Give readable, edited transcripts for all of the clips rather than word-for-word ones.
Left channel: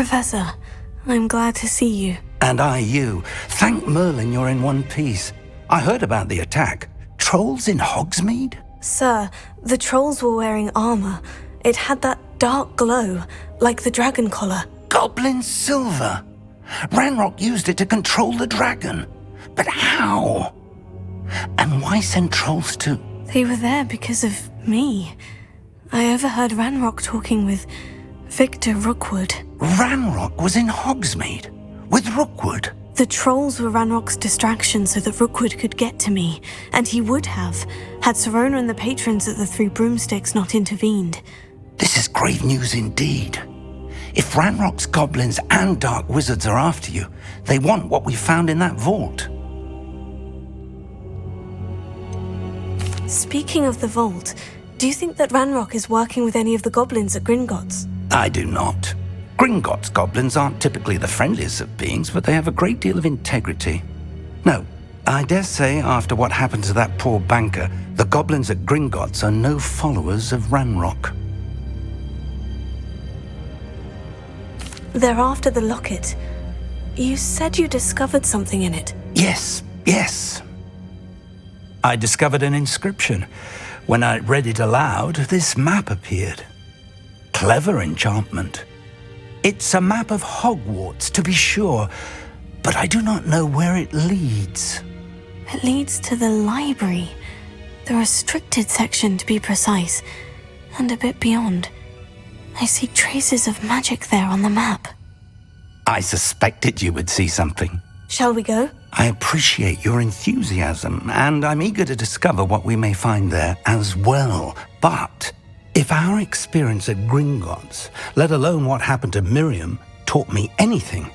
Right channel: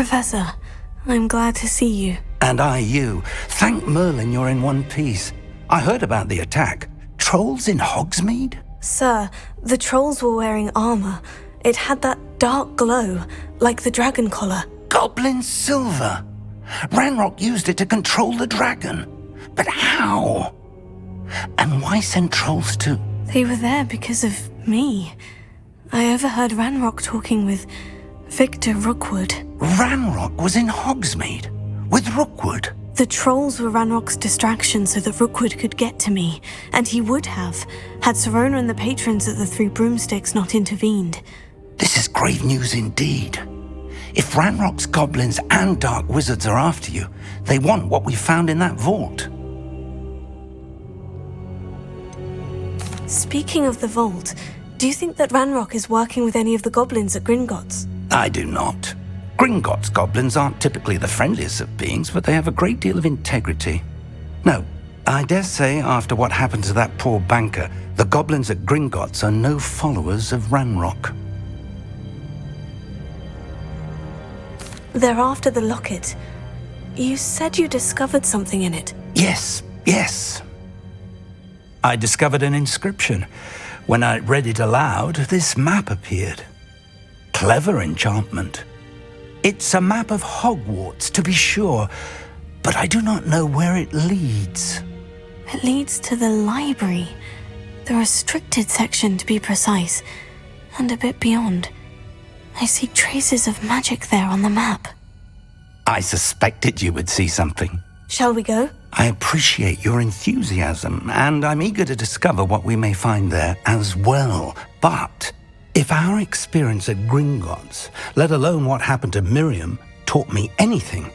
Professor, I'm glad to see you. And I you. Thank Merlin you're in one piece. I heard about the attack. Trolls in Hogsmeade? Sir, the trolls were wearing armor. It had that dark glow, like the dragon collar. Goblin silver. Ranrock used it to control the dragon. But how? And why send trolls too? They were there because of me. I overheard Ranrock talking with Victor Rookwood. Ranrock was in Hogsmeade with Rookwood. The trolls were Ranrock's distraction so that Rookwood could get to me, and he would have, had Serona and the patrons at the Three Broomsticks not intervened. This is grave news indeed. If Ranrock's goblins and dark wizards are after you, they want what we found in that vault. Speaking of the vault, do you think that Ranrock is working with any of the goblins at Gringotts? I do not. Gringotts goblins aren't typically the friendliest of beings, but they have a great deal of integrity. No, I dare say after what happened to that poor banker, the goblins at Gringotts are no followers of Ranrock. They're after the locket. You said you discovered something in it. Yes. I discovered an inscription. When I read it aloud, this map appeared. Clever enchantment. It's a map of Hogwarts, to be sure, but I do not know where it leads. It leads to the library. The restricted section, to be precise, and a bit beyond. I see traces of magic there on the map. I suspected you would see something. Shall we go? I appreciate your enthusiasm, and I'm eager to discover what we may find there as well. But if our experience at Gringotts, let alone what happened to Miriam, taught me anything,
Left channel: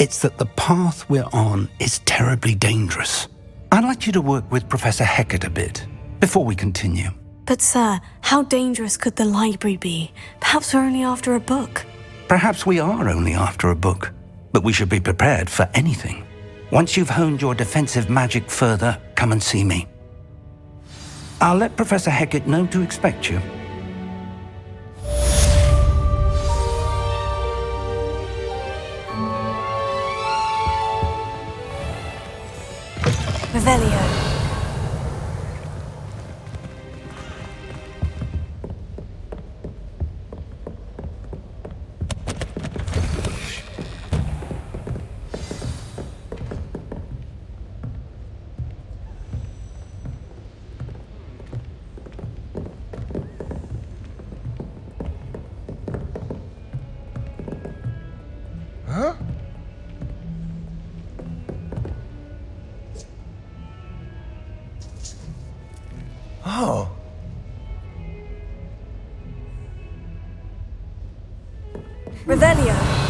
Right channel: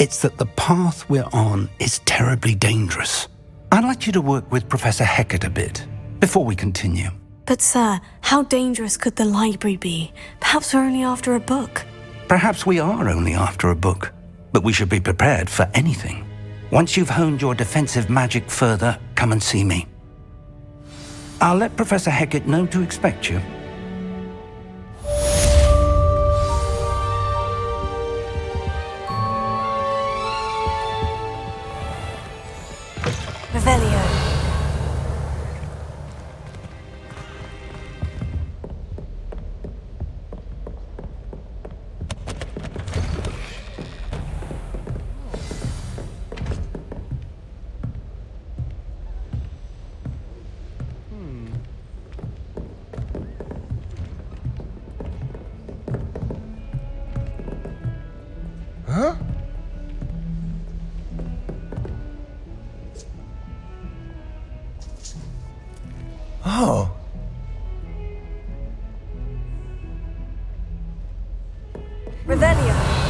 it's that the path we're on is terribly dangerous. I'd like you to work with Professor Hecat a bit before we continue. But sir, how dangerous could the library be? Perhaps we're only after a book. Perhaps we are only after a book, but we should be prepared for anything. Once you've honed your defensive magic further, come and see me. I'll let Professor Hecat know to expect you. Revelio. Huh? Oh. Revelio.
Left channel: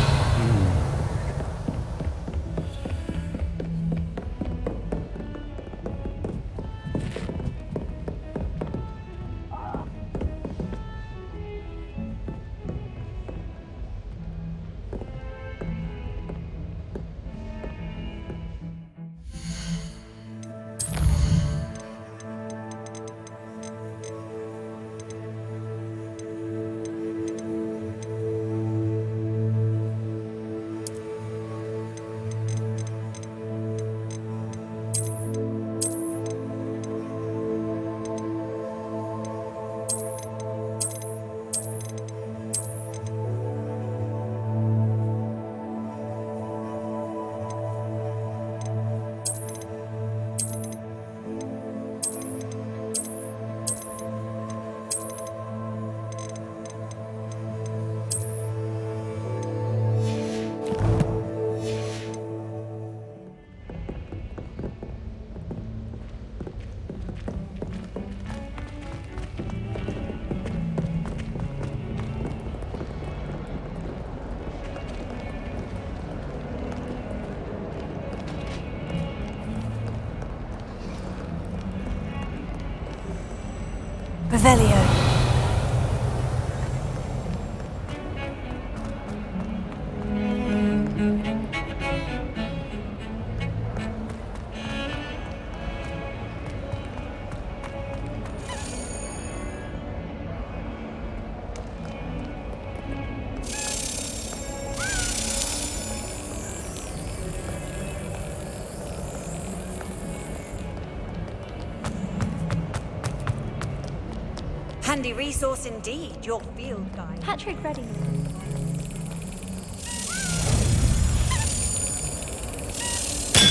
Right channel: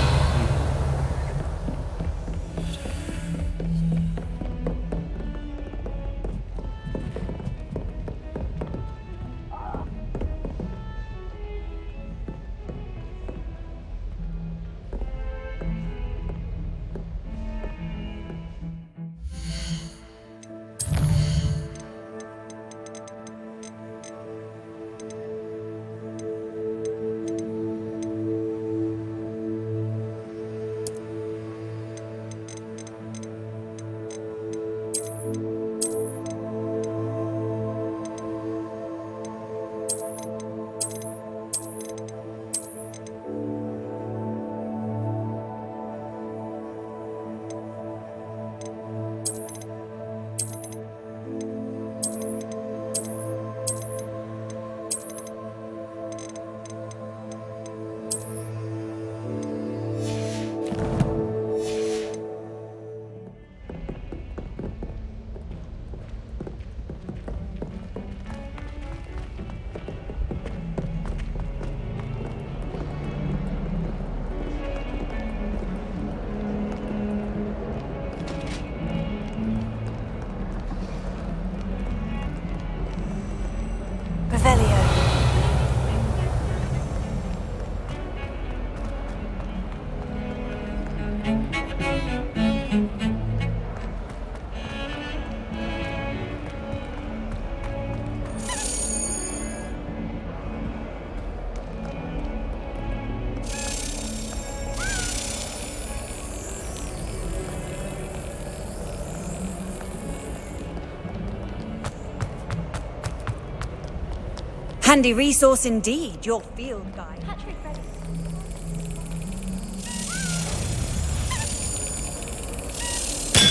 Revelio. Handy resource indeed, your field guide. Patrick ready.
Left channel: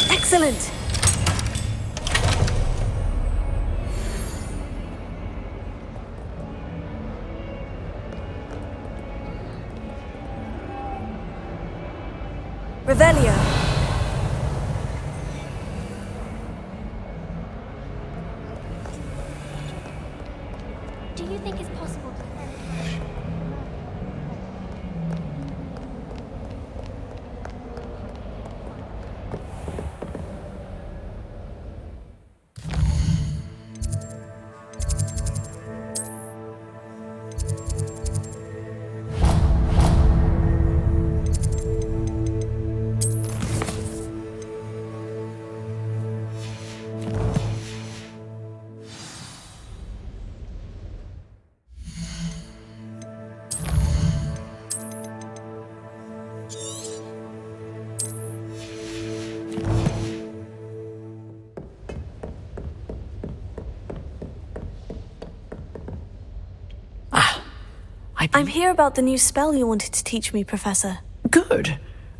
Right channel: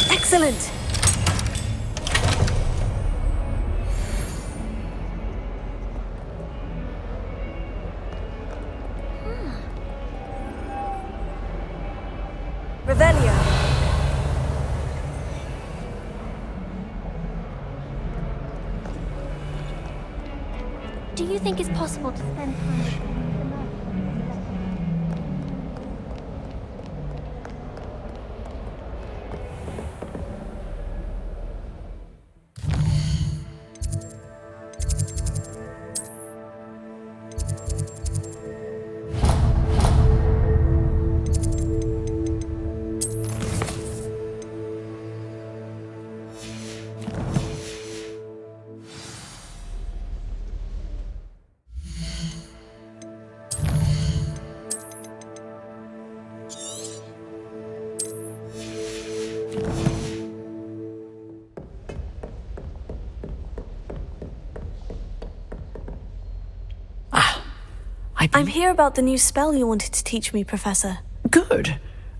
Excellent! Revelio. Do you think it's possible to spend time with the murder? I'm here about the new spell you wanted to teach me, Professor. Good.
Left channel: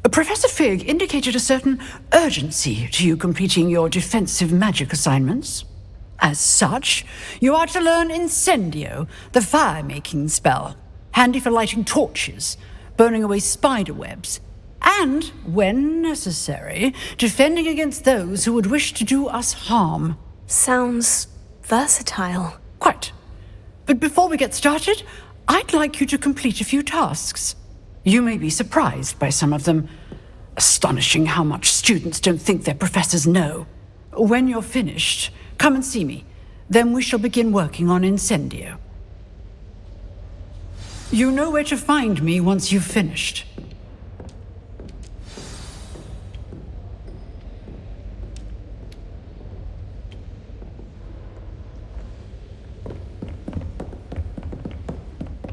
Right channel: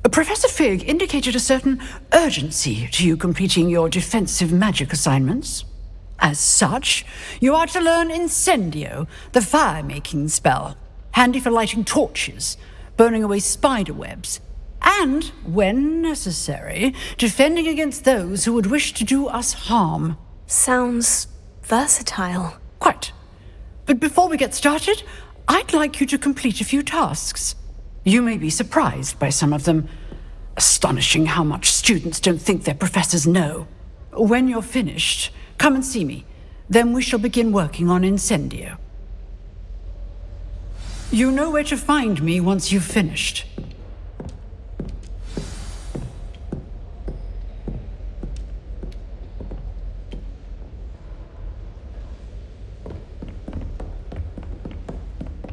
Professor Fig indicated a certain urgency to you completing your defensive magic assignments. As such, you are to learn Incendio, the fire-making spell, handy for lighting torches, burning away spider webs, and, when necessary, defending against those who would wish to do us harm. Sounds versatile. Quite. But before we get started, I'd like you to complete a few tasks. You may be surprised by some of them. Astonishing how much students don't think their professors know. When you're finished, come and see me. Then we shall begin working on Incendio. You know where to find me once you've finished.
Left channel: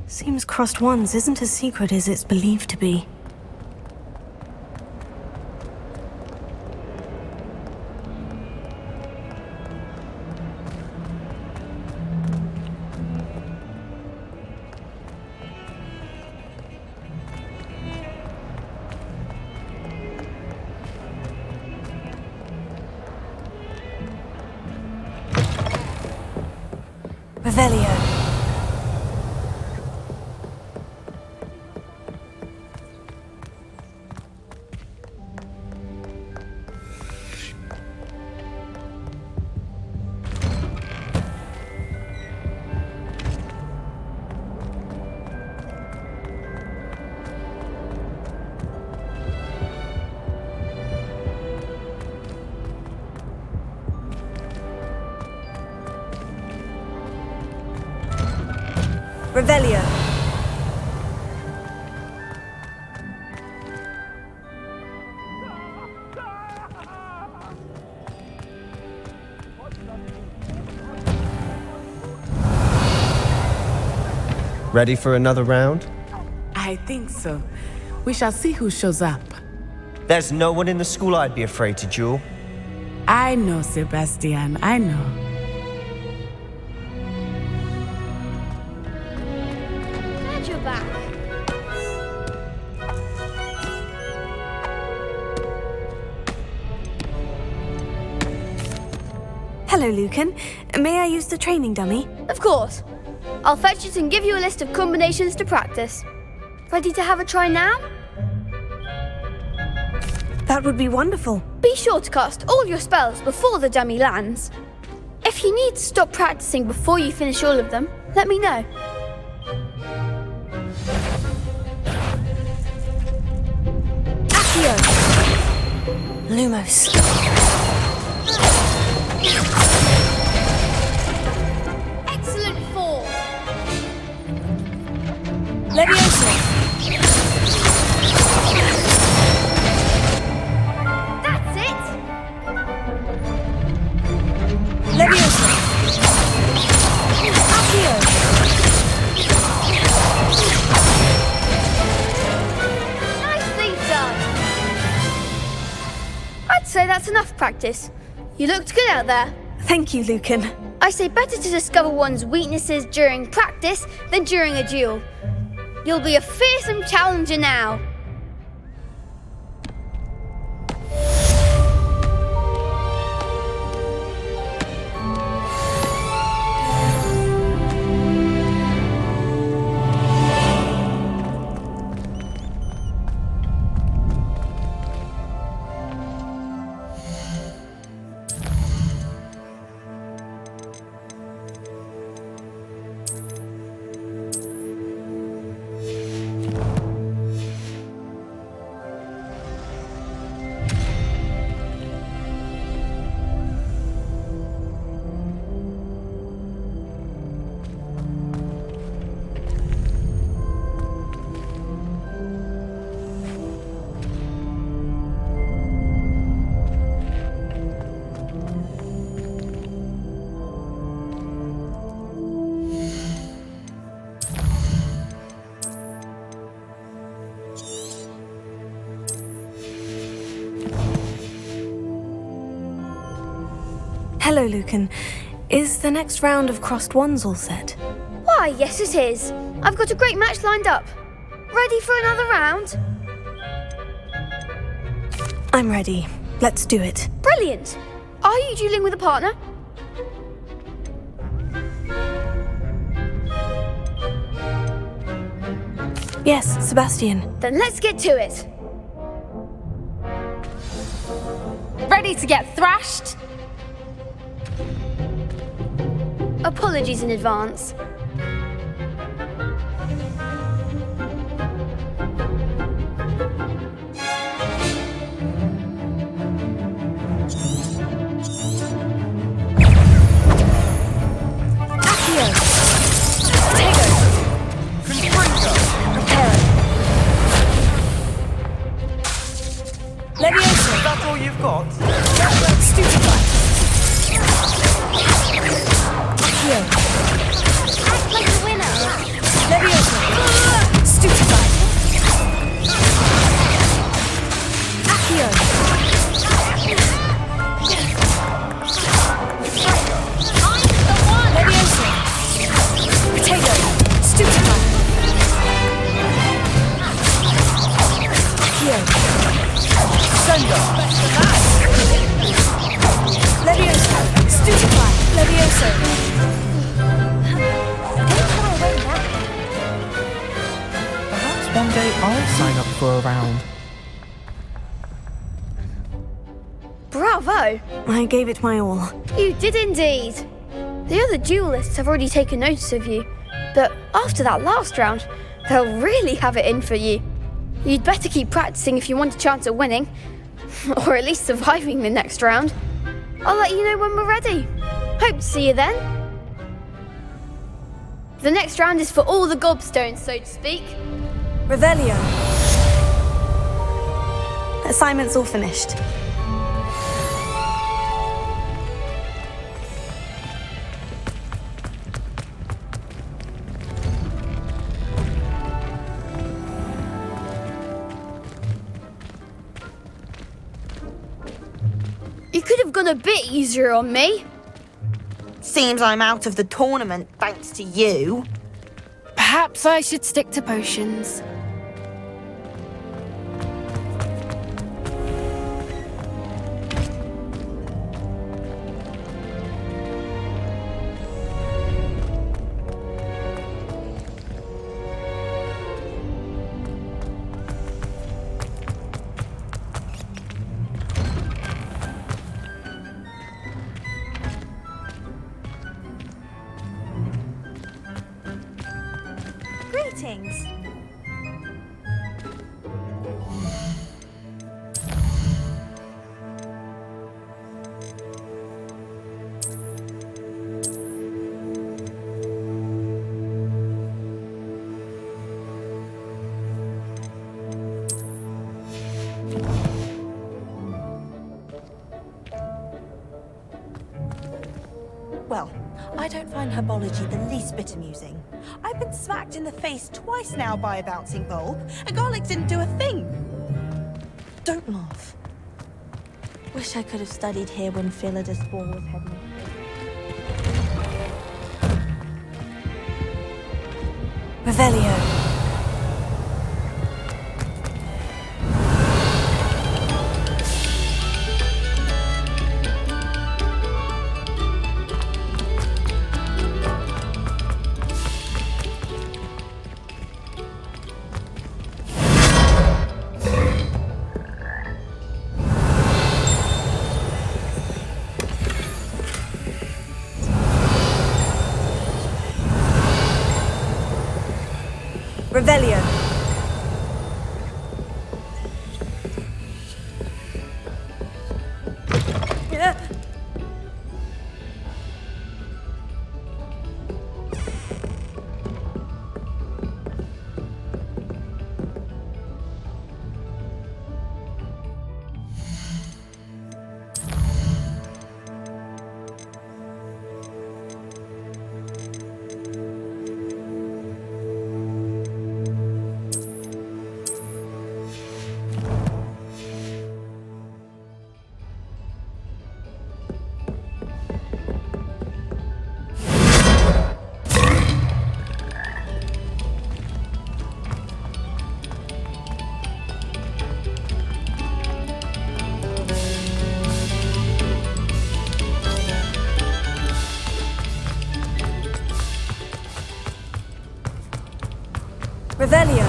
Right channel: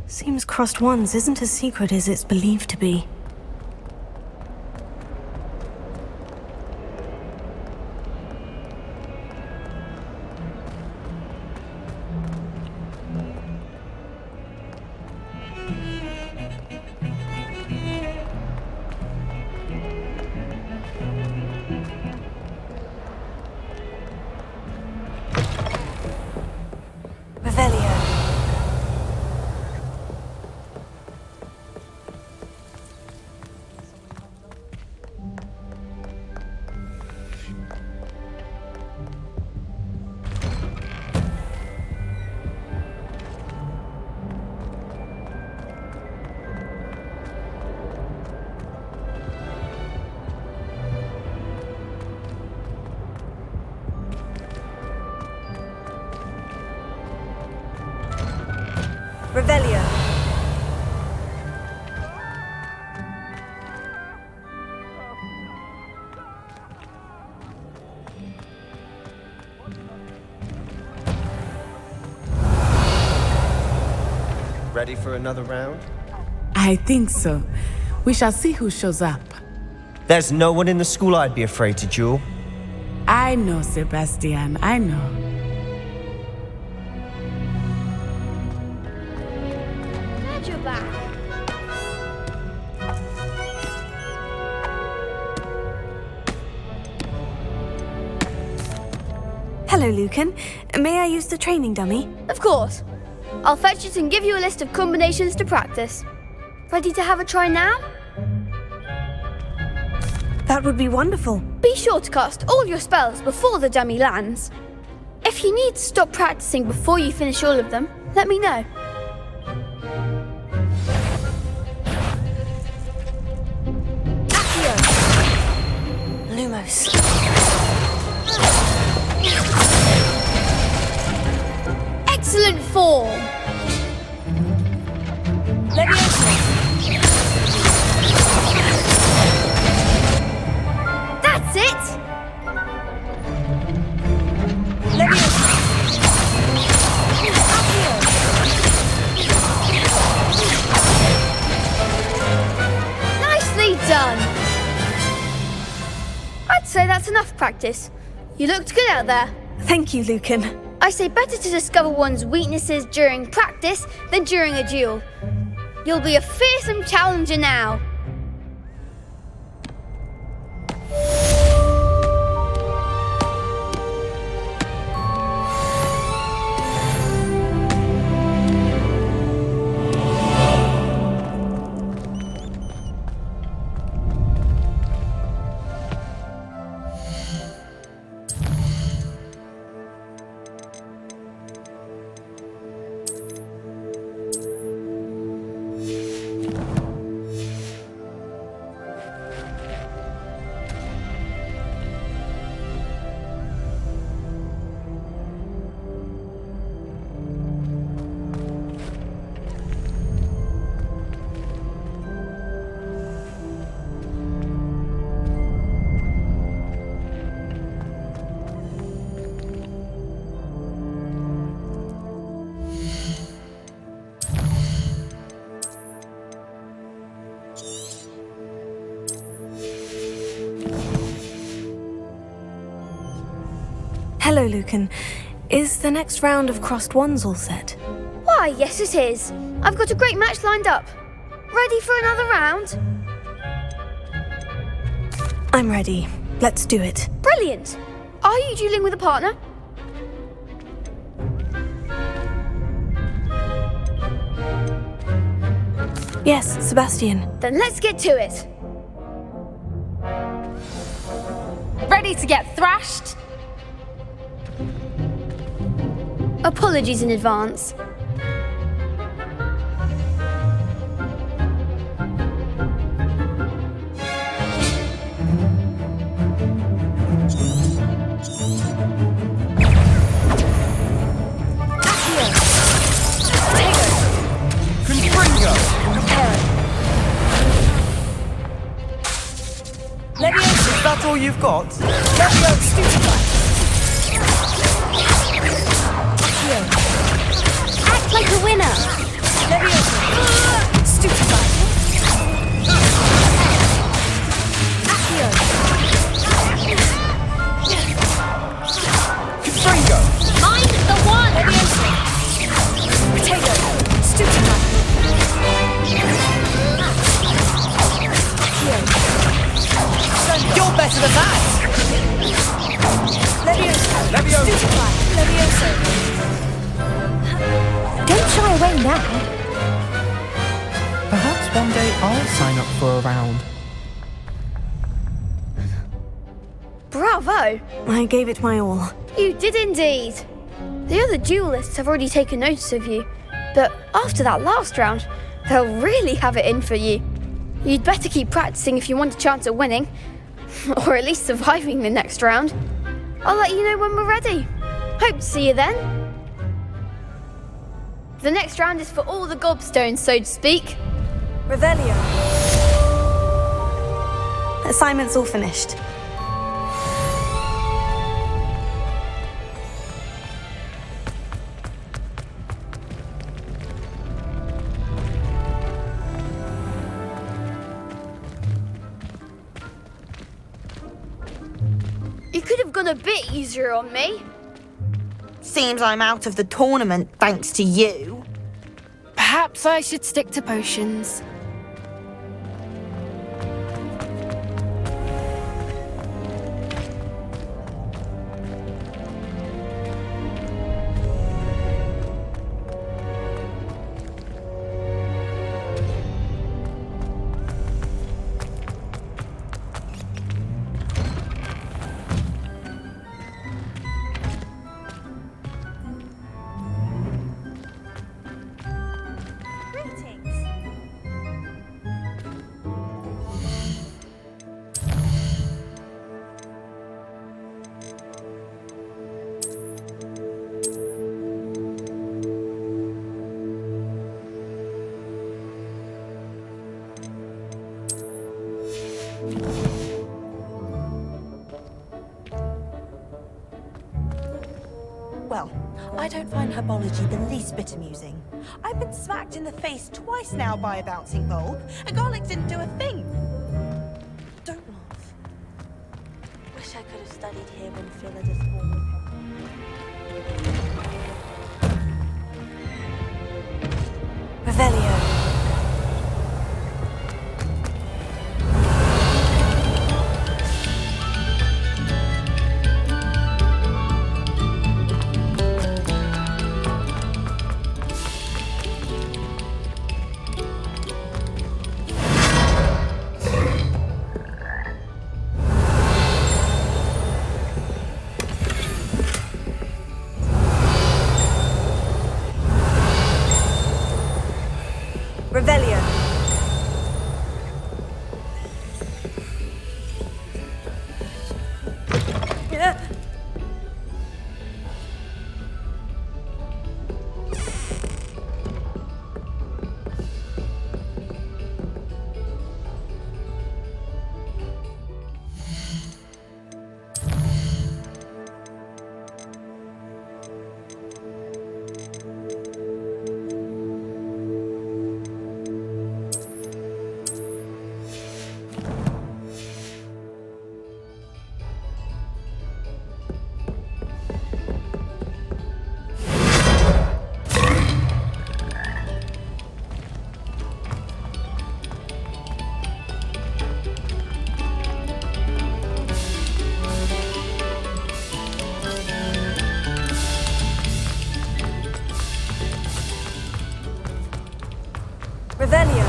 Seems crossed wands isn't as secret as it's believed to be. Revelio. Revelio. Ready for another round? I think so. We shall see who shows up. There's no one in the school I'd be afraid to duel. I know, Sebastian, I know. Glad you're back. Hello, Lucan. May I use the training dummy? Of course. I'll fetch it and give you a list of combinations to practice. Ready to have a try now? That would be wonderful. Be sure to cast all your spells before the dummy lands. If you need to stop practicing before you finish all of them, let me know. Accio! Lumos. Excellent form! Leviosa. That's it! Leviosa. Accio. Nicely done! I'd say that's enough practice. You looked good out there. Thank you, Lucan. I say better to discover one's weaknesses during practice than during a duel. You'll be a fearsome challenger now. Hello, Lucan. Is the next round of crossed wands all set? Why, yes it is. I've got a great match lined up. Ready for another round? I'm ready. Let's do it. Brilliant. Are you dueling with a partner? Yes, Sebastian. Then let's get to it. Ready to get thrashed? Apologies in advance. Is that all you've got? Act like a winner. I'm the one! You're better than that! Levioso! Don't shy away now. Perhaps one day I'll sign up for a round. Bravo! I gave it my all. You did indeed. The other duelists have already taken notice of you, but after that last round, they'll really have it in for you. You'd better keep practicing if you want a chance at winning, or at least surviving the next round. I'll let you know when we're ready. Hope to see you then. The next round is for all the gobstones, so to speak. Revelio. Assignment's all finished. You could have gone a bit easier on me. Seems I'm out of the tournament thanks to you. Perhaps I should stick to potions. Greetings. Well, I don't find herbology the least bit amusing. I've been smacked in the face twice now by a bouncing bulb, and garlic didn't do a thing. Don't laugh. Wish I could have studied here when Philidus Ball was heading. Revelio. Revelio. Revelio.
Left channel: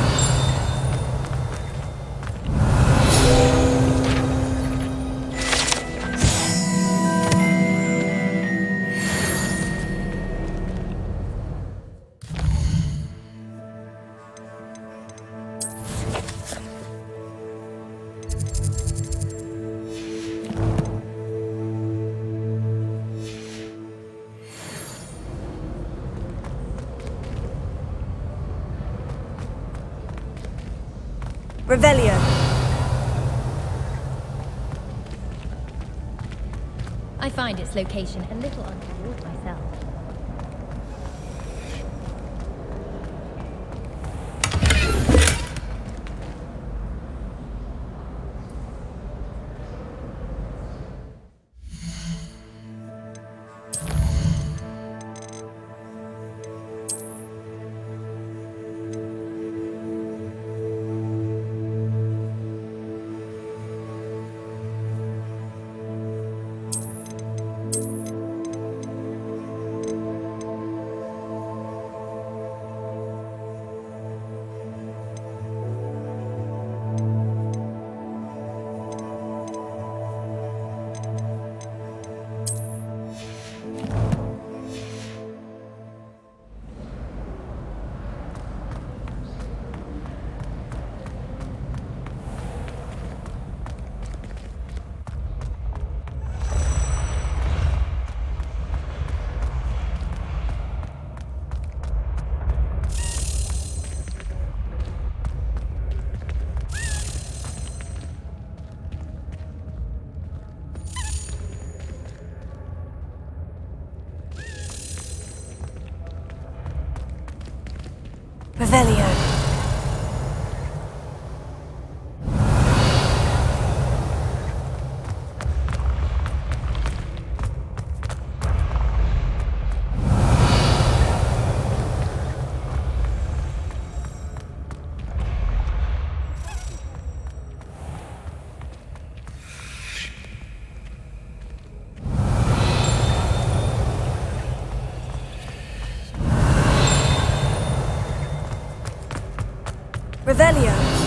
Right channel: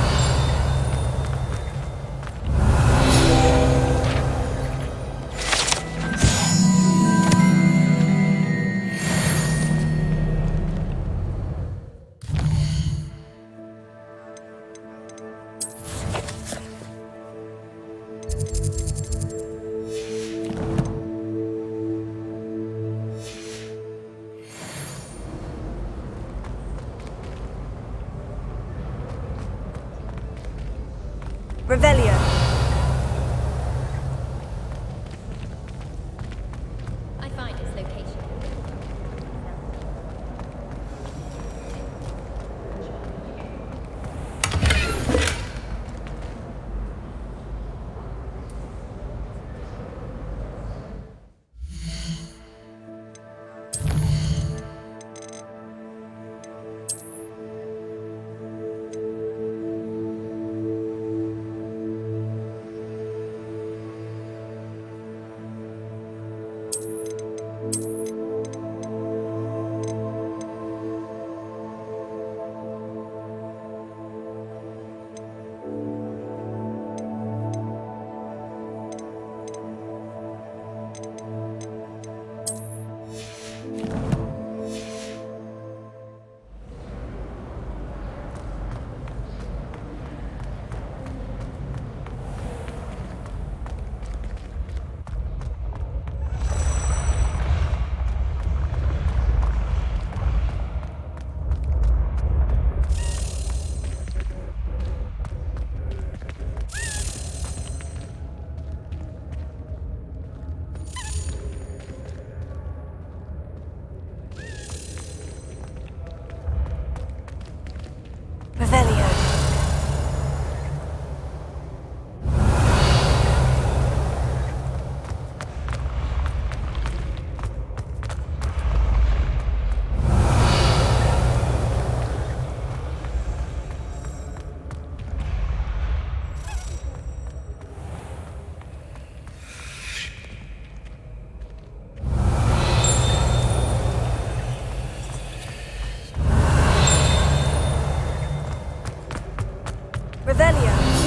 Revelio. I find its location a little unclear myself. Revelio. Revelio.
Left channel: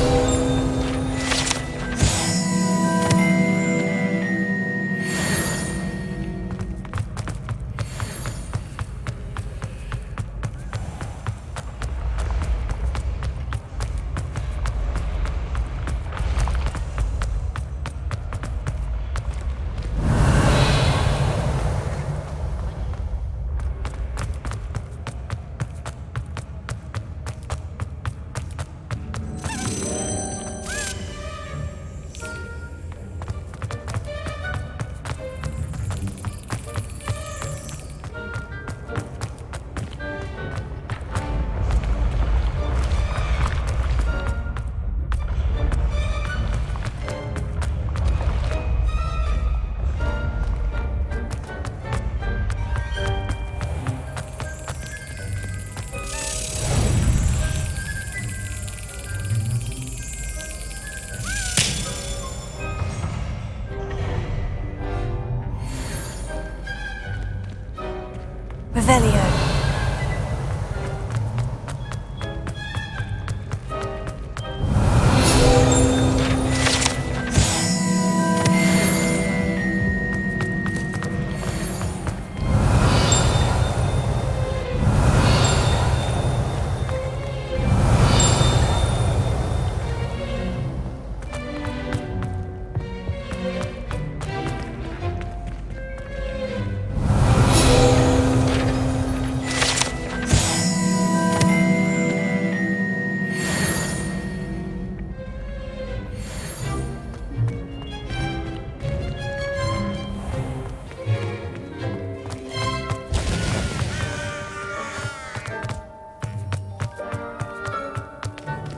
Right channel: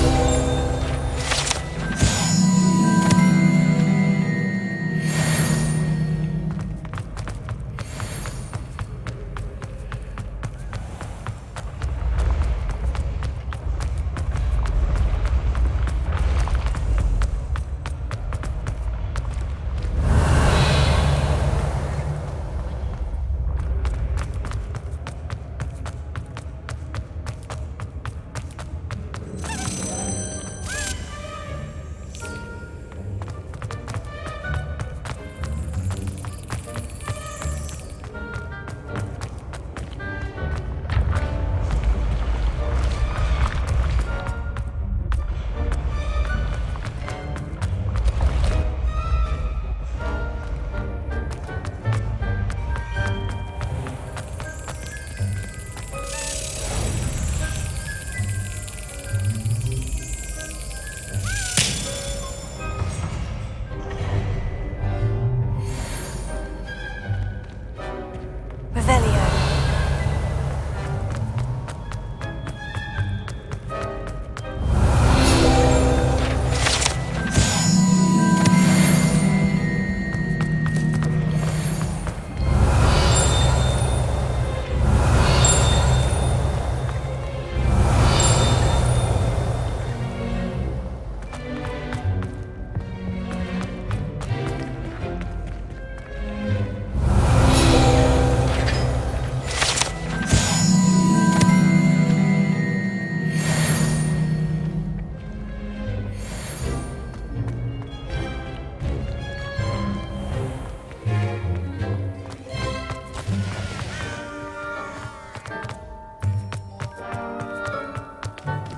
Revelio.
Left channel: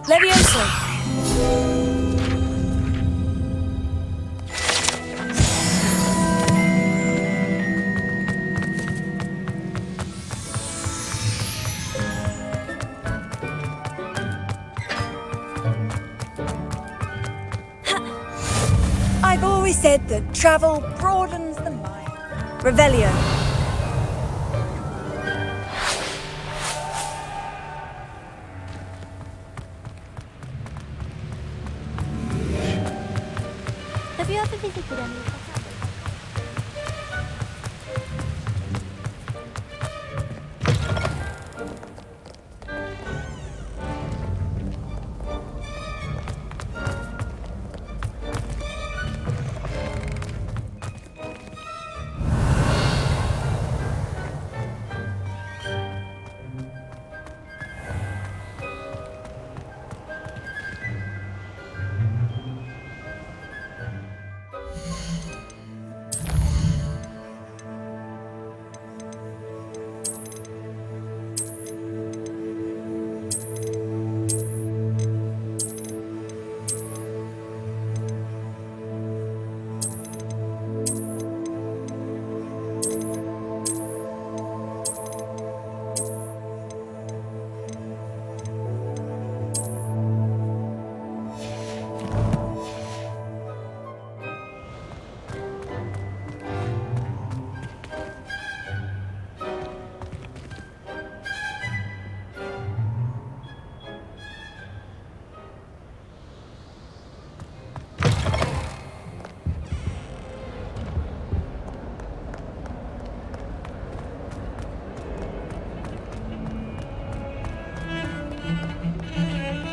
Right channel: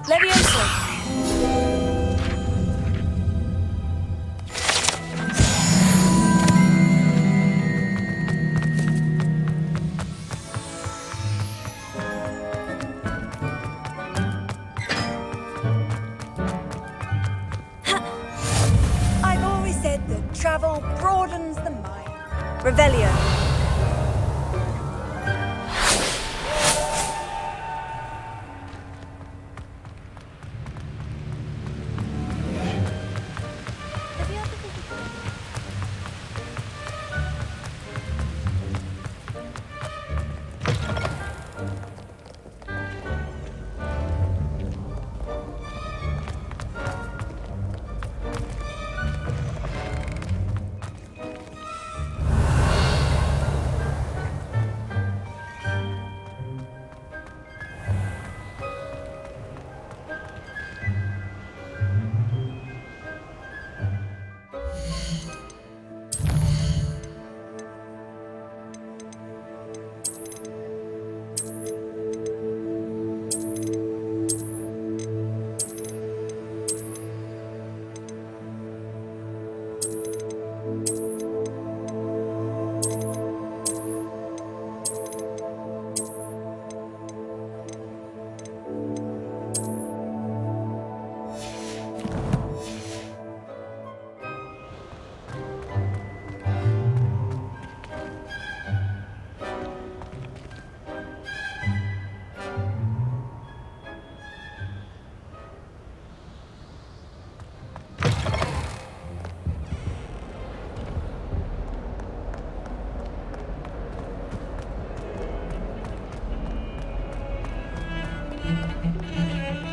Levioso. I've always said that travel broadens the mind. Revelio. Have you ever visited any?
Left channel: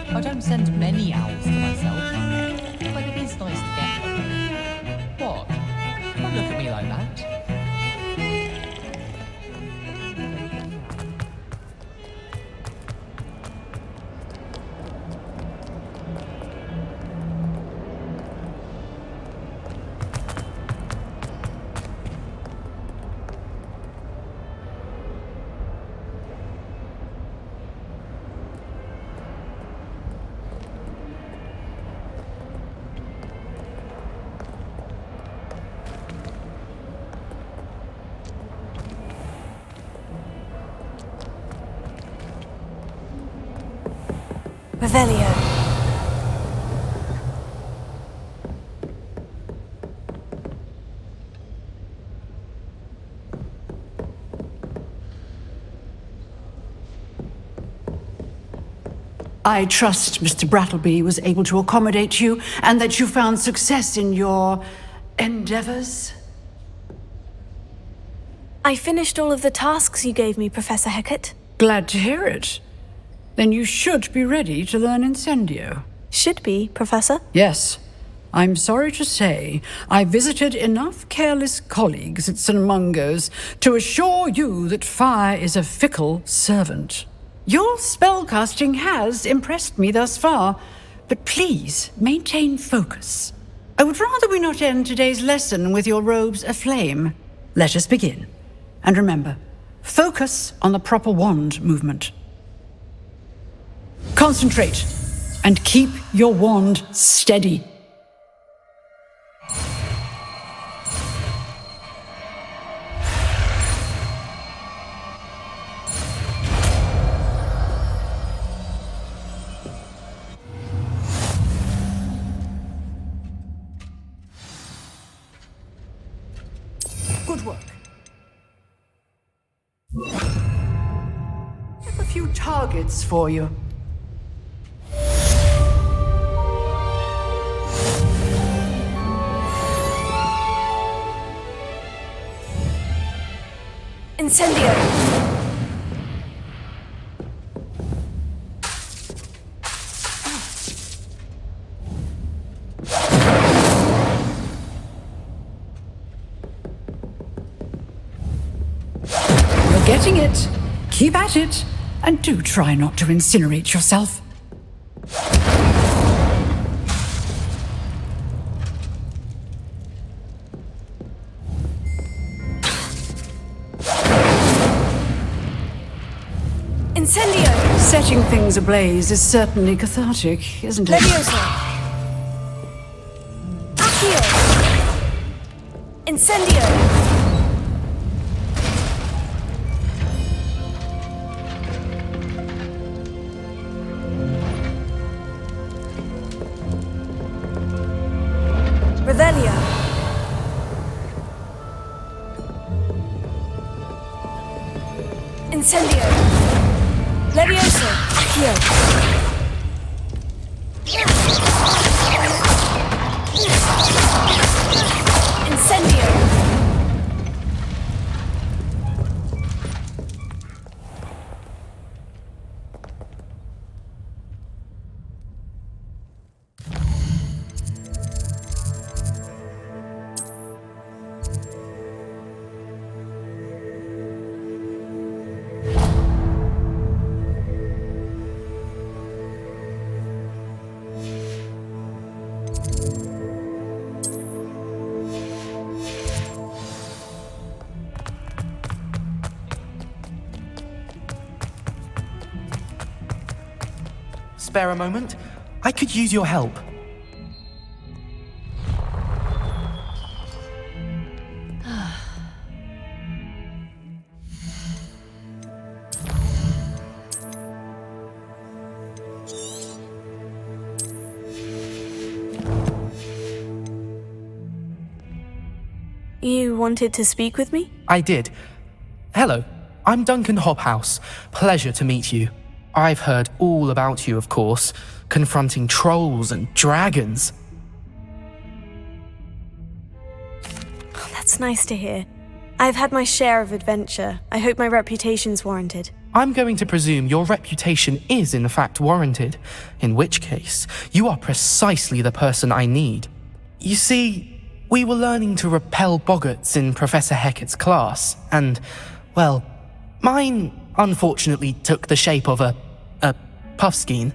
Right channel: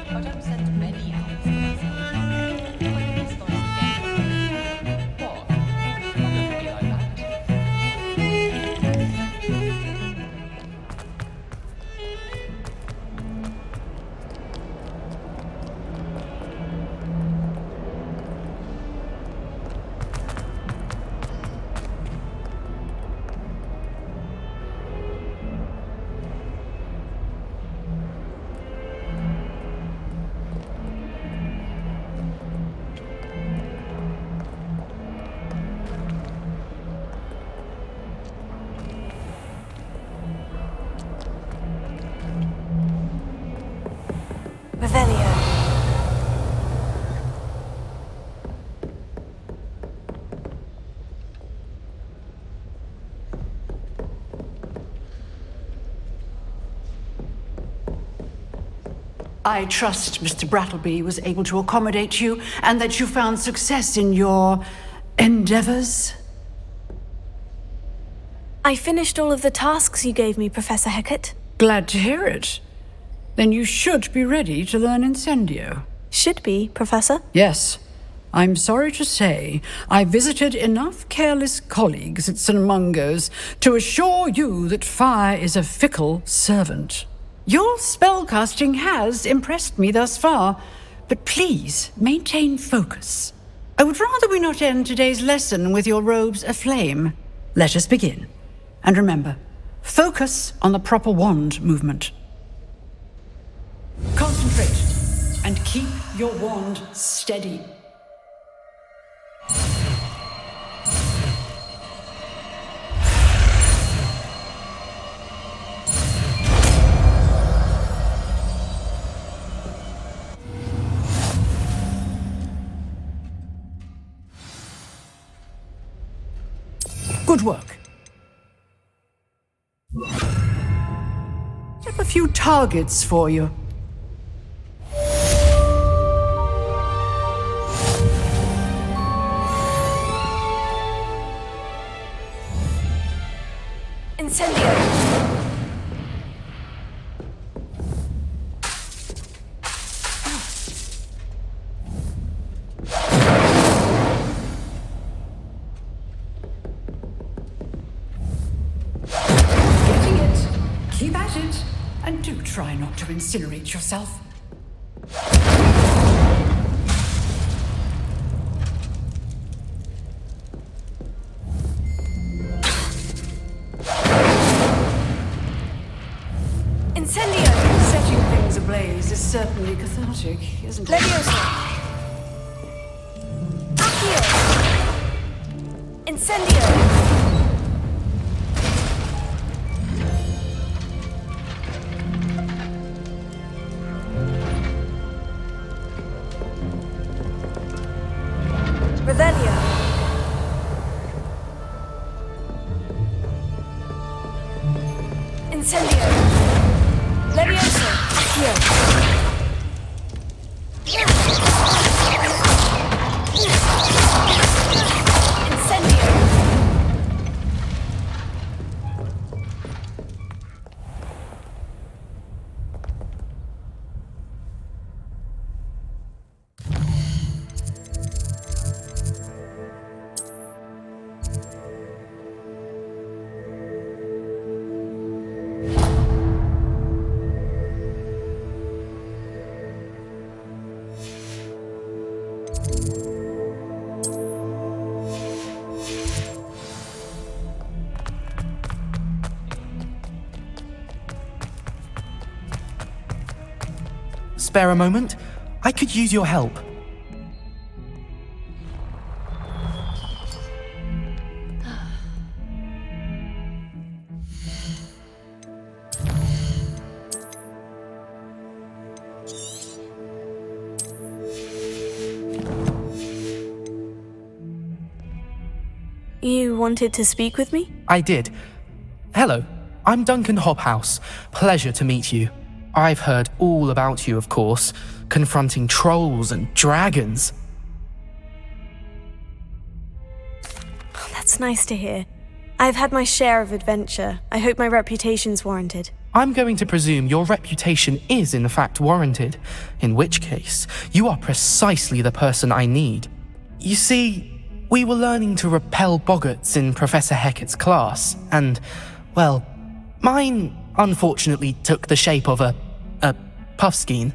I don't send many owls to myself, but it is nice to get one. What? Don't look at me like that. Revelio. I trust Mr. Brattleby was able to accommodate you and that you found success in your endeavors. I finished all of the tasks you gave me, Professor Hecat. Glad to hear it. Then you should be ready to learn Incendio. Should be, Professor? Yes. I'm sorry to say, I visited enough careless colleagues at St. Mungo's to assure you that fire is a fickle servant. Your spellcasting has impressed me thus far, but please maintain focus. I would rather we not end today's lesson with your robes aflame. Let us begin. And remember, focus on the proper wand movement. Concentrate and keep your wand steady. Good work. few targets for you. Incendio! Getting it. Keep at it. And do try not to incinerate yourself. Incendio! Setting things ablaze is certainly cathartic, isn't it? Leviosa! Accio! Incendio! Revelio! Incendio! Leviosa! Accio! Incendio! Spare a moment? I could use your help. You wanted to speak with me? I did. Hello, I'm Duncan Hobhouse. Pleasure to meet you. I've heard all about you, of course, confronting trolls and dragons. Oh, that's nice to hear. I've had my share of adventure. I hope my reputation's warranted. I'm going to presume your reputation is in fact warranted, in which case, you are precisely the person I need. You see, we were learning to repel boggarts in Professor Hecat's class, and, well, mine unfortunately took the shape of a puffskein.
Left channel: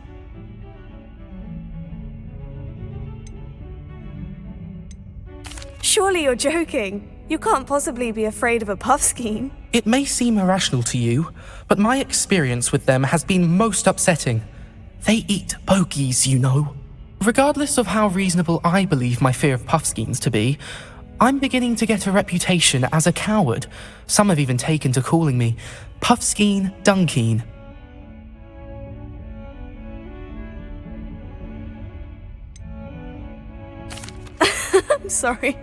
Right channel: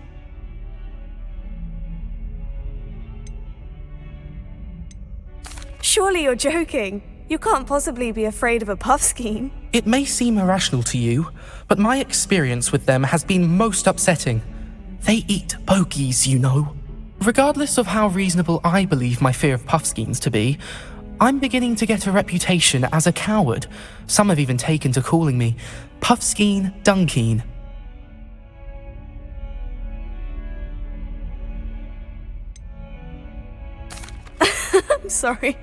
Surely you're joking. You can't possibly be afraid of a puffskein. It may seem irrational to you, but my experience with them has been most upsetting. They eat bogies, you know. Regardless of how reasonable I believe my fear of puffskeins to be, I'm beginning to get a reputation as a coward. Some have even taken to calling me Puffskeen Dunkeen. I'm sorry,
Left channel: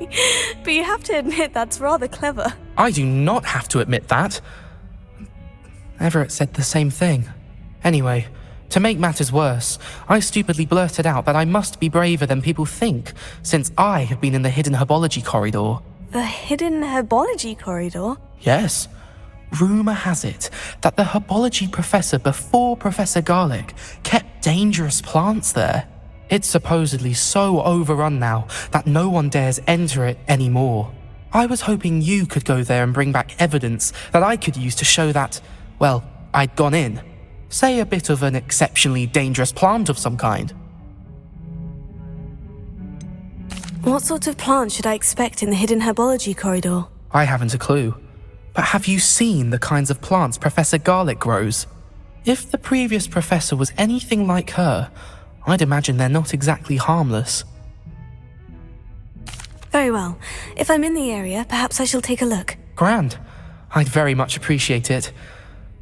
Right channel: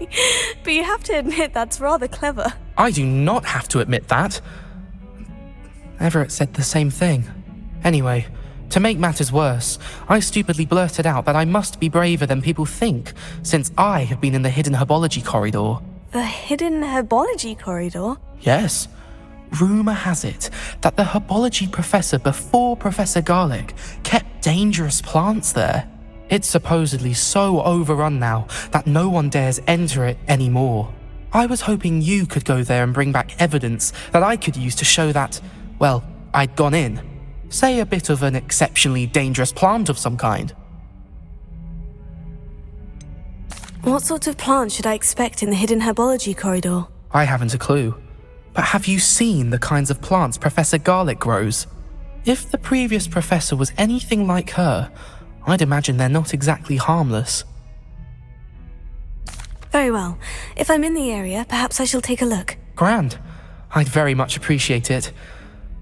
but you have to admit that's rather clever. I do not have to admit that. Everett said the same thing. Anyway, to make matters worse, I stupidly blurted out that I must be braver than people think, since I have been in the hidden herbology corridor. The hidden herbology corridor? Yes. Rumour has it that the herbology professor before Professor Garlic kept dangerous plants there. It's supposedly so overrun now that no one dares enter it anymore. I was hoping you could go there and bring back evidence that I could use to show that, well, I'd gone in. Say a bit of an exceptionally dangerous plant of some kind. What sort of plant should I expect in the hidden herbology corridor? I haven't a clue. But have you seen the kinds of plants Professor Garlic grows? If the previous professor was anything like her, I'd imagine they're not exactly harmless. Very well. If I'm in the area, perhaps I shall take a look. Grand. I'd very much appreciate it.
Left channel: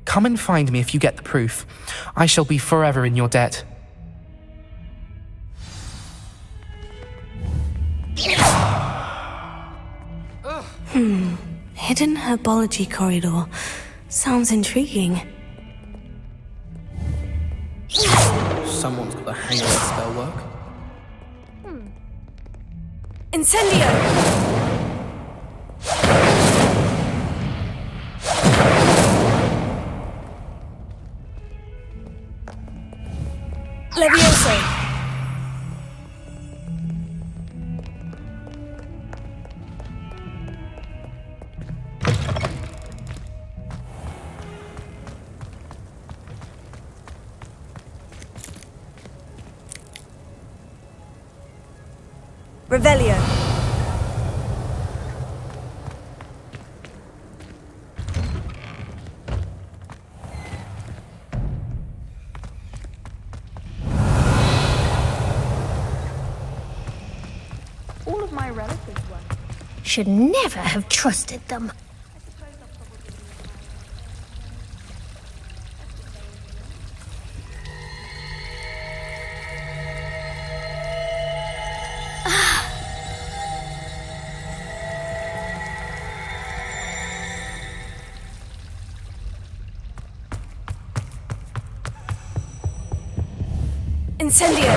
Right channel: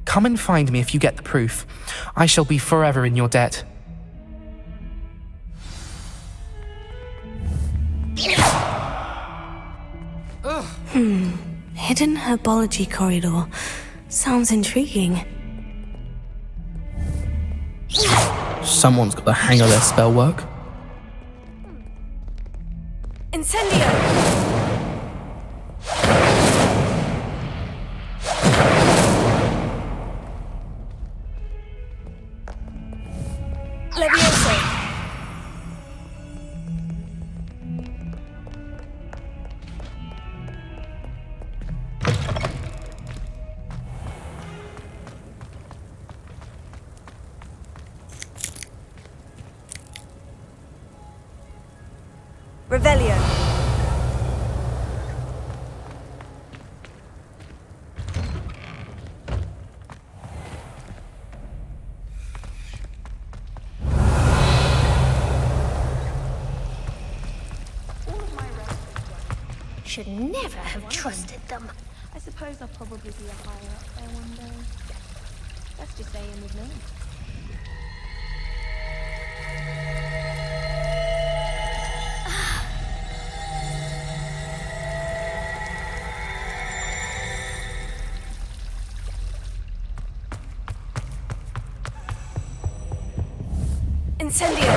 Come and find me if you get the proof. I shall be forever in your debt. Hidden herbology corridor. Sounds intriguing. Someone's got the hang of their spell work. Incendio! Levioso! Revelio. All of my relatives were. Should never have trusted them. I suppose I'll probably be a higher up there one day. That's just saying, isn't it? Incendio!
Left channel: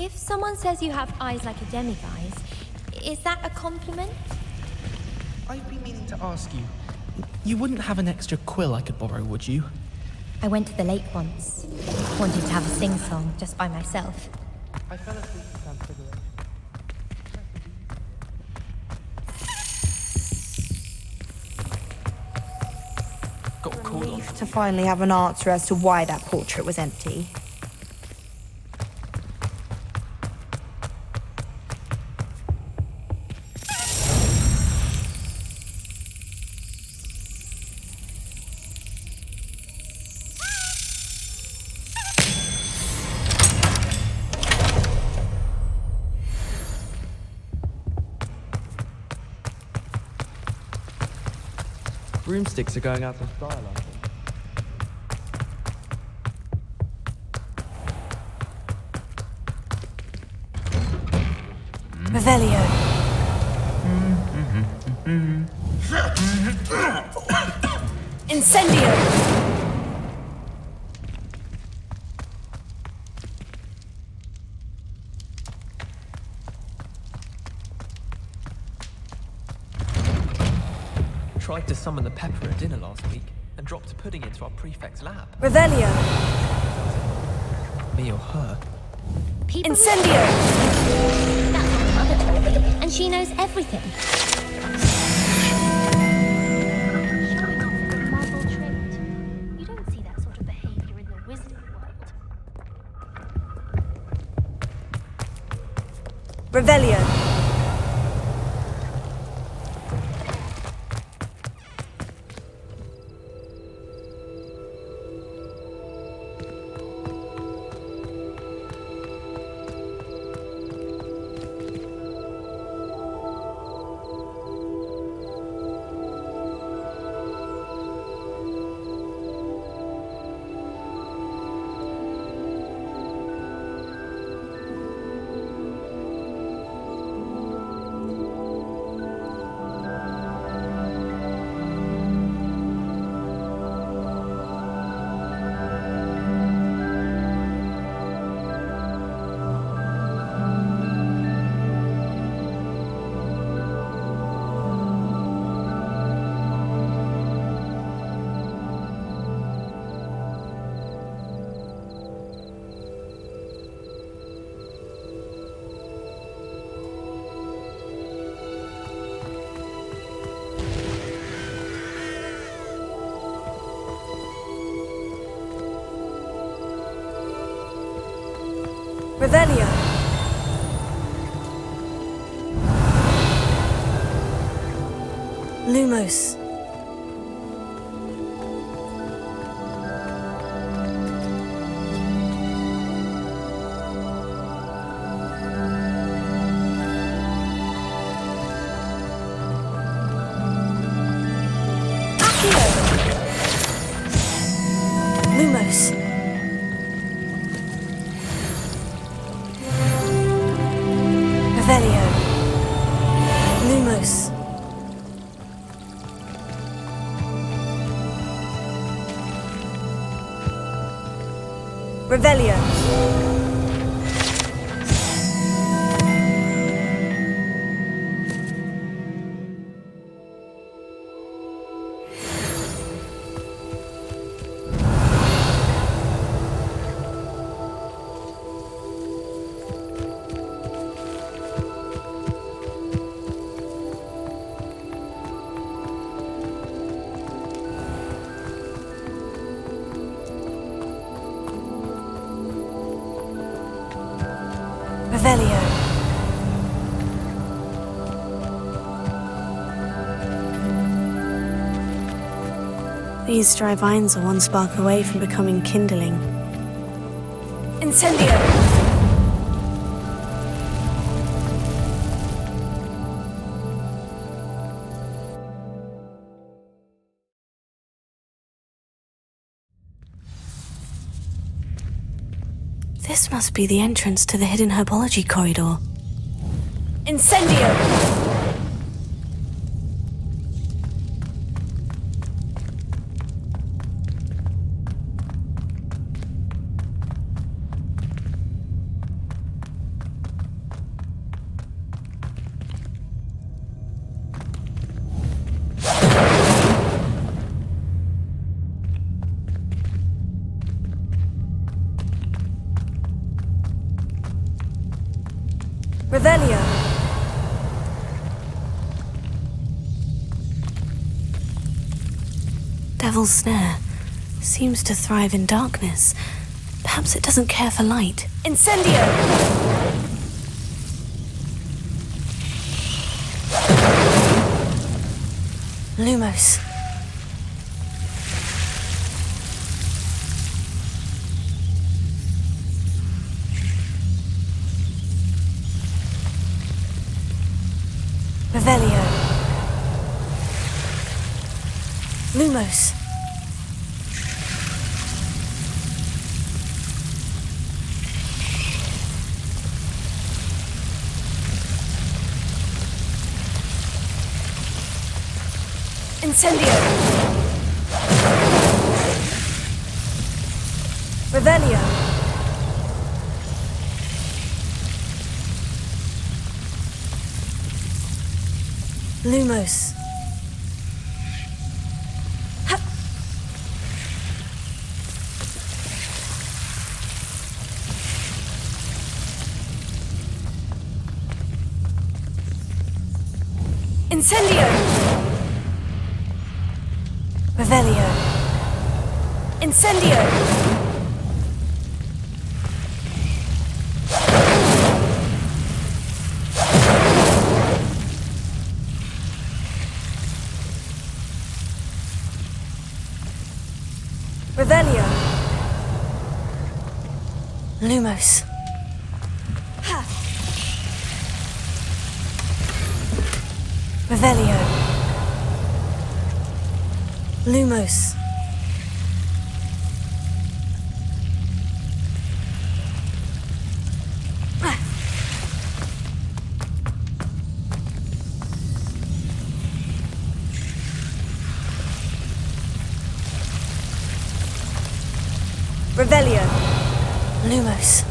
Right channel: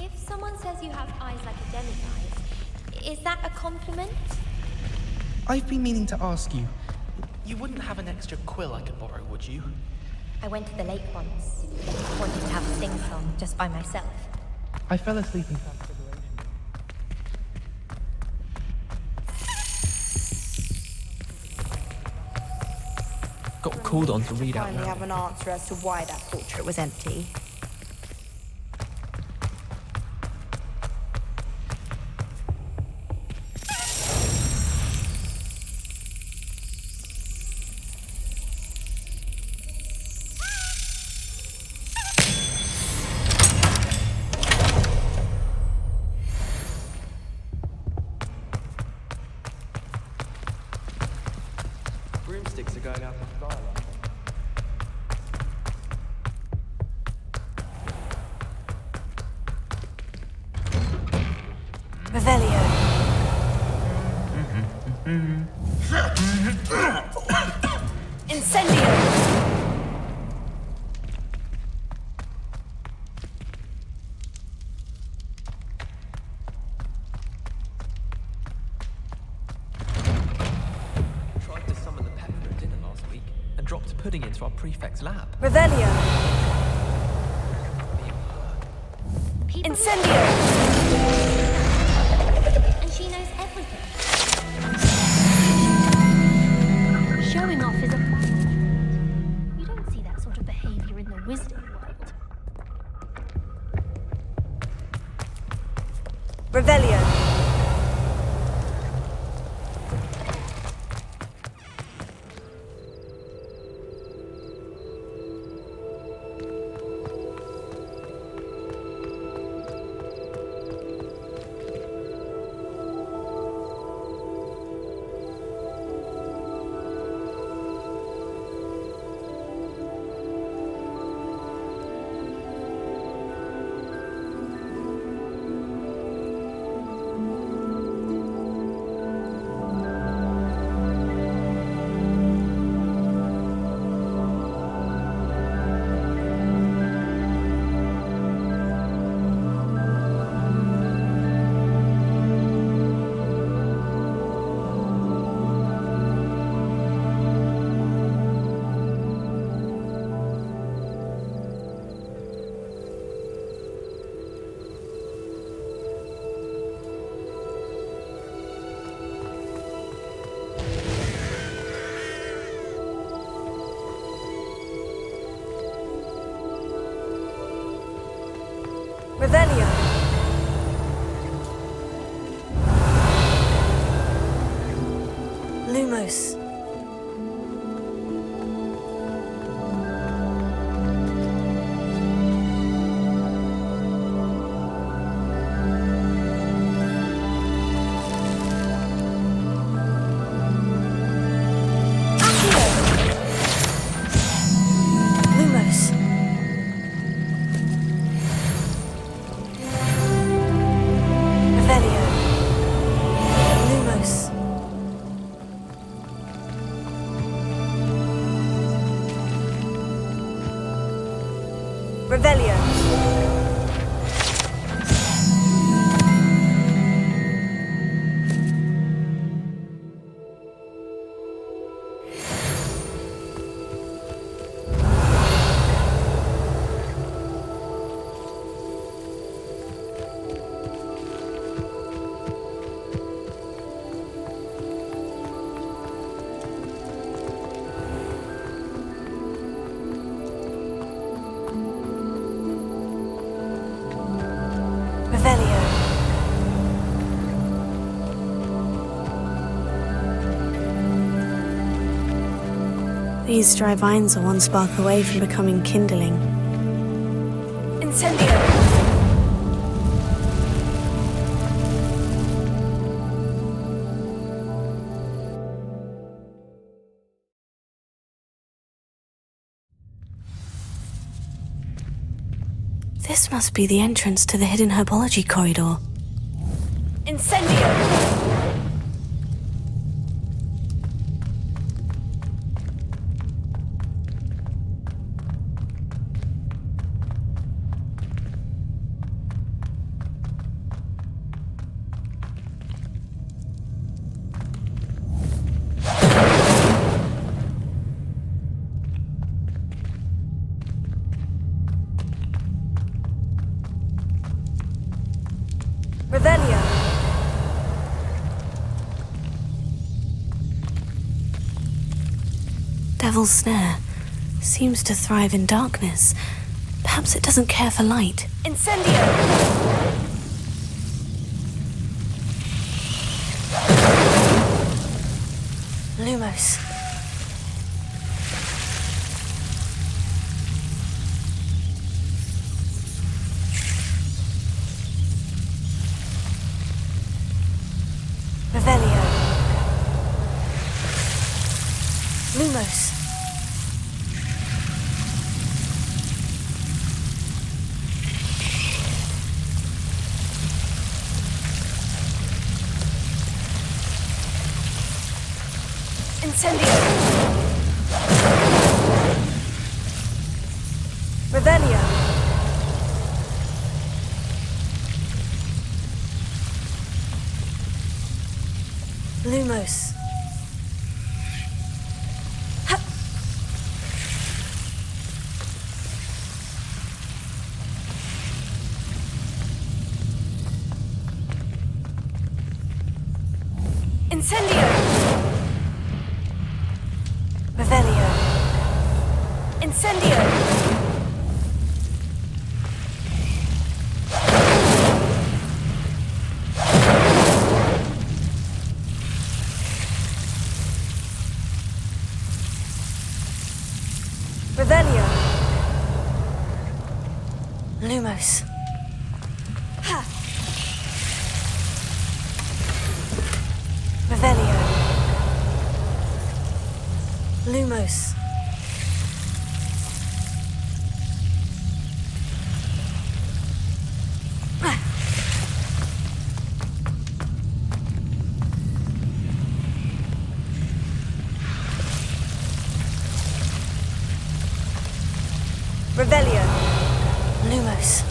If someone says you have eyes like a demiguise, is that a compliment? I've been meaning to ask you. You wouldn't have an extra quill I could borrow, would you? I went to the lake once. Wanted to have a sing-song just by myself. I fell asleep in Transfiguration. Got called on To finally have an answer as to why that portrait was empty. Broomsticks are going out of style, I think. Revelio. Incendio! Tried to summon the pepper at dinner last week and dropped a pudding into our prefect's lab. Revelio. Me or her. Incendio! And she knows everything. Showing off is a muggle trait. You don't see that sort of behavior in the wizarding world. Revelio. Revelio. Lumos. Lumos. Revelio. Lumos. Revelio. Revelio. These dry vines are one spark away from becoming kindling. Incendio. This must be the entrance to the hidden herbology corridor. Incendio. Revelio. Devil's Snare seems to thrive in darkness. Perhaps it doesn't care for light. Incendio. Lumos. Revelio. Lumos. Incendio. Revelio. Lumos. Incendio. Revelio. Incendio. Revelio. Lumos. Revelio. Lumos. Revelio. Lumos.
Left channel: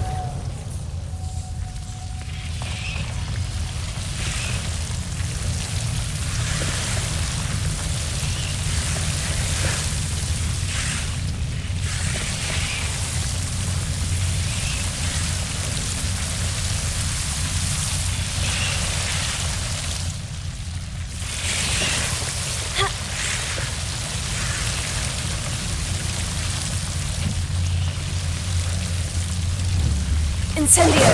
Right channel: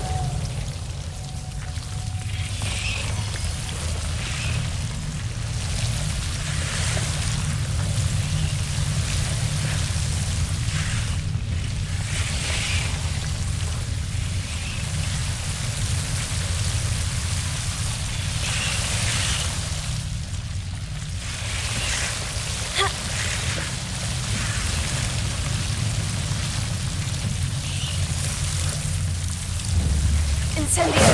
Incendio.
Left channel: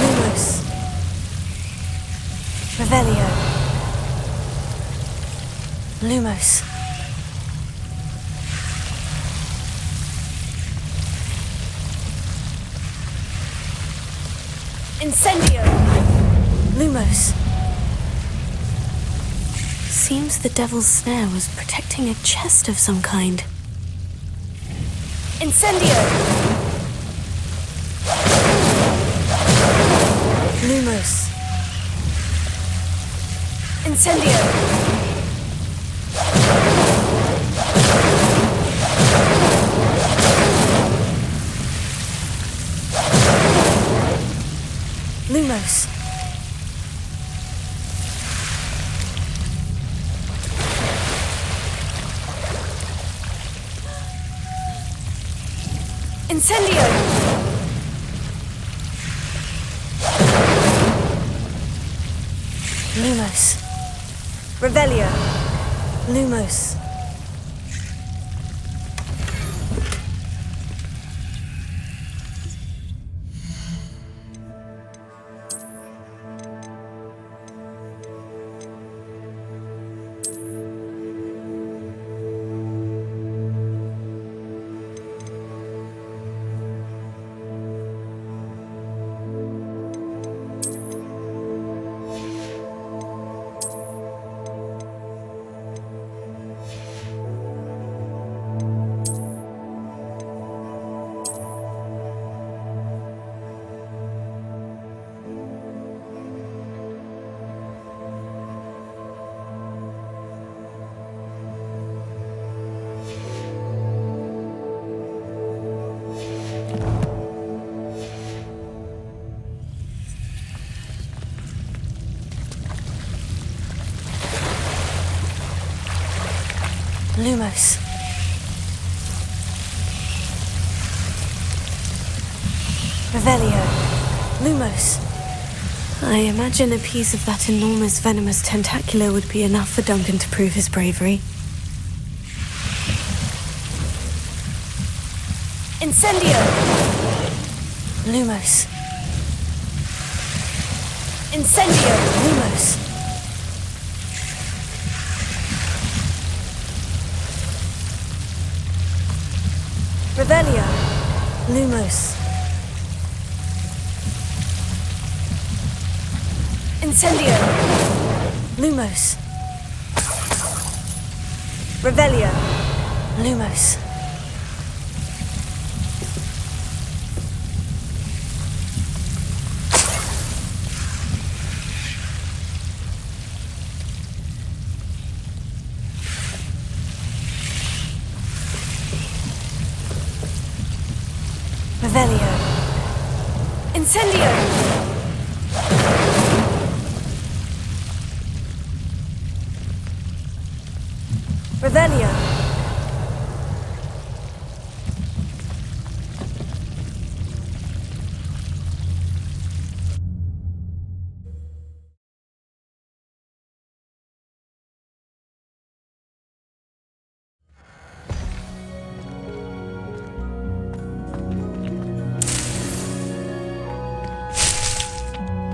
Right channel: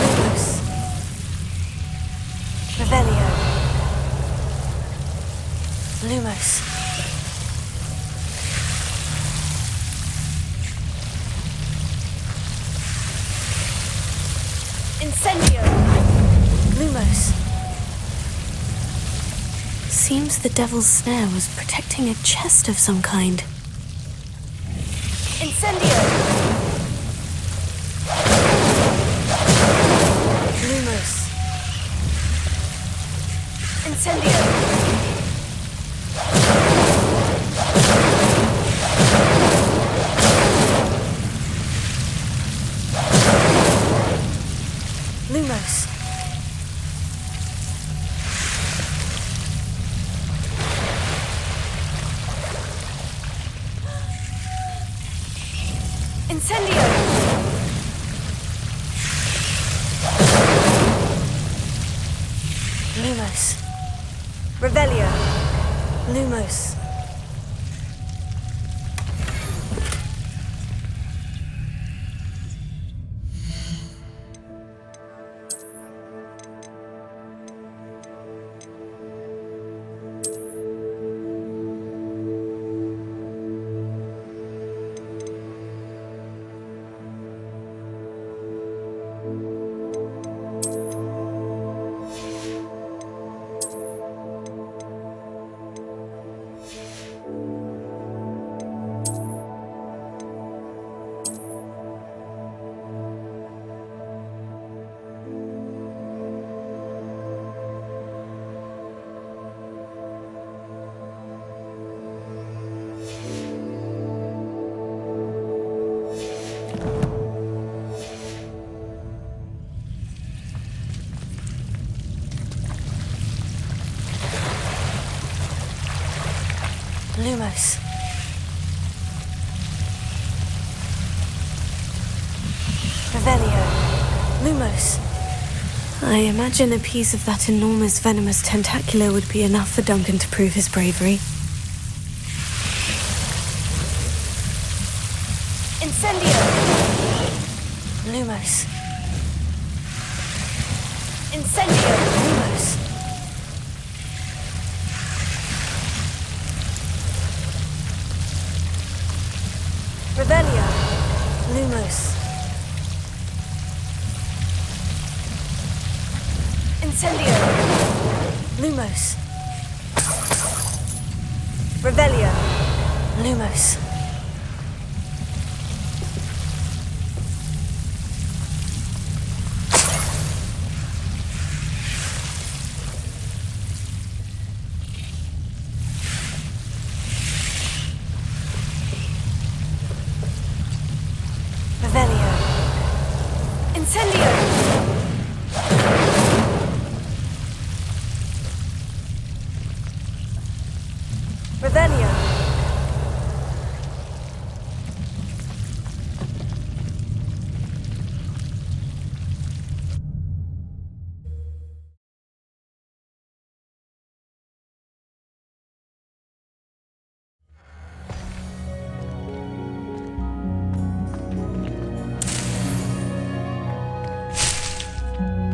Lumos. Revelio. Lumos. Incendio. Lumos. Seems the Devil's Snare was protecting a chest of some kind. Incendio. Lumos. Incendio! Lumos. Incendio! Lumos. Revelio. Lumos. Lumos. Revelio. Lumos. I imagine a piece of that enormous venomous tentacular would be enough for Duncan to prove his bravery. Incendio! Lumos. Incendio! Lumos. Revelio. Lumos. Incendio. Lumos. Revelio. Lumos. Revelio. Incendio! Revelio.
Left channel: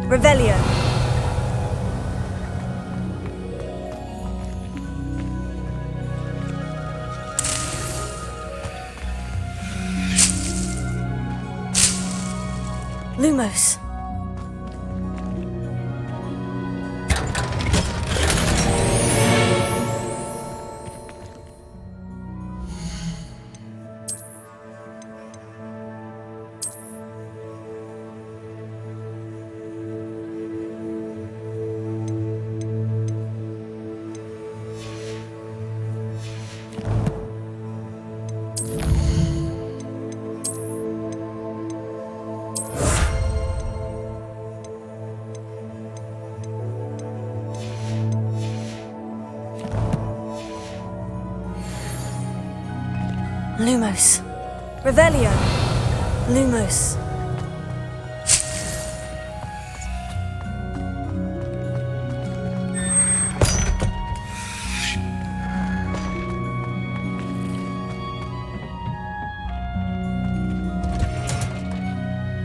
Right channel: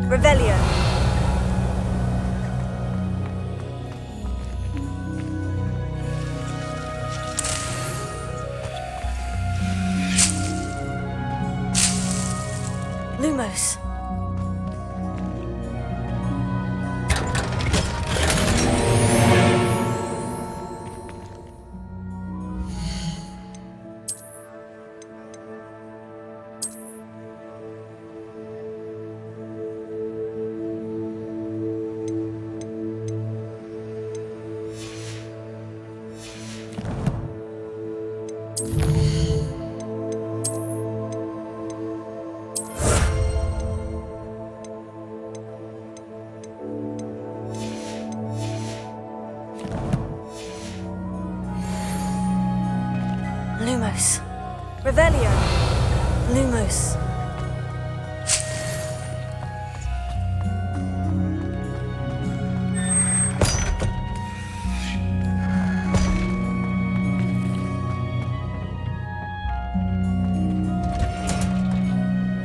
Revelio. Lumos. Lumos. Revelio. Lumos.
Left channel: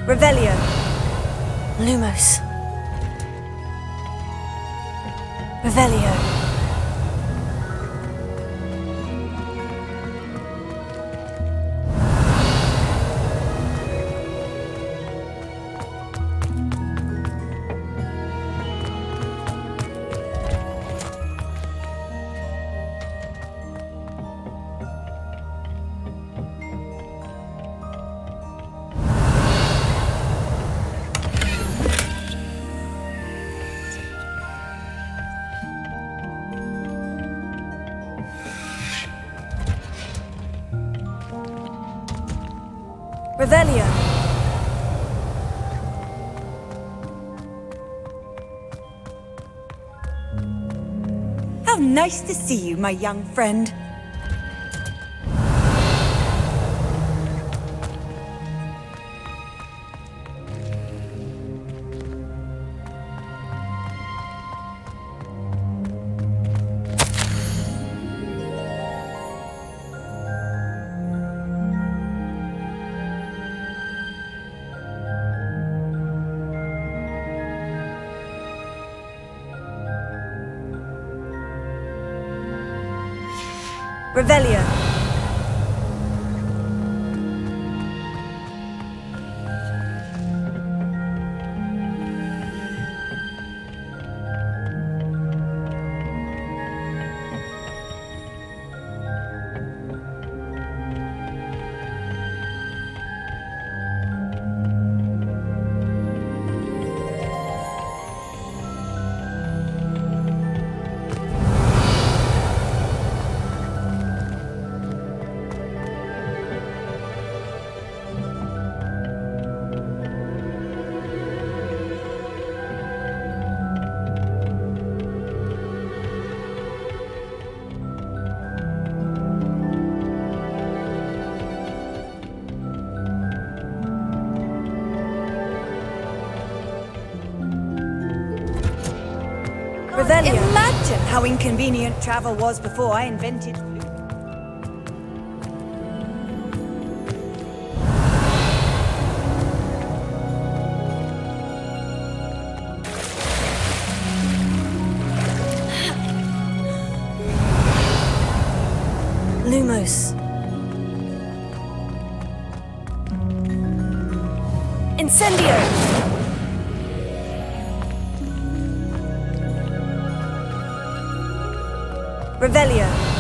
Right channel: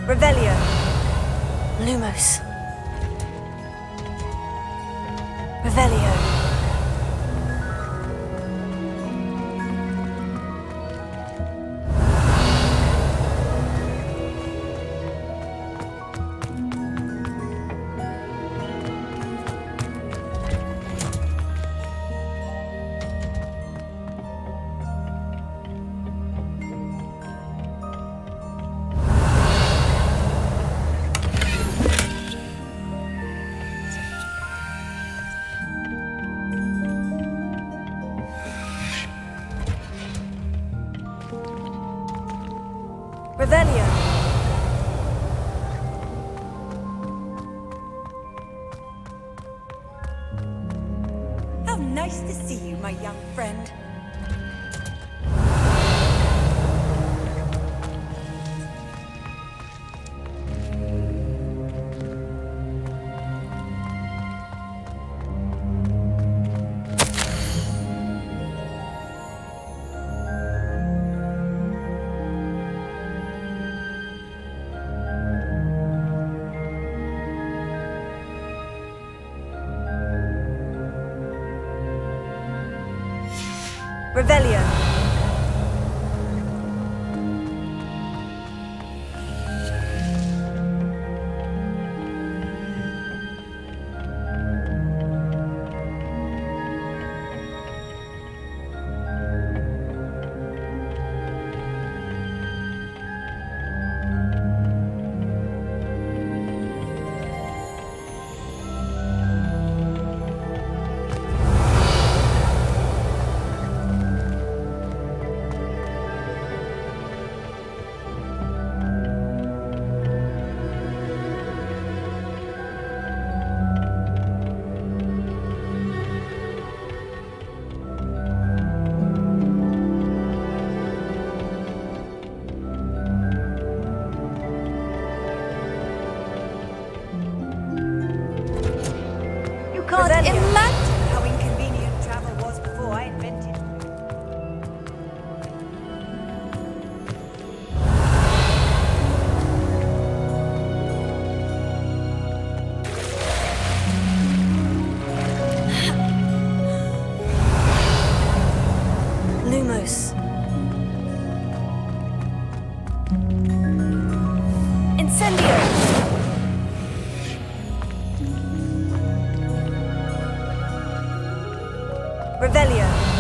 Revelio. Lumos. Revelio. Revelio. How nice to see you, my young friend. Revelio. Can't imagine how inconvenient travel was before I invented. Lumos. Incendio! Revelio.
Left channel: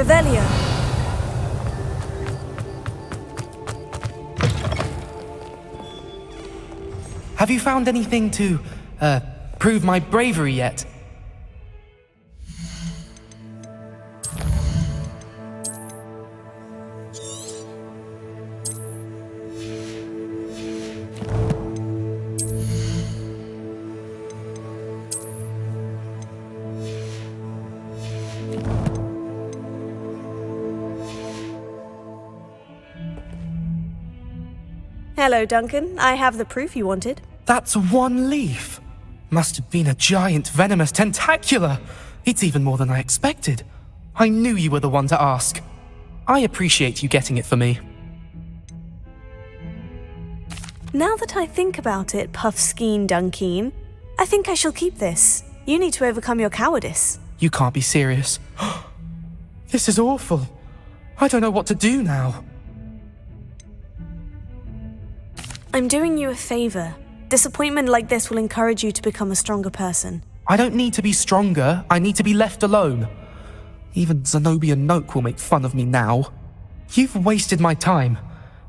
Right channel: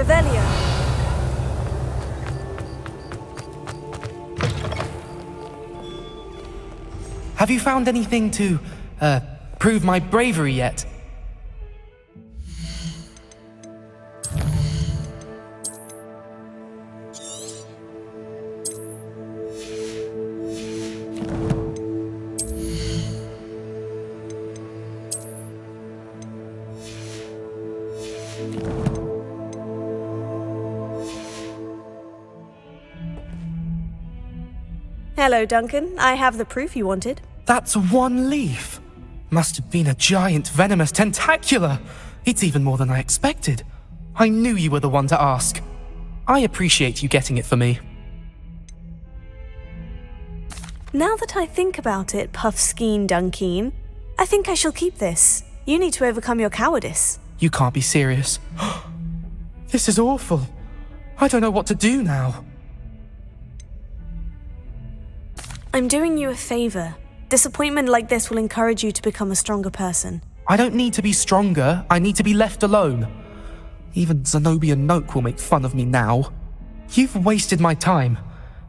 Revelio. Have you found anything to, prove my bravery yet? Hello, Duncan. I have the proof you wanted. That's one leaf. Must have been a giant venomous tentacula. It's even more than I expected. I knew you were the one to ask. I appreciate you getting it for me. Now that I think about it, Puffskein Dunkeen, I think I shall keep this. You need to overcome your cowardice. You can't be serious. This is awful. I don't know what to do now. I'm doing you a favor. Disappointment like this will encourage you to become a stronger person. I don't need to be stronger. I need to be left alone. Even Zenobia Noak will make fun of me now. You've wasted my time.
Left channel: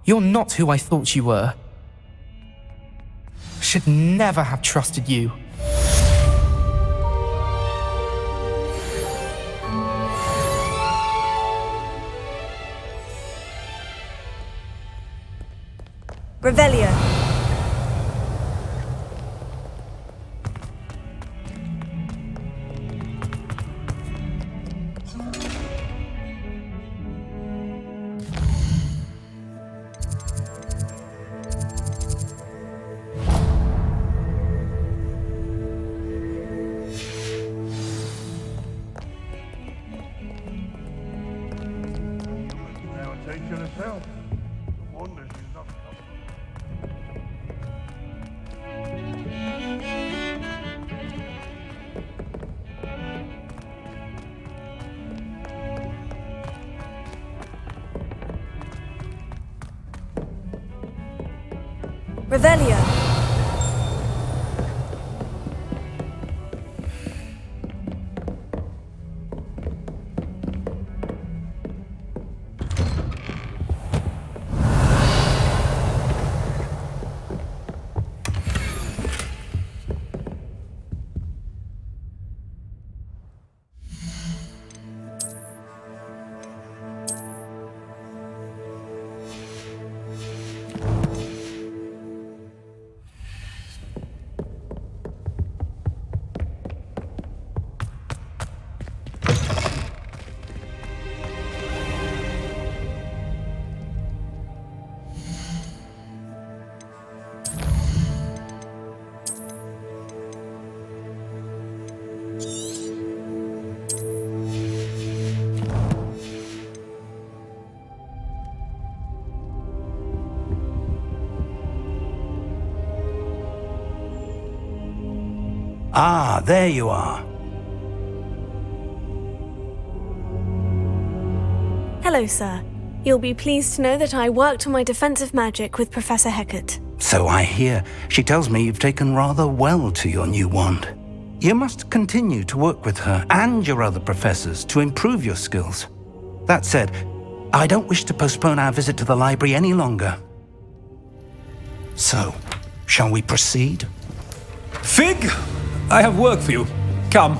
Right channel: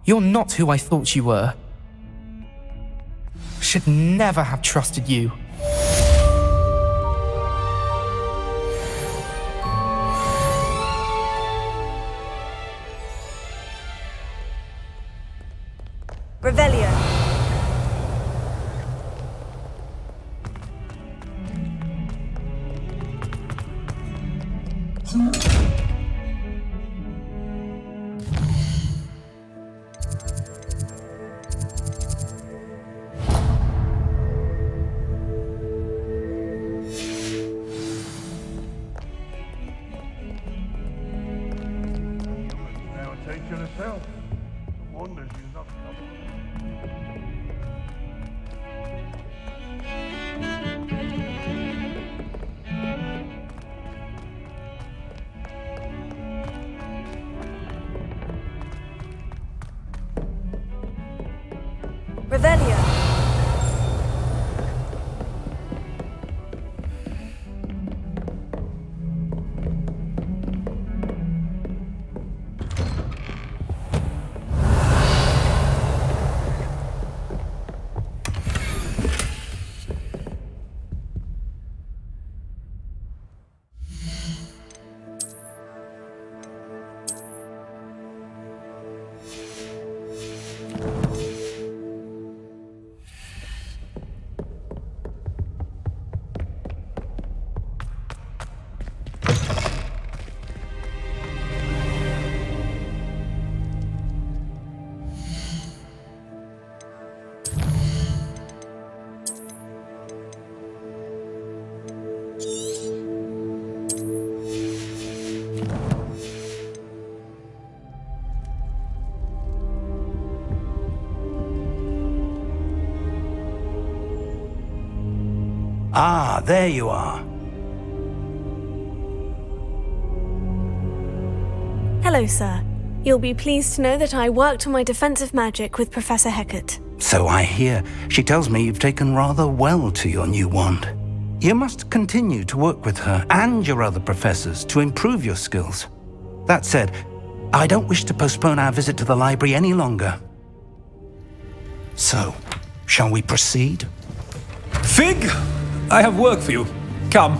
You're not who I thought you were. Should never have trusted you. Revelio. teacher herself. No wonder she's not Revelio. Ah, there you are. Hello, sir. You'll be pleased to know that I worked on my defensive magic with Professor Hecat. So I hear. She tells me you've taken rather well to your new wand. You must continue to work with her and your other professors to improve your skills. That said, I don't wish to postpone our visit to the library any longer. So, shall we proceed? Fig! I have work for you. Come.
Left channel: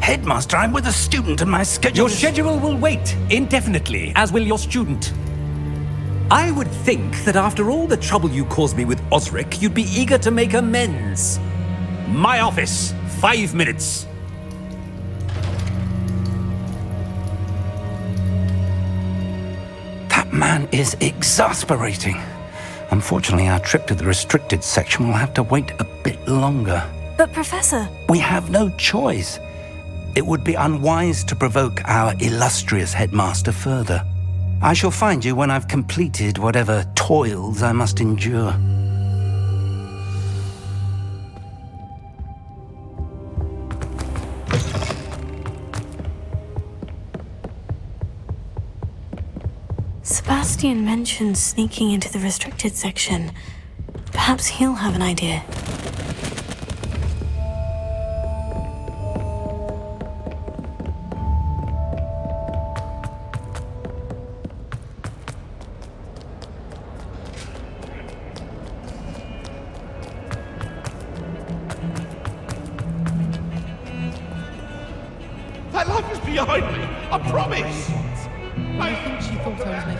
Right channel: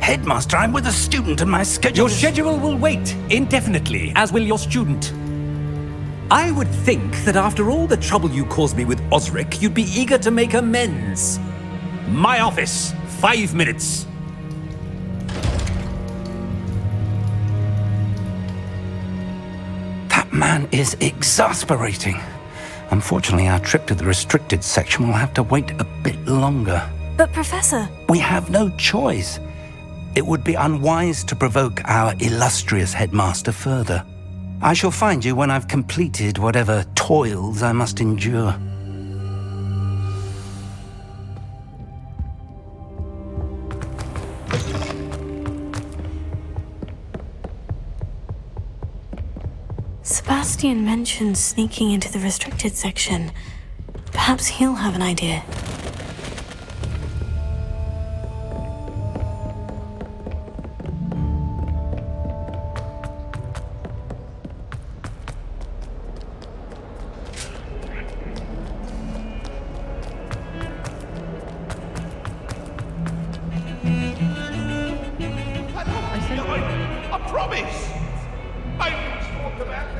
Headmaster, I'm with a student and my schedule Your schedule will wait indefinitely, as will your student. I would think that after all the trouble you caused me with Osric, you'd be eager to make amends. My office, 5 minutes. That man is exasperating. Unfortunately, our trip to the restricted section will have to wait a bit longer. But, Professor... We have no choice. It would be unwise to provoke our illustrious headmaster further. I shall find you when I've completed whatever toils I must endure. Sebastian mentioned sneaking into the restricted section. Perhaps he'll have an idea. That library's behind me! I promise! I can talk about it.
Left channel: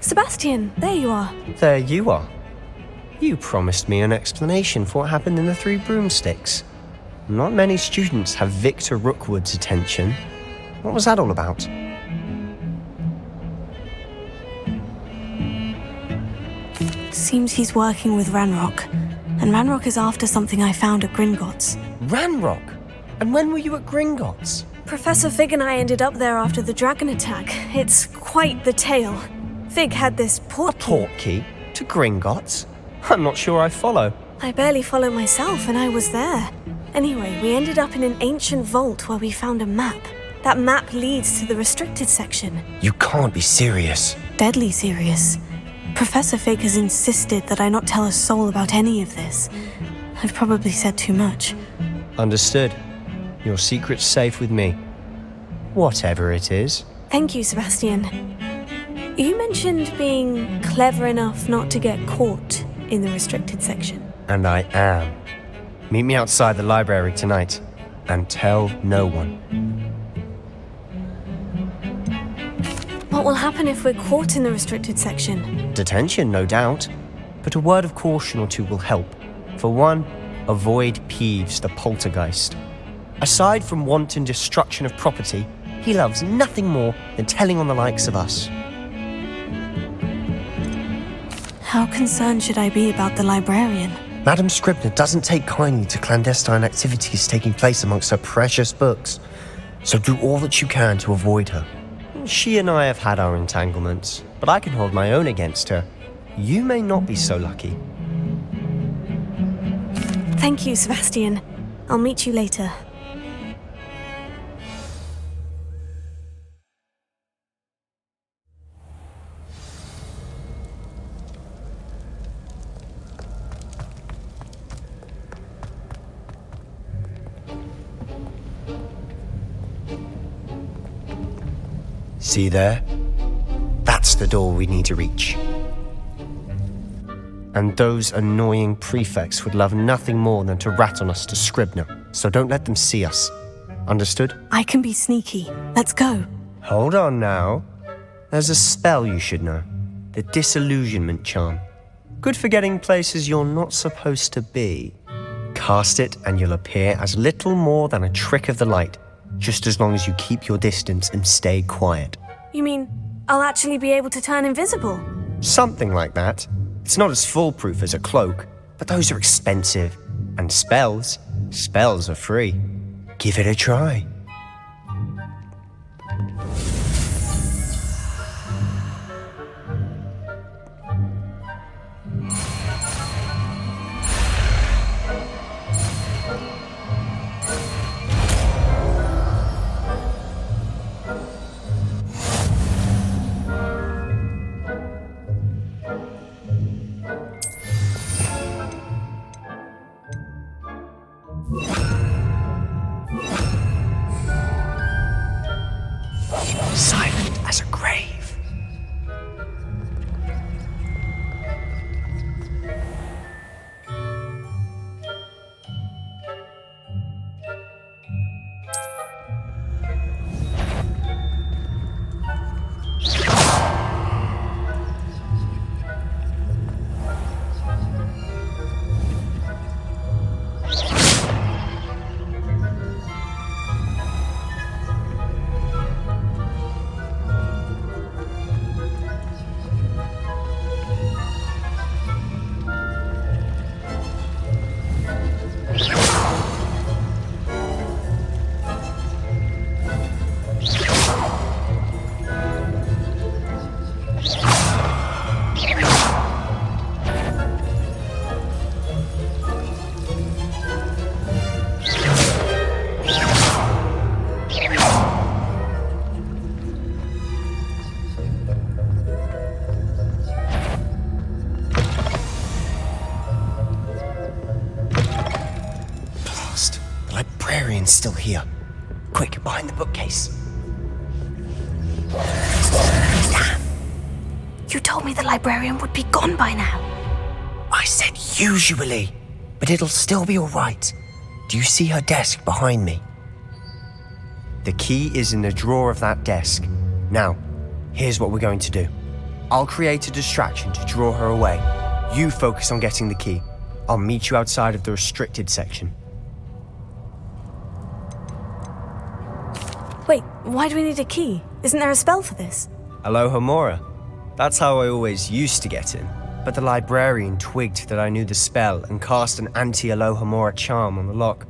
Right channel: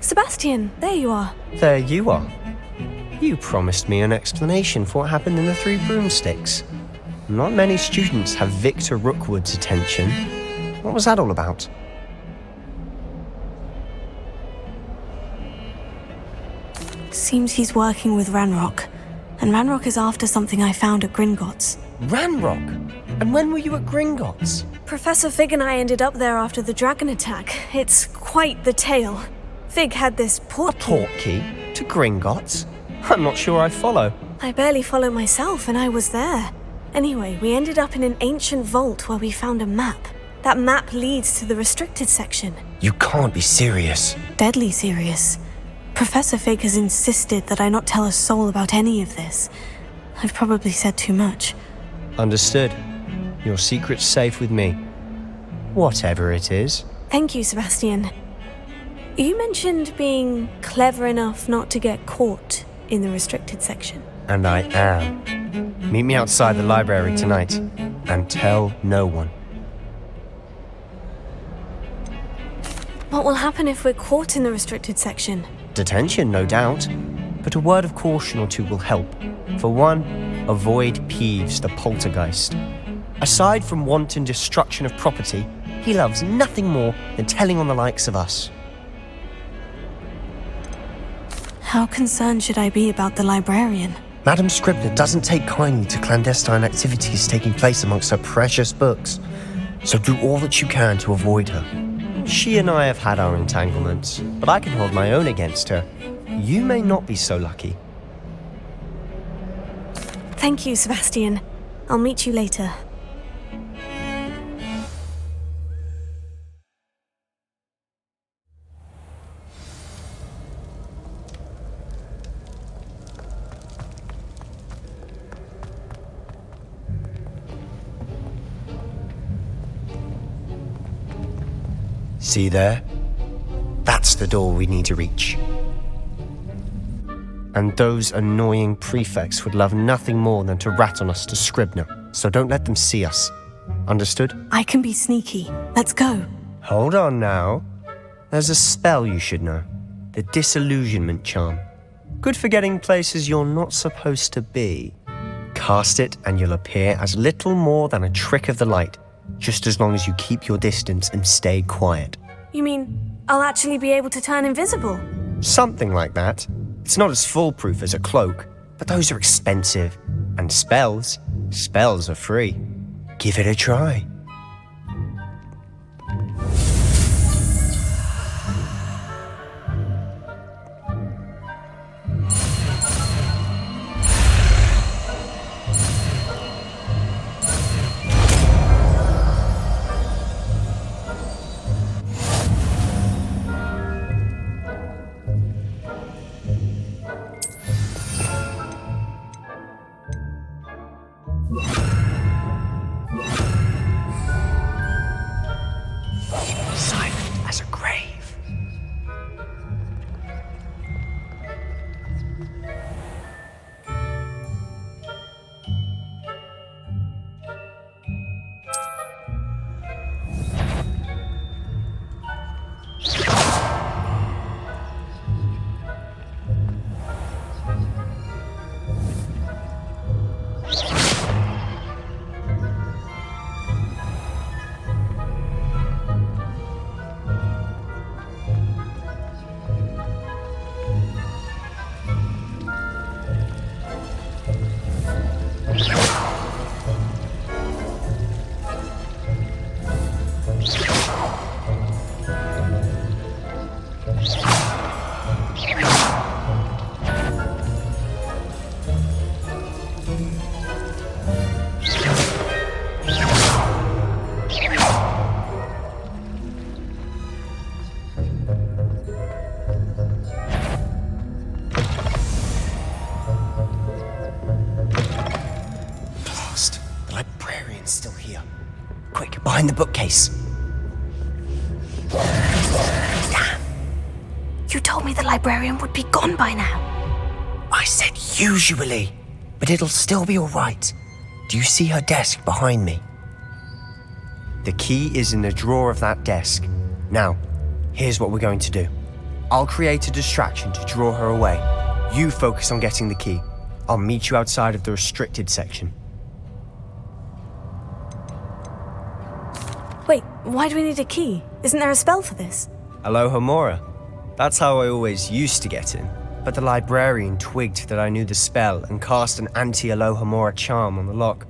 Sebastian, there you are. There you are. You promised me an explanation for what happened in the Three Broomsticks. Not many students have Victor Rookwood's attention. What was that all about? Seems he's working with Ranrock, and Ranrock is after something I found at Gringotts. Ranrock? And when were you at Gringotts? Professor Fig and I ended up there after the dragon attack. It's quite the tale. Fig had this portkey to Gringotts? I'm not sure I follow. I barely follow myself, and I was there. Anyway, we ended up in an ancient vault where we found a map. That map leads to the restricted section. You can't be serious. Deadly serious. Professor Fig has insisted that I not tell a soul about any of this. I've probably said too much. Understood. Your secret's safe with me. Whatever it is. Thank you, Sebastian. You mentioned being clever enough not to get caught in the restricted section. And I am. Meet me outside the library tonight, and tell no one. What will happen if we're caught in the restricted section? Detention, no doubt. But a word of caution or two will help. For one, avoid Peeves, the poltergeist. Aside from wanton destruction of property, he loves nothing more than telling on the likes of us. How concerned should I be about the librarian? Madam Scribner doesn't take kindly to clandestine activities taking place amongst her precious books, so do all that you can to avoid her. She and I have had our entanglements, but I can hold my own against her. You may not be so lucky. Thank you, Sebastian. I'll meet you later. See there? That's the door we need to reach. And those annoying prefects would love nothing more than to rat on us to Scribner, so don't let them see us. Understood? I can be sneaky. Let's go. Hold on now. There's a spell you should know. The Disillusionment Charm. Good for getting places you're not supposed to be. Cast it and you'll appear as little more than a trick of the light, just as long as you keep your distance and stay quiet. You mean I'll actually be able to turn invisible? Something like that. It's not as foolproof as a cloak, but those are expensive. And spells are free. Give it a try. Silent as a grave. Still here. Quick, behind the bookcase. Damn. You told me the librarian would be gone by now. I said usually, but it'll still be all right. Do you see her desk behind me? The key is in the drawer of that desk. Now, here's what we're going to do. I'll create a distraction to draw her away. You focus on getting the key. I'll meet you outside of the restricted section. Wait, why do we need a key? Isn't there a spell for this? Alohomora. That's how I always used to get in. But the librarian twigged that I knew the spell and cast an anti-Alohomora charm on the lock.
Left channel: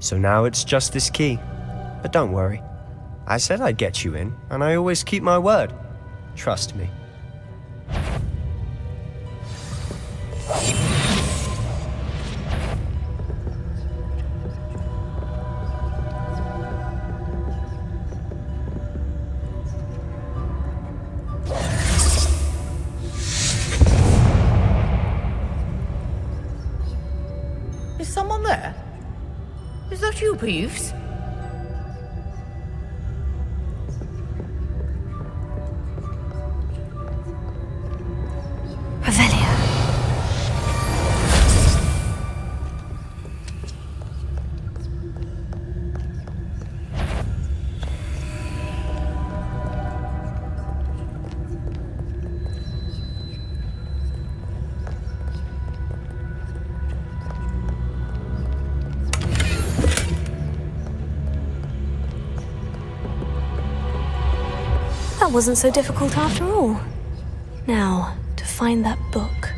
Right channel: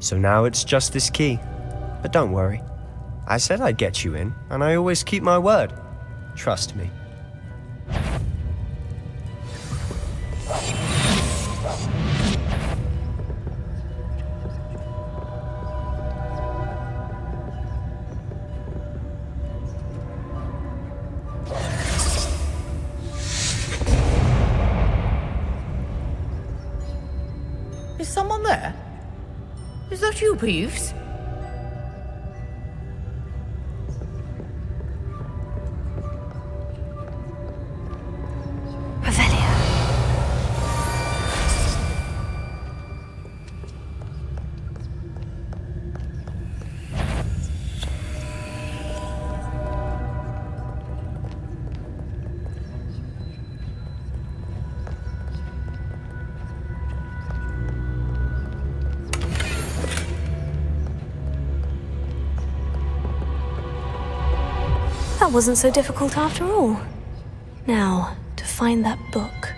So now it's just this key. But don't worry. I said I'd get you in, and I always keep my word. Trust me. Is someone there? Is that you, Peeves? Revelio. That wasn't so difficult after all. Now, to find that book.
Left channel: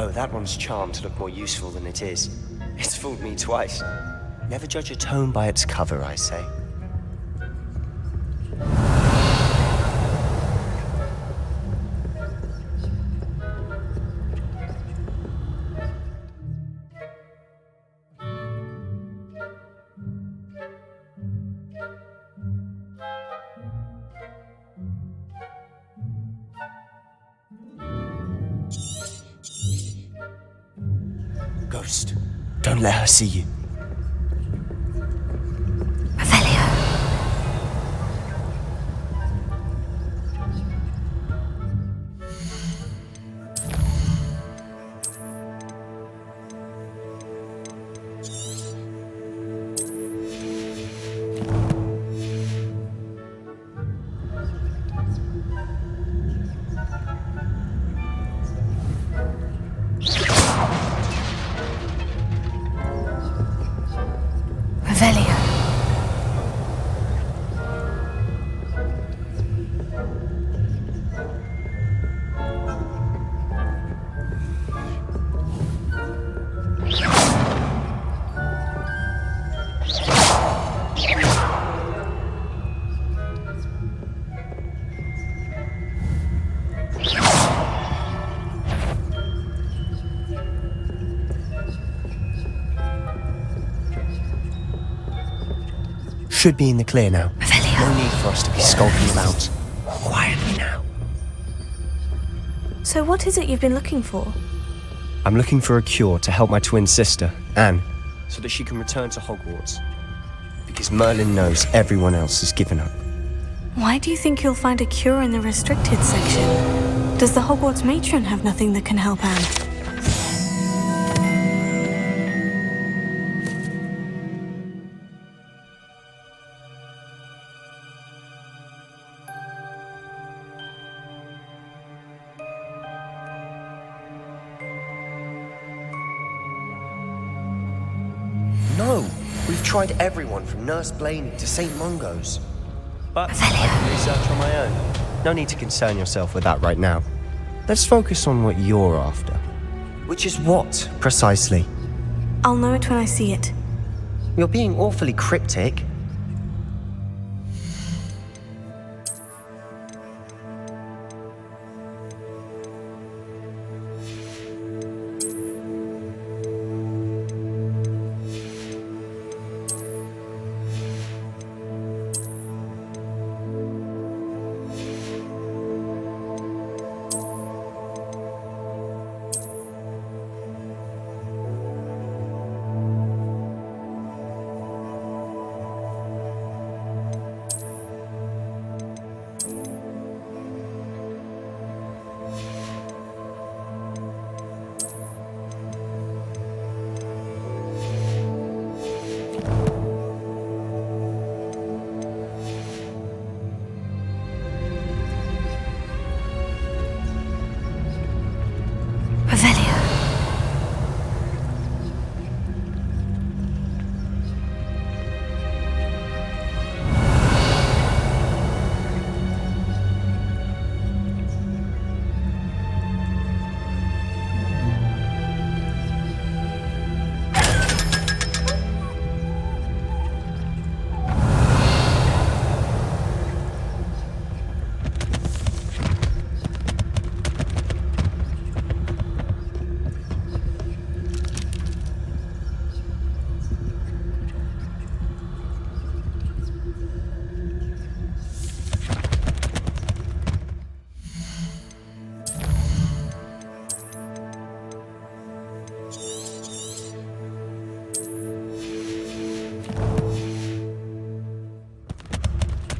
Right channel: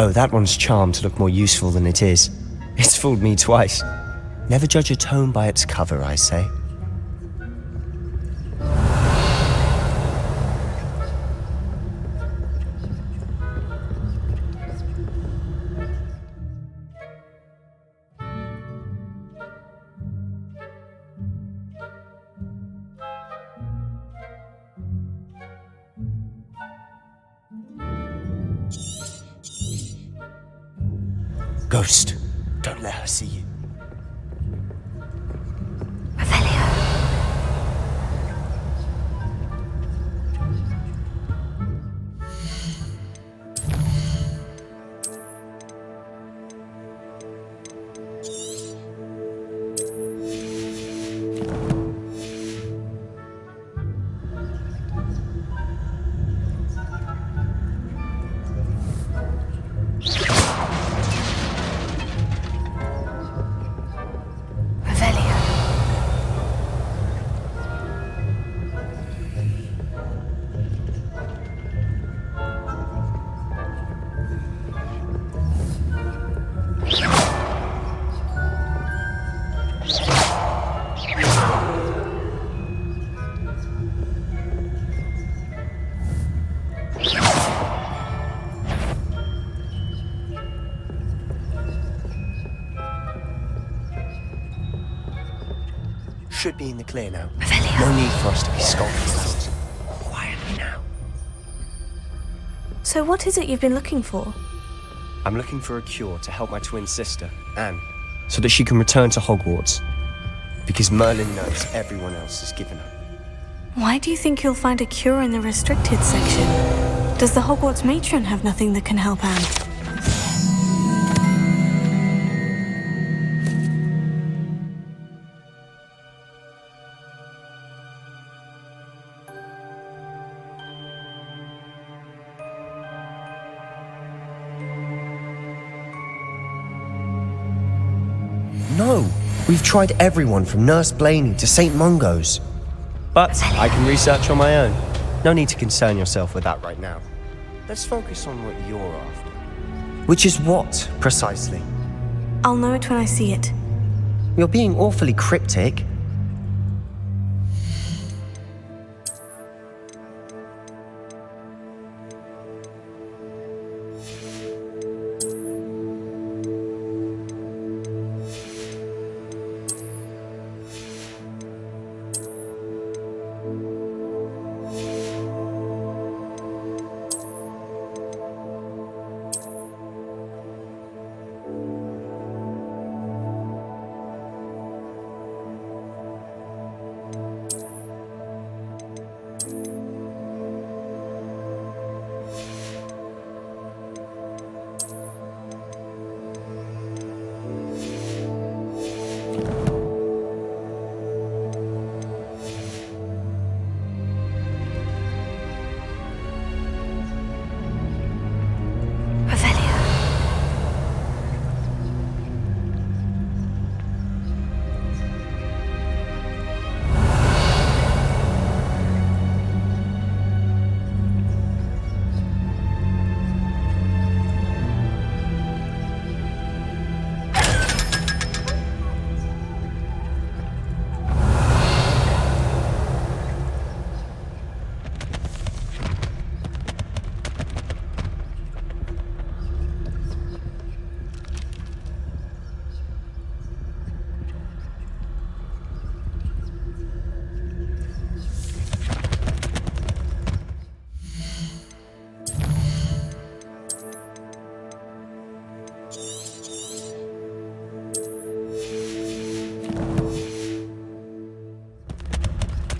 Oh, that one's charmed to look more useful than it is. It's fooled me twice. Never judge a tome by its cover, I say. Ghost, don't let her see you. Should be in the clear now. No need for us to be skulking about. Quietly now. So what is it you've been looking for? I'm looking for a cure to help my twin sister, Anne, so that she can return to Hogwarts. Because Merlin knows everyone else has given up. Why do you think you'll find a cure in the restricted section? Does the Hogwarts matron have nothing that can help Anne? No! We've tried everyone from Nurse Blaney to St. Mungo's. But I can research on my own. No need to concern yourself with that right now. Let's focus on what you're after. Which is what, precisely? I'll know it when I see it. You're being awfully cryptic.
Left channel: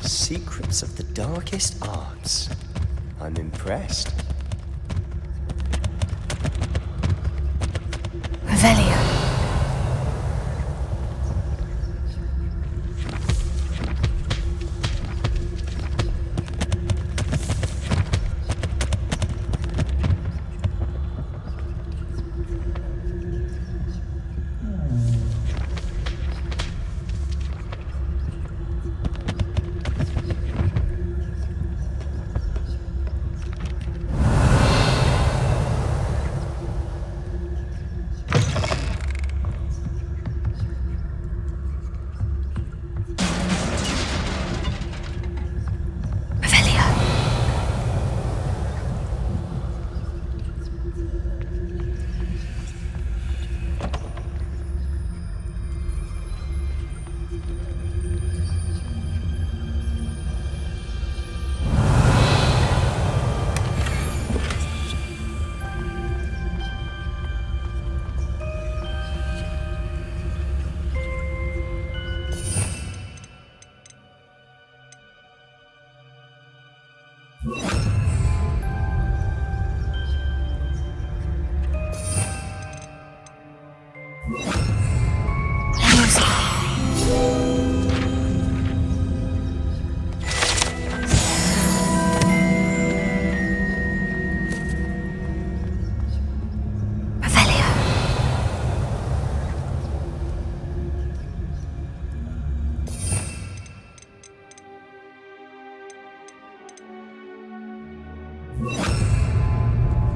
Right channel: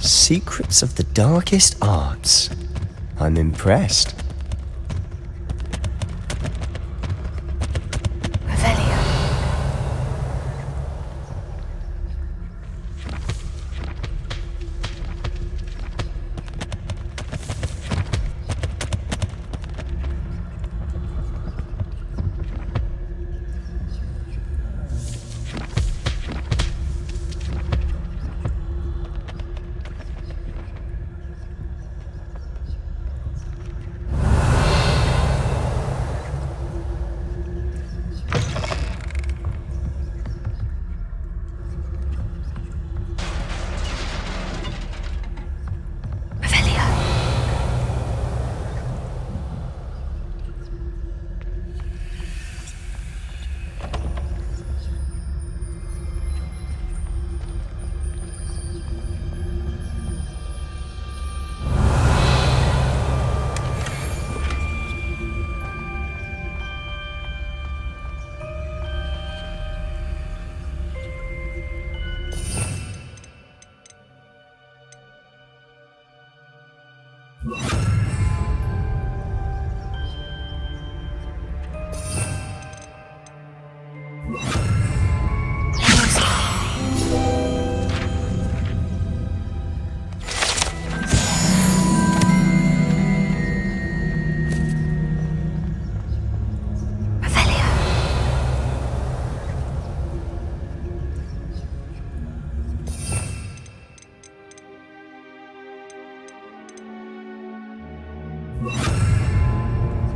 Secrets of the darkest arts. I'm impressed. Revelio.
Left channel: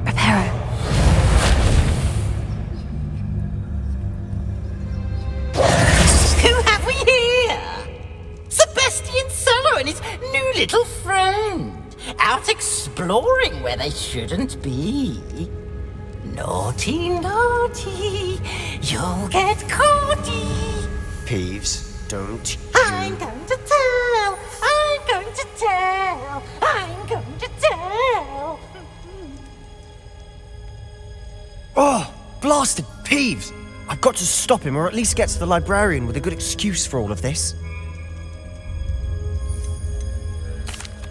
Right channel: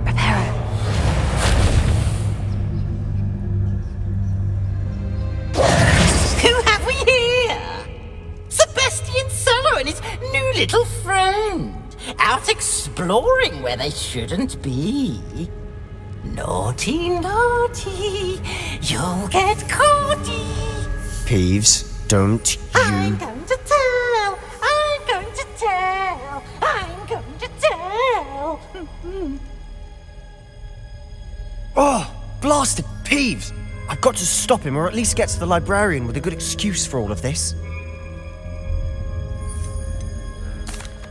Prepare. Who have we here? Sebastian Sallow and his new little friend. Out exploring where they shouldn't be. Naughty, naughty, you'll get caughty. Peeves, don't you... I'm going to tell, I'm going to tell, I'm going to tell. Oh, blasted Peeves! I've got to stop him, or at least get to the librarian with a good excuse for all of this.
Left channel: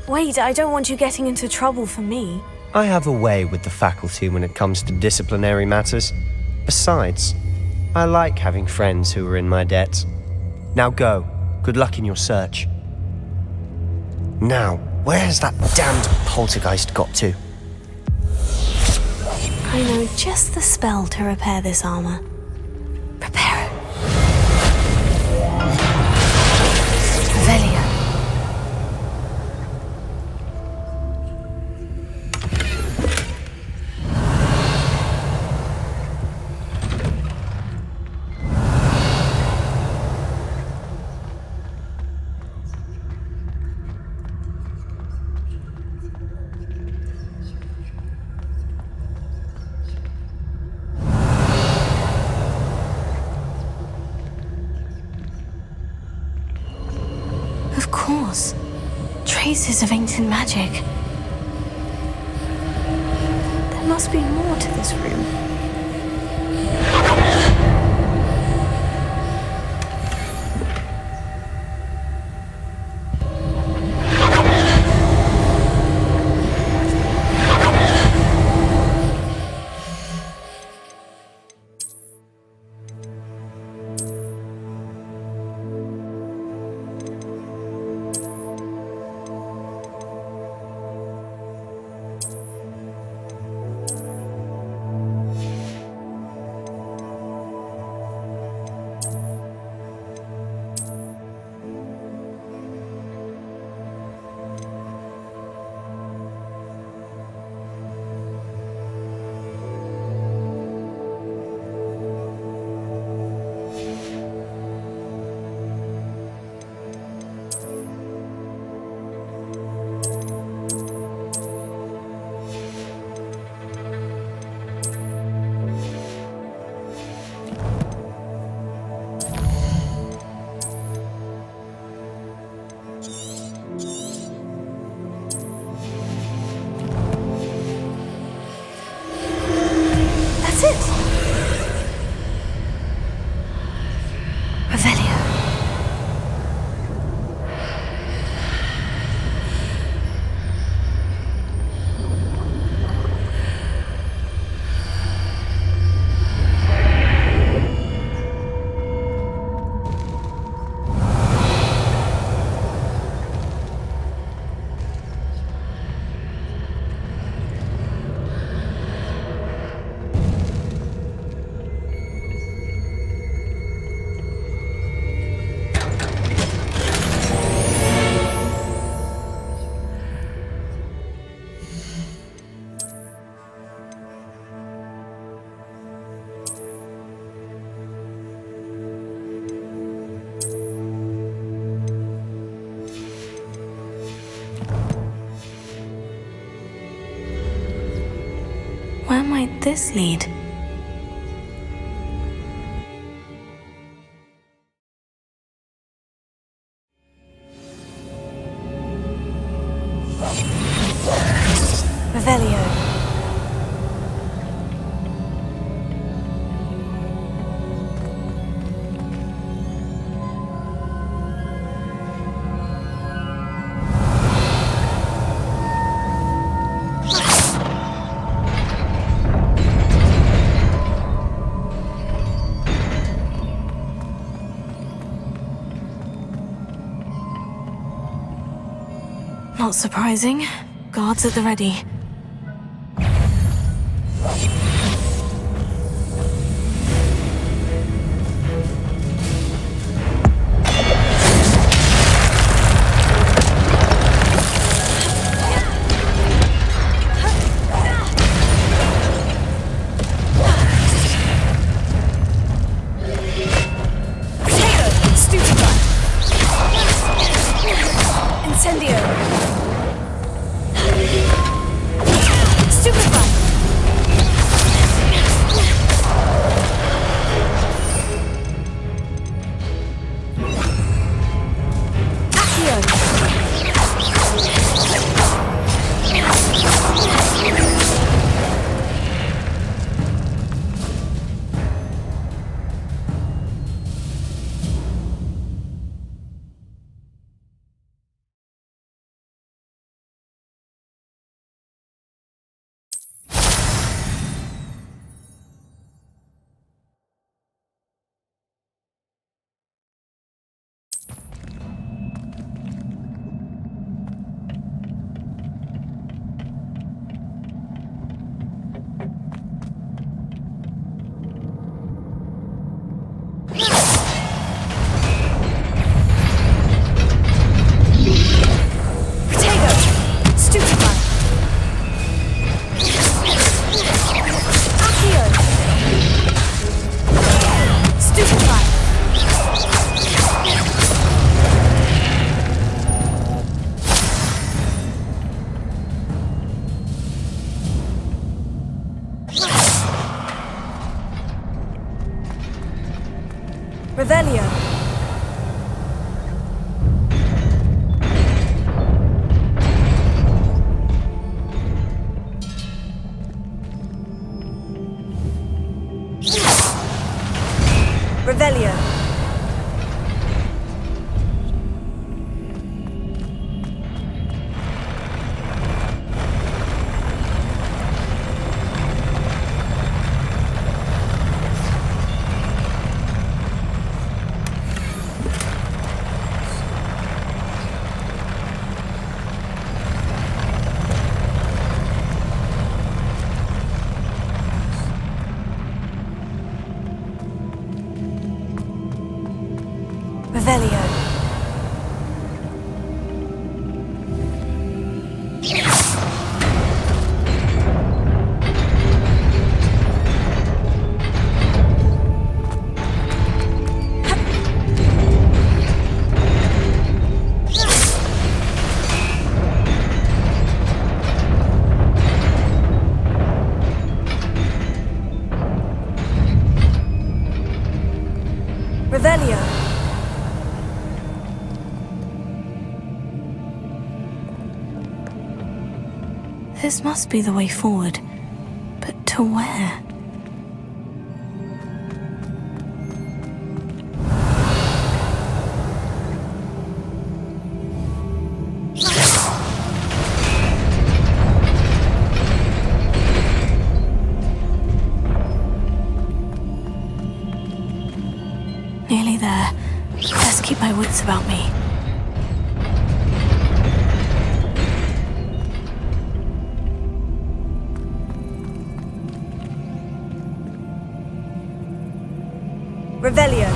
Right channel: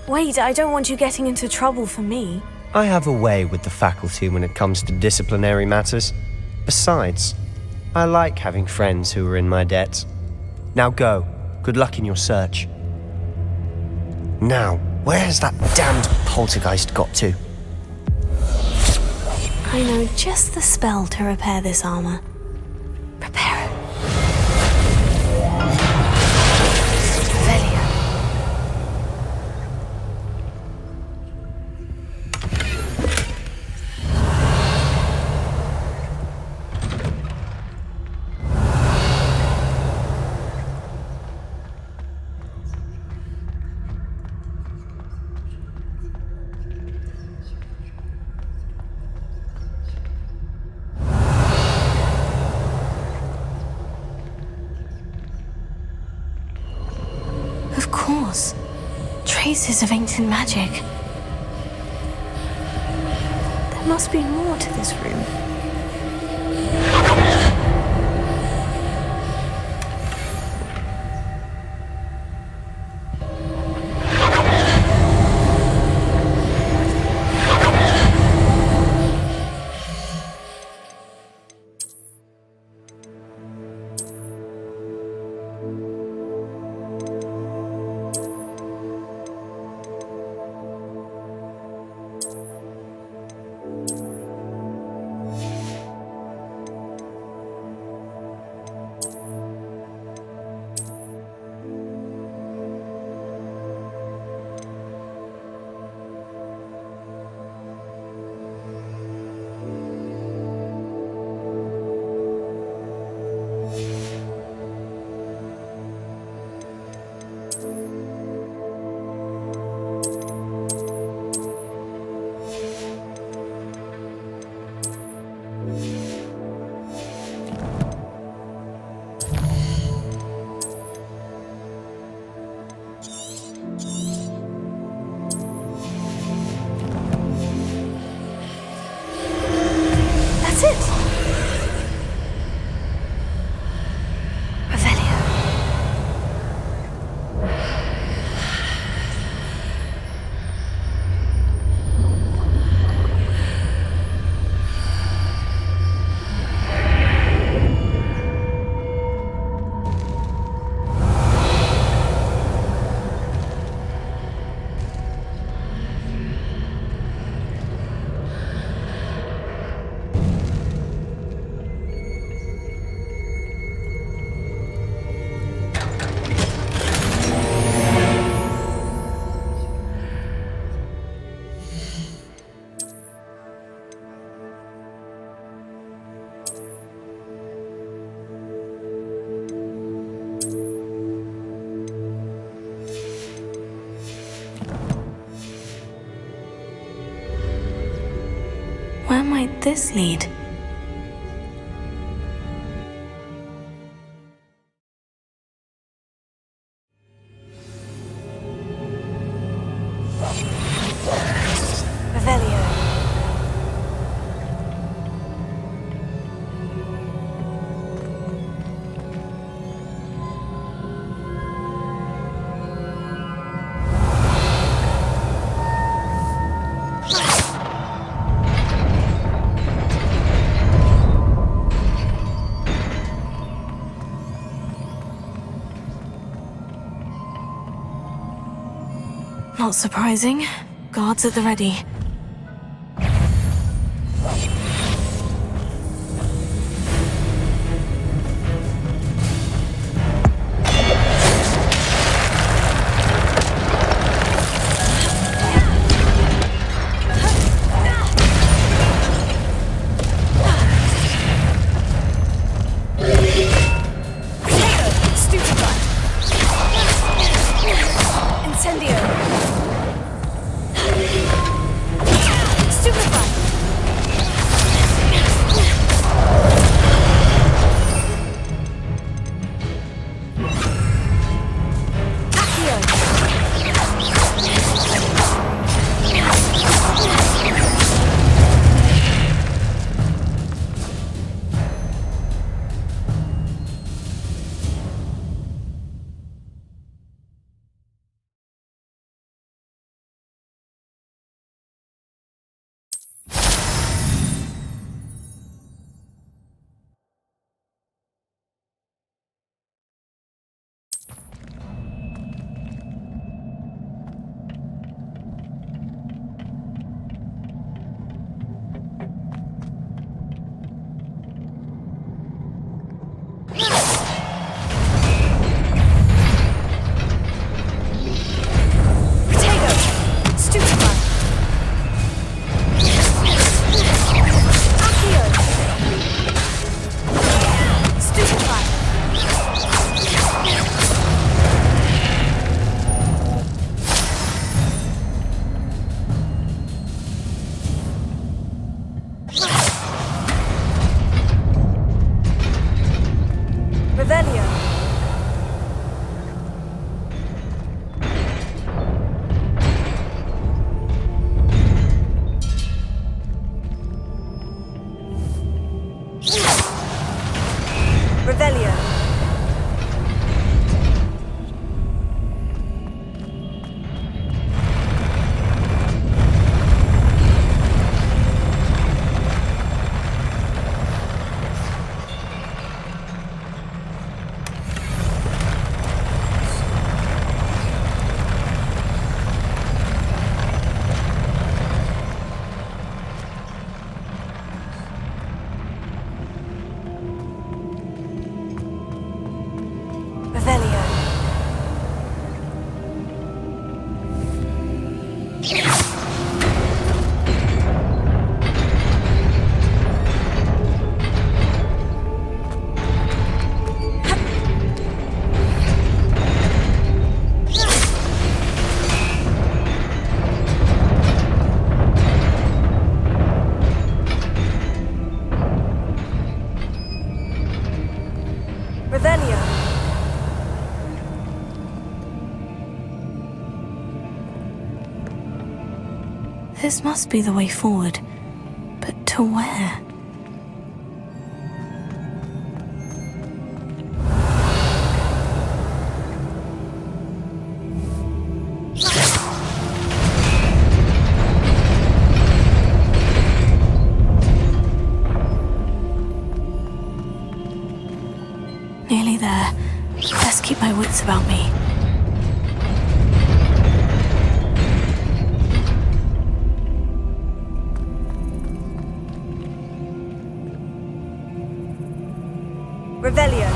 Wait, I don't want you getting into trouble for me. I have a way with the faculty when it comes to disciplinary matters. Besides, I like having friends who are in my debt. Now go. Good luck in your search. Now, where's that damned poltergeist got to? I know just the spell to repair this armor. Prepare. Revelio. Of course. Traces of ancient magic. There must be more to this room. Where might this lead? Revelio. Not surprising. Guards at the ready. Incendio! Stupefy! Revelio. Revelio. Revelio. Revelio. This must be the way forward. But to where? Nearly there. Best keep my wits about me. Revelio.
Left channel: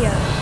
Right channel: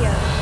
Revelio.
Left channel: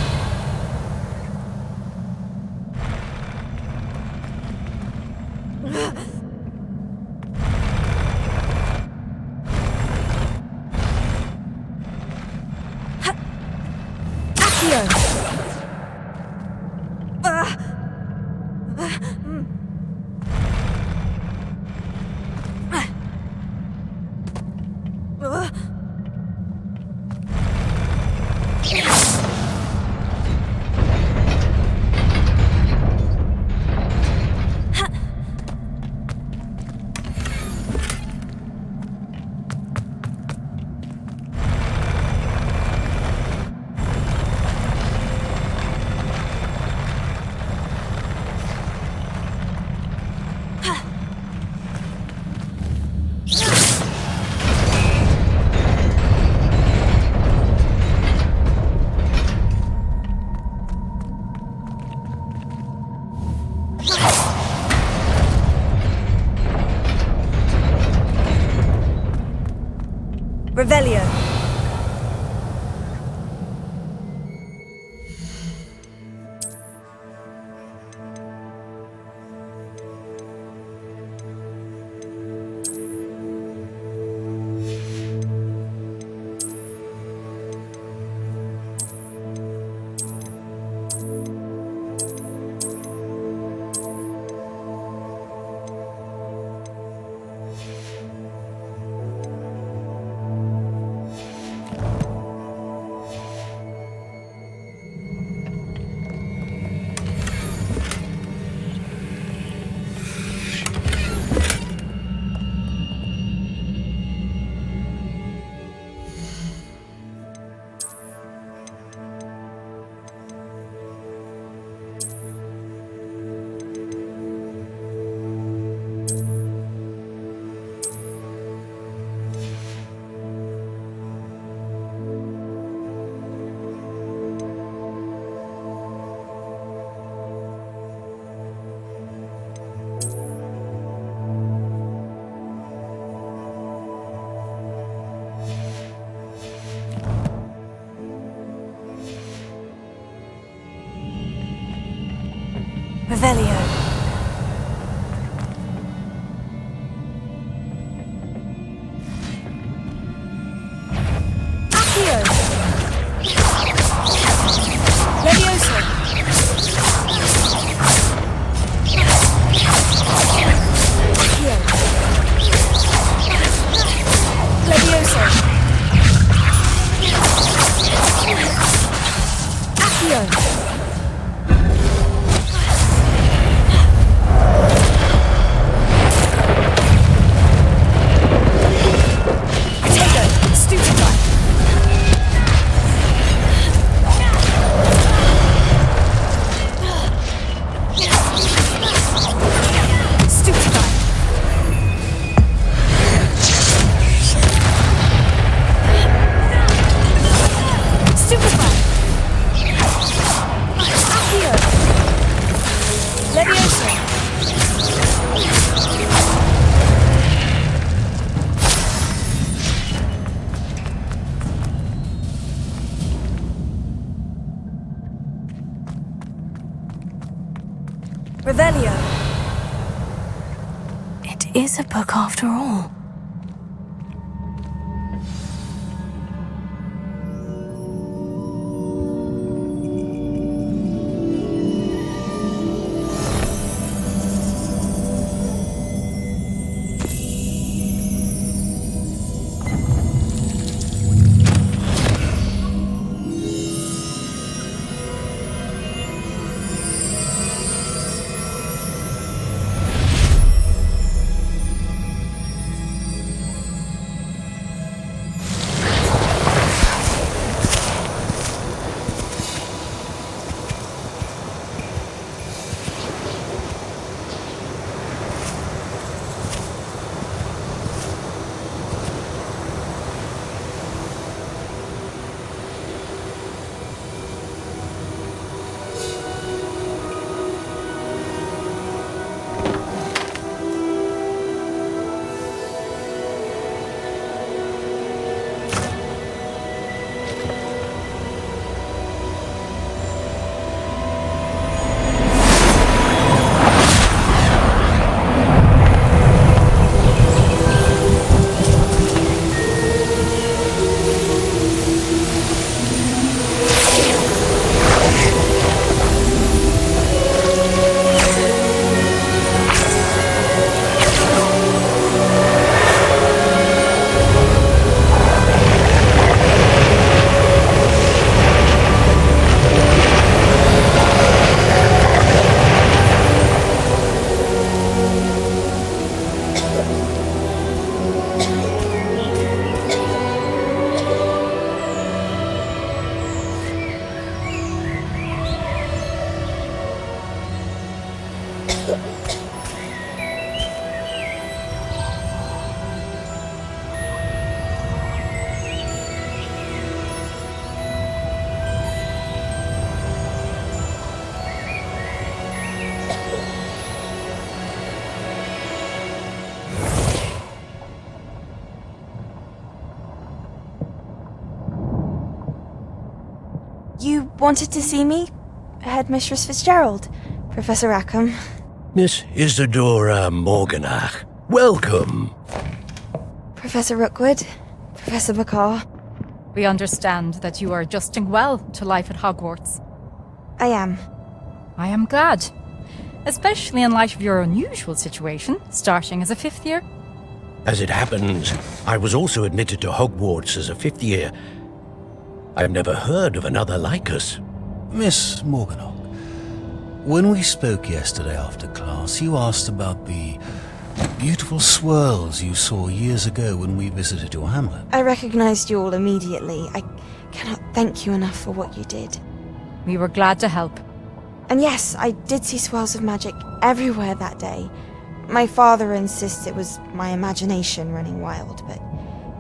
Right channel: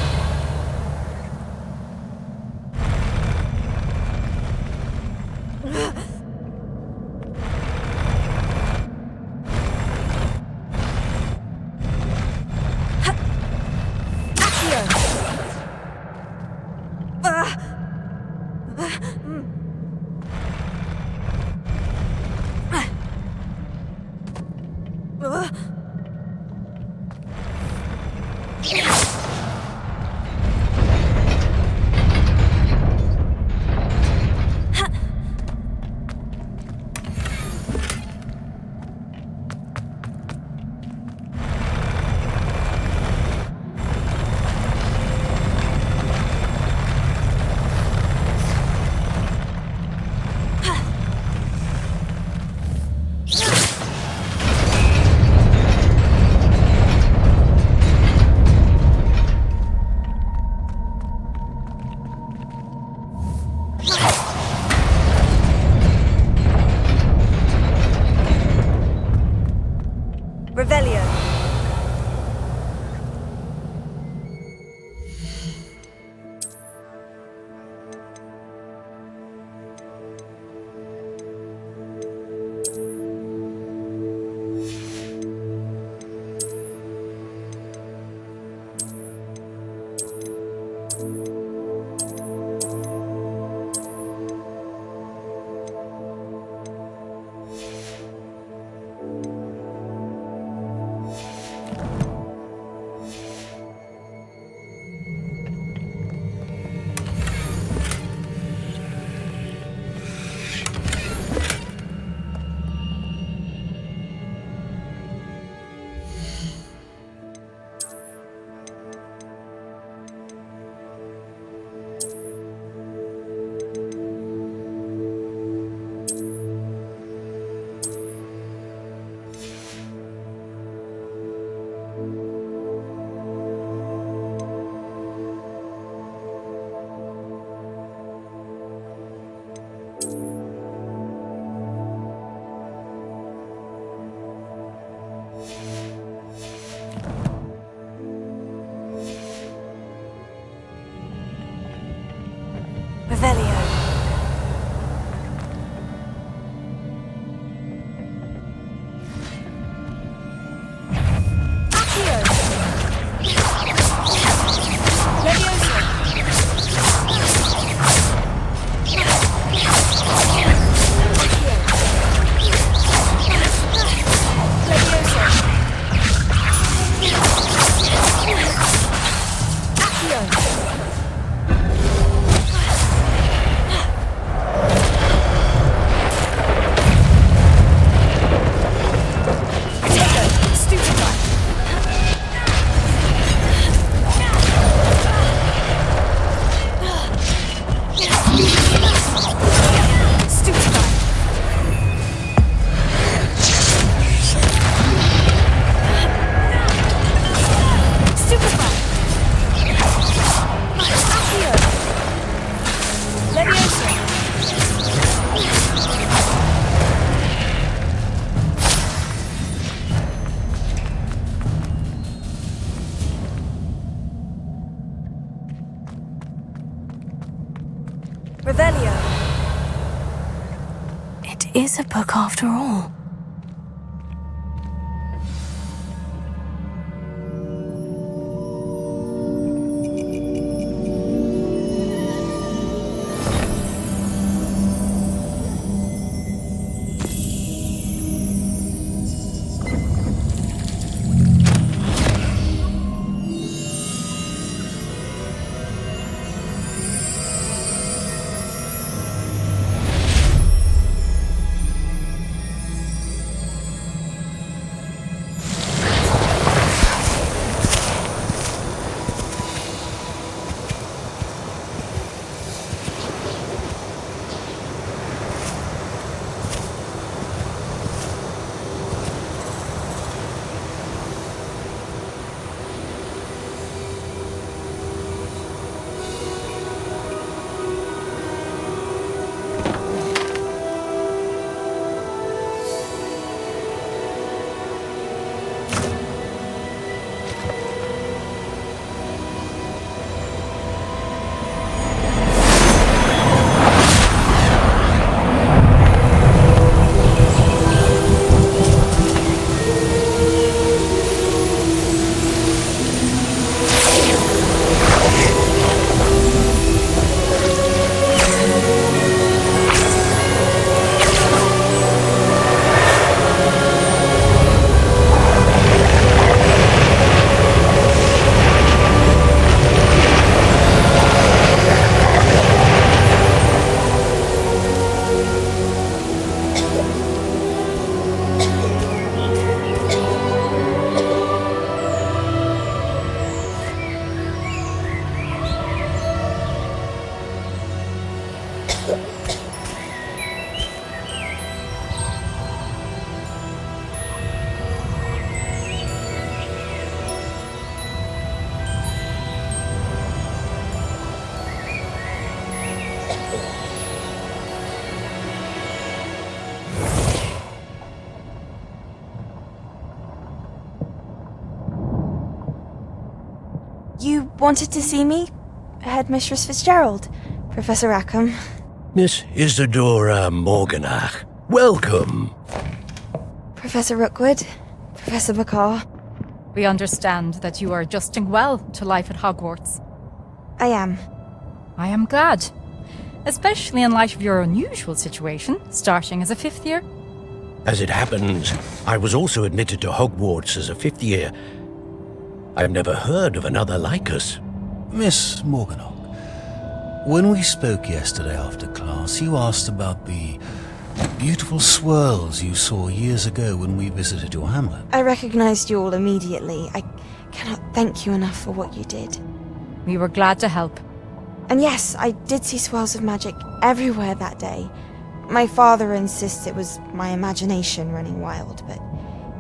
Revelio. Revelio. Accio. Levioso. Accio. Levioso. Accio. Revelio. It is a book after all. wanted to see me? Headmistress Fitzgerald, Professor Rackham. Miss Isadora Morganach, welcome. Professor Rookwood, Professor McCaw. We understand that you are adjusting well to life at Hogwarts. I am. I am glad. Especially in light of your unusual situation, starting as a 5th year. As it happens, I was also admitted to Hogwarts as a 5th year. I've never heard of another like us. Miss Morganach, when we spoke yesterday after class, you asked about the beautiful swirls you saw years ago when we visited your hamlet. I recognized you all immediately. I cannot thank you enough for what you did. We were glad to help. And yes, I did see swirls of magic everywhere that day. My father insists it was my imagination running wild, but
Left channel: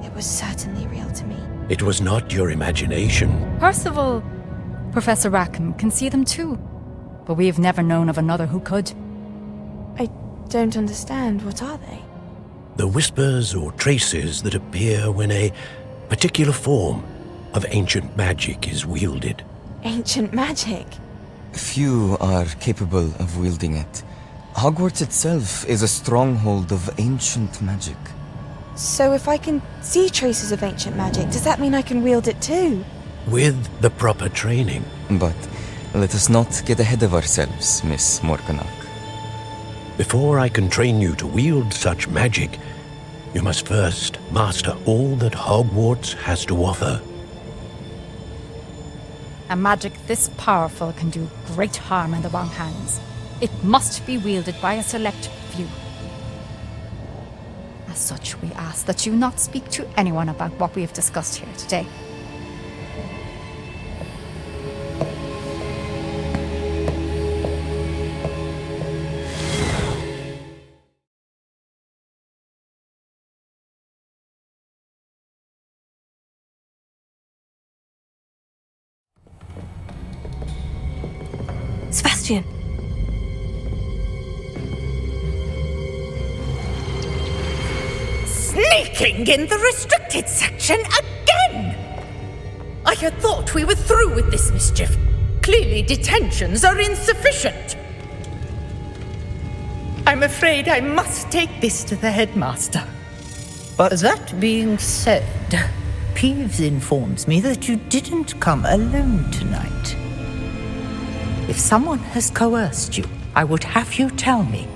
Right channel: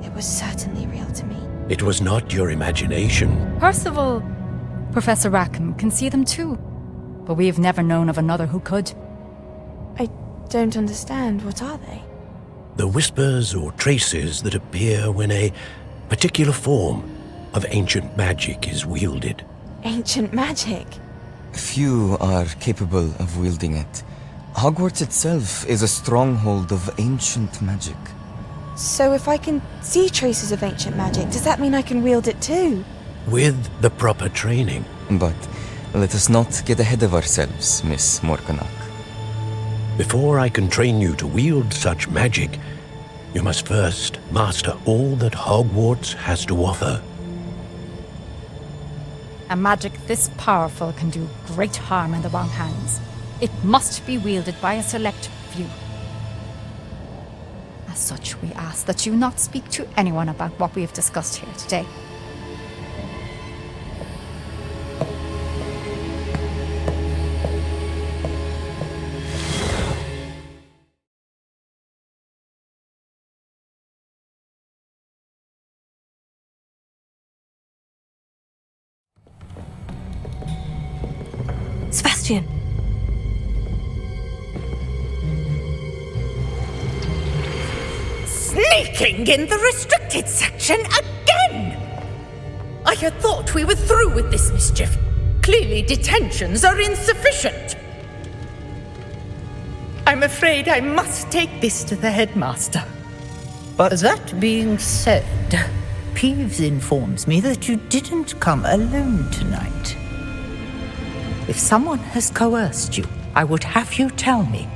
it was certainly real to me. It was not your imagination. Percival, Professor Rackham can see them too, but we have never known of another who could. I don't understand. What are they? The whispers or traces that appear when a particular form of ancient magic is wielded. Ancient magic? Few are capable of wielding it. Hogwarts itself is a stronghold of ancient magic. So if I can see traces of ancient magic, does that mean I can wield it too? With the proper training. But let us not get ahead of ourselves, Miss Morganach. Before I can train you to wield such magic, you must first master all that Hogwarts has to offer. A magic this powerful can do great harm in the wrong hands. It must be wielded by a select few. As such, we ask that you not speak to anyone about what we have discussed here today. Sebastian! Sneaking in the restricted section again! I had thought we were through with this mischief. Clearly detentions are insufficient. I'm afraid I must take this to the headmaster. But that being said, Peeves informs me that you didn't come alone tonight. If someone has coerced you, I would have you tell me.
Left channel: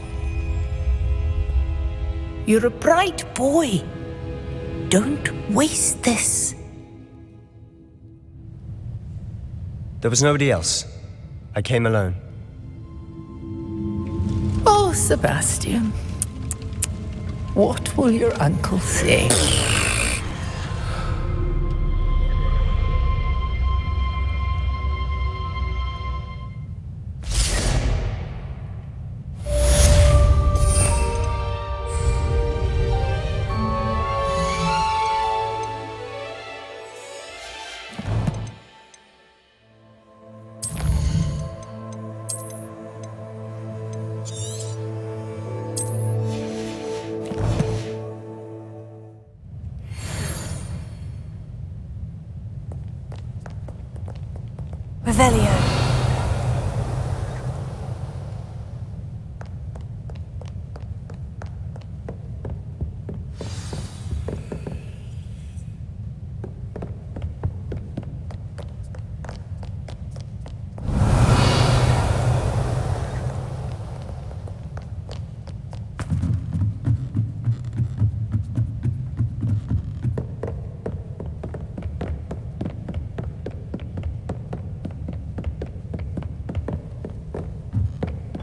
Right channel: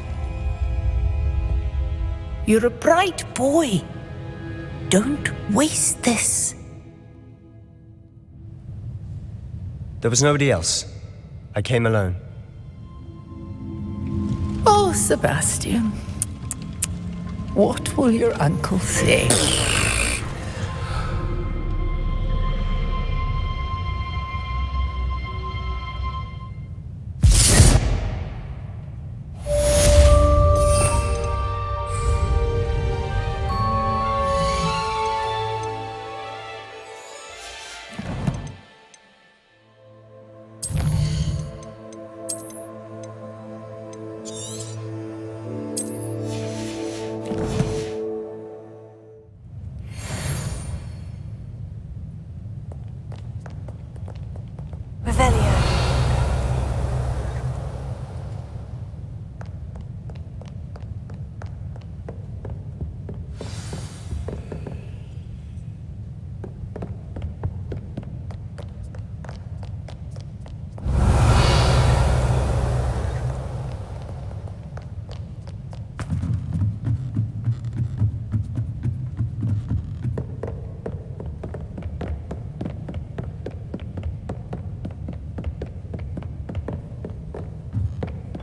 You're a bright boy. Don't waste this. There was nobody else. I came alone. Oh, Sebastian. What will your uncle say? Revelio.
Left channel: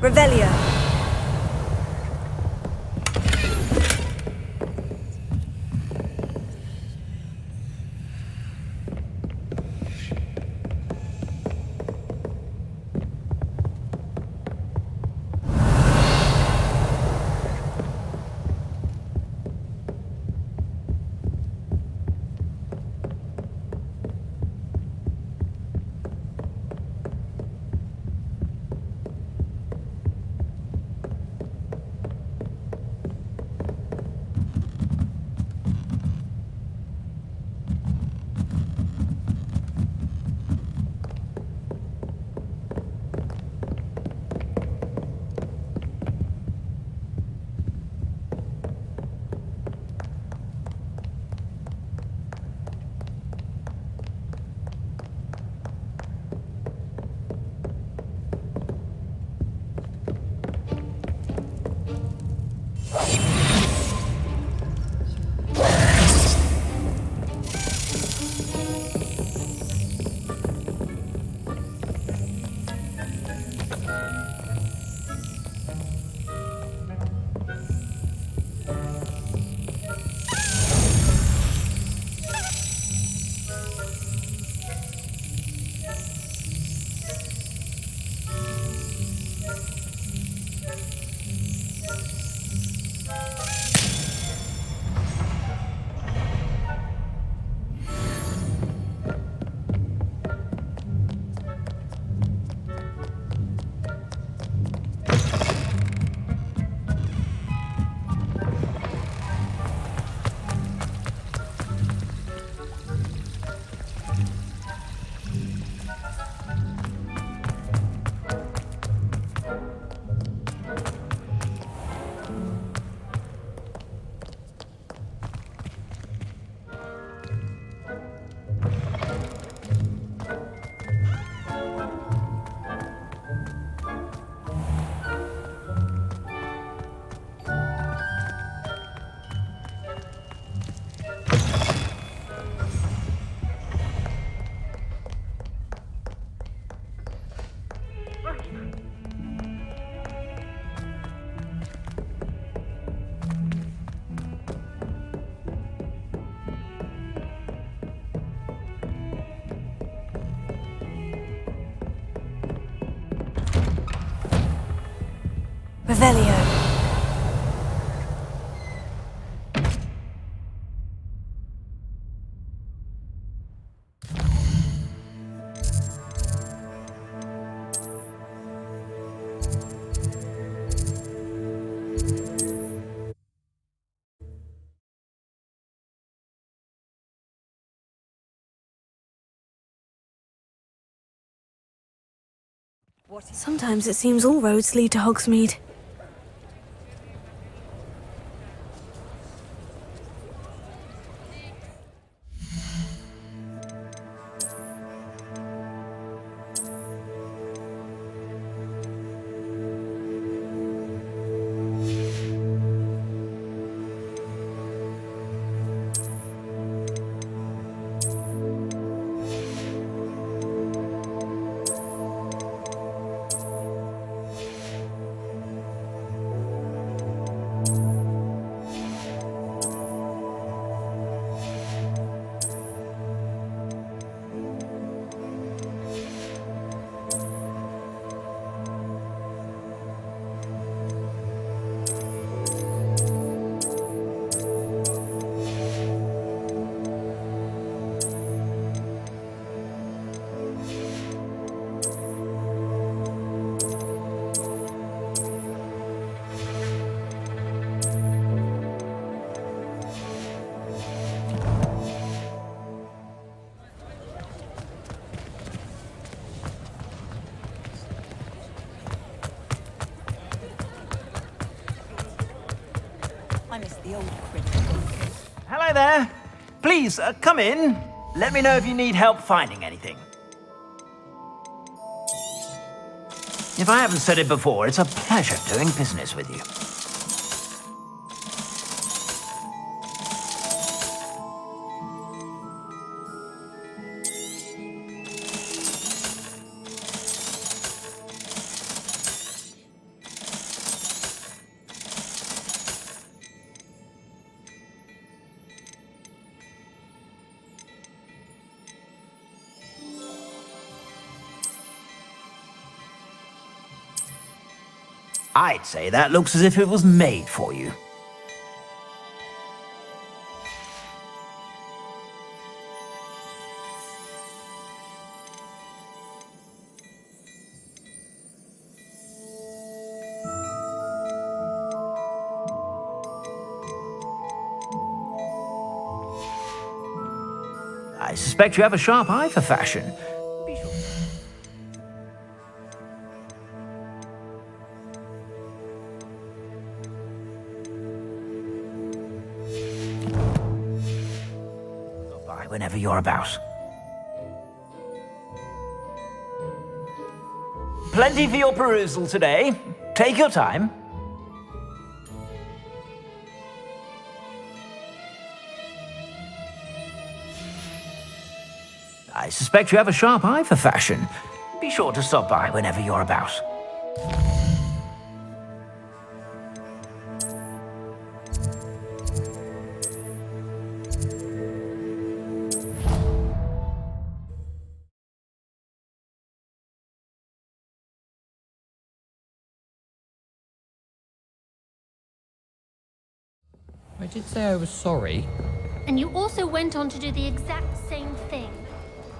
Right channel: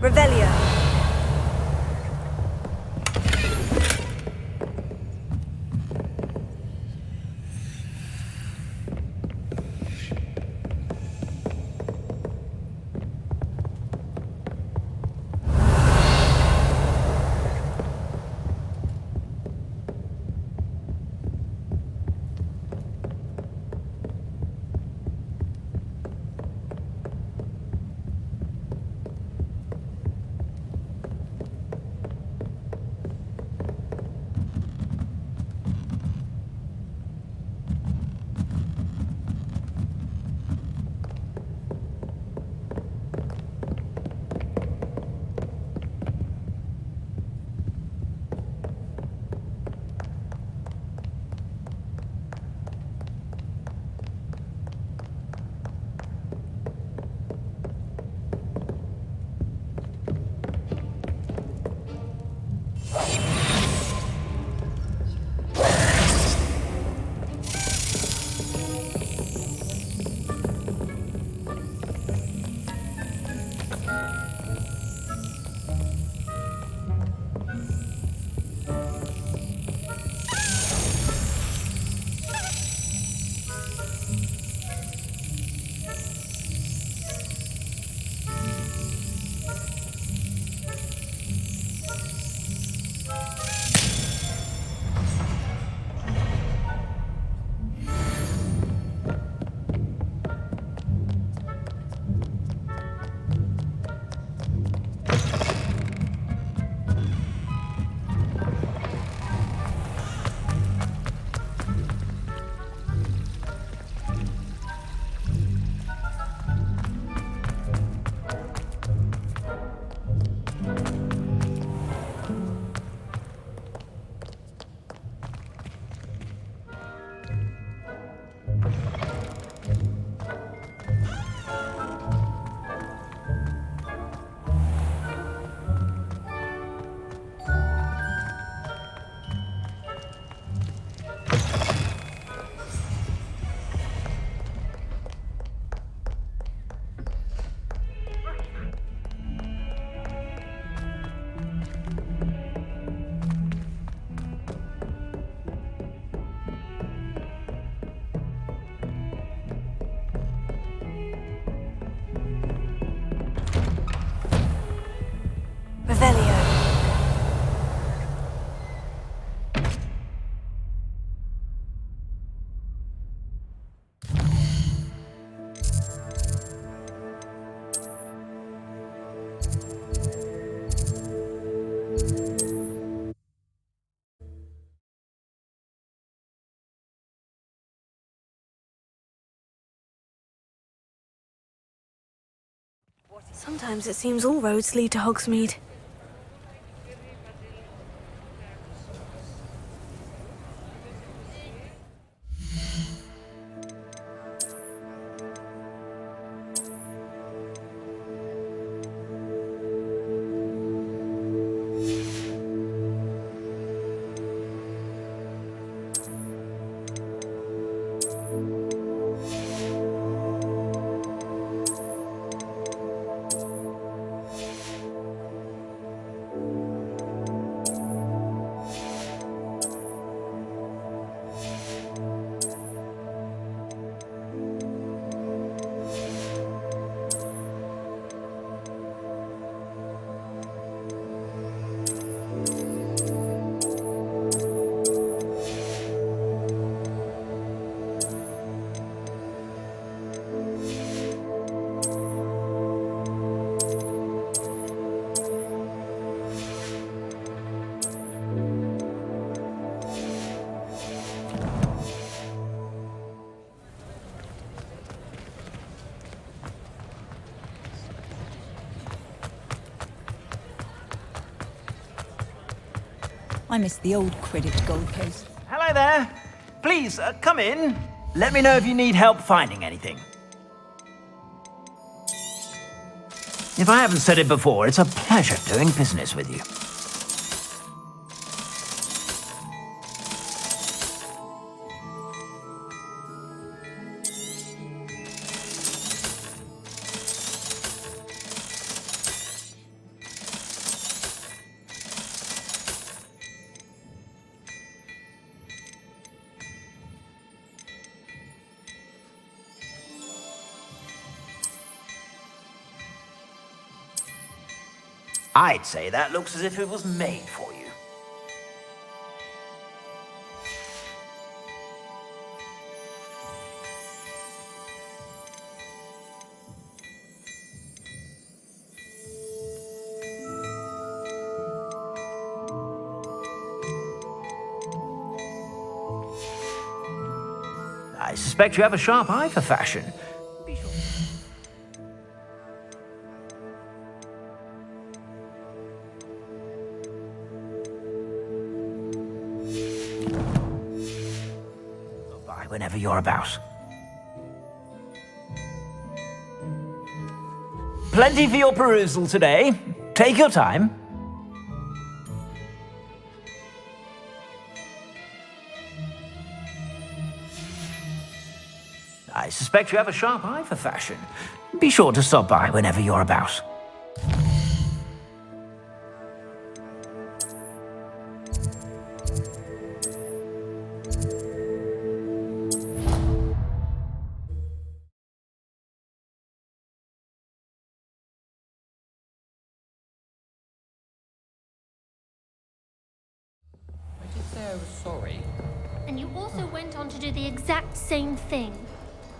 Revelio. Revelio. Sometimes it seems all roads lead to Hogsmeade. I miss the old Quidditch golf case. Hello there. Please, come in. Let me know if you need help finding anything. If I haven't said it before, it's a pleasure doing business with you. I'd say that looks as if it was made for you. I suspect you have a sharp eye for fashion. Whenever you're about. Plenty for your perusal today. Take your time. I suspect you have a sharp eye for fashion. Be sure to stop by whenever you're about. I did say I was sorry. And you also went on to do the exact same thing.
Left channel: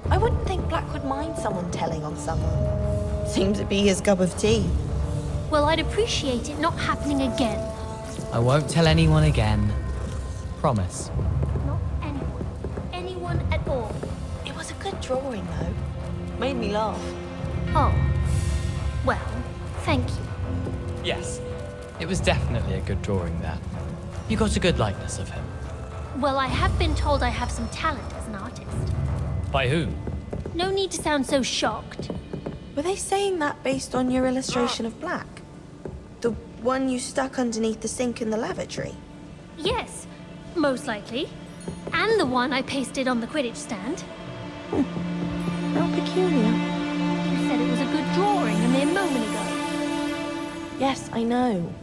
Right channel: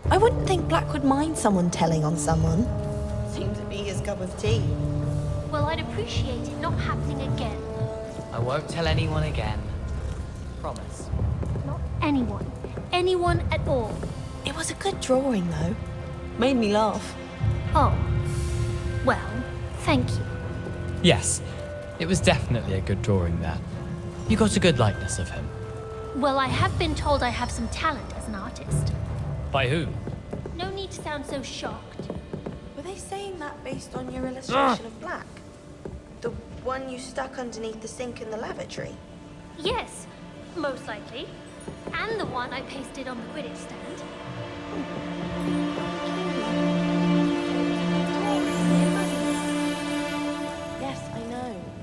I wouldn't think Black would mind someone telling on someone. Seems to be his cup of tea. Well, I'd appreciate it not happening again. I won't tell anyone again. Promise. Not anyone. Anyone at all. It was a good drawing, though. Made me laugh. Oh. Well, thank you. Yes, it was definitely a good drawing there. You got a good likeness of him. Well, I have been told I have some talent as an artist. By who? No need to sound so shocked. Were they saying that based on your illustration of Black? The one you stuck underneath the sink in the lavatory? Yes, most likely. And the one I pasted on the Quidditch stand. How peculiar. You said it was a good drawing a mere moment ago. Yes, I know.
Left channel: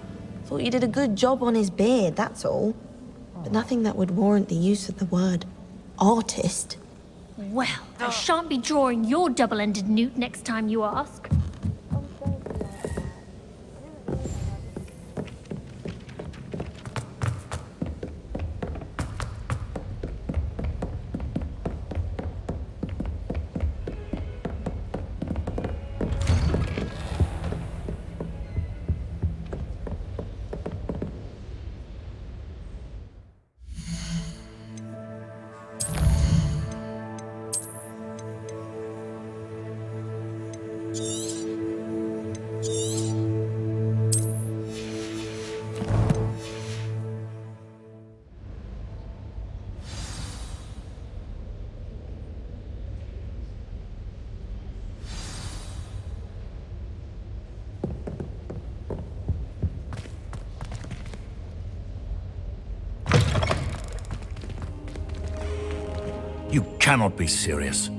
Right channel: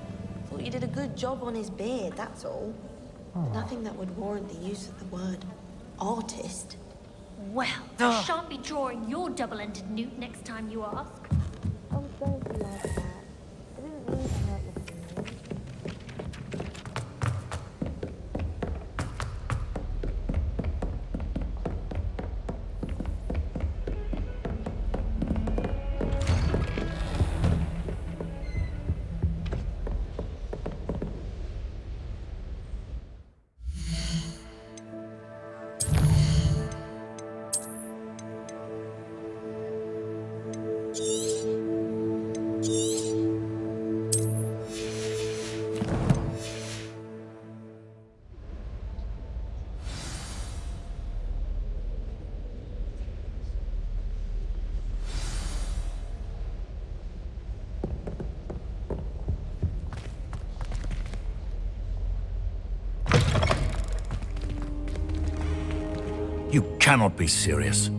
Thought you did a good job on his beard, that's all. But nothing that would warrant the use of the word artist. Well, I shan't be drawing your double-ended newt next time you ask. Oh, don't be like that. I didn't mean to hurt your You cannot be serious.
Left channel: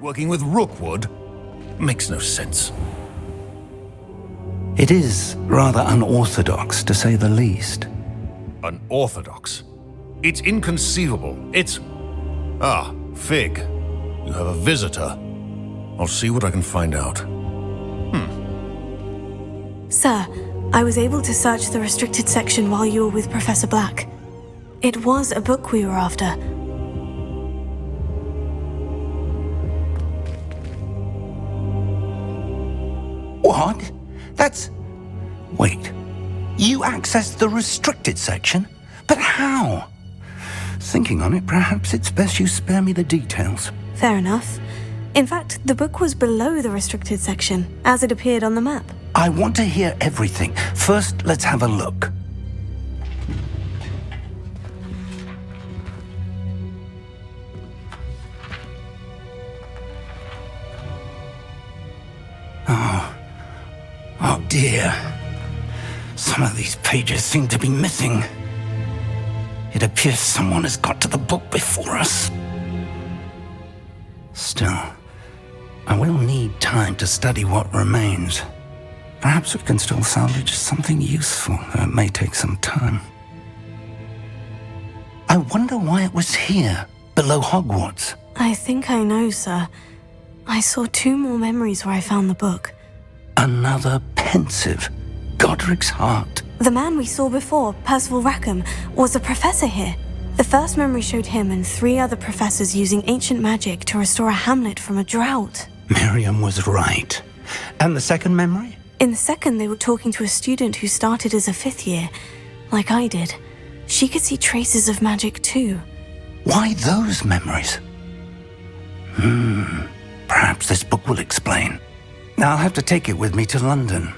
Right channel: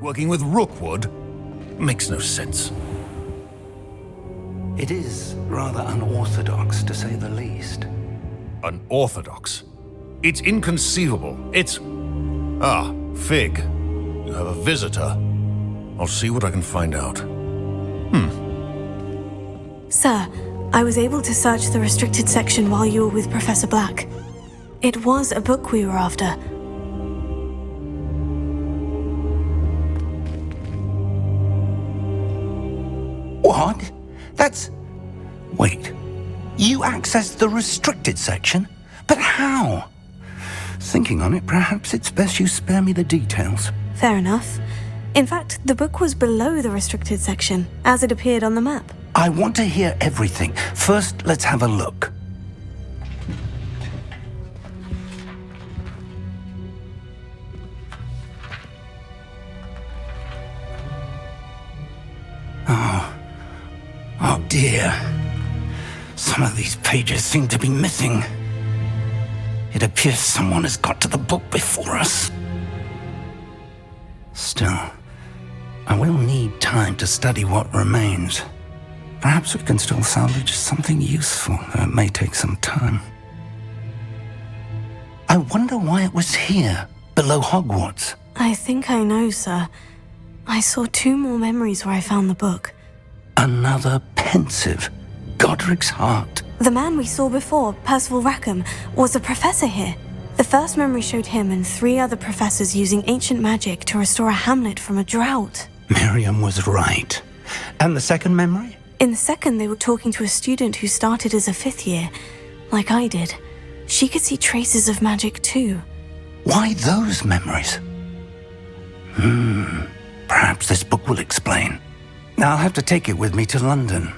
Working with Rookwood? Makes no sense. It is rather unorthodox, to say the least. Unorthodox? It's inconceivable. It's... Ah, Fig. You have a visitor. I'll see what I can find out. Sir, I was able to search the restricted section while you were with Professor Black. It was a book we were after. What? That's... Wait. You accessed the restricted section? But how? Thinking on it, perhaps it's best you spare me the details. Fair enough. In fact, the book was below the restricted section, as it appeared on the map. I want to hear everything. First, let's have a look. Oh dear. Some of these pages seem to be missing. It appears someone has got to the book before us. Still, I will need time to study what remains. Perhaps we can still salvage something useful, though it may take some time. I wonder why it was here, below Hogwarts. I think I know, sir. I saw 2 more memories where I found the book. Another pensive. Godric's heart. The man we saw before, Percival Rackham, was a professor here. The first memory showed him and 3 other professors using ancient magic to restore a hamlet from a drought. Miriam was right. And the second memory? In the second, they were talking to a student who started as a 5th year, like I did. She could see traces of magic too. Why those memories? Perhaps this book will explain. Now I'll have to take it with me to London.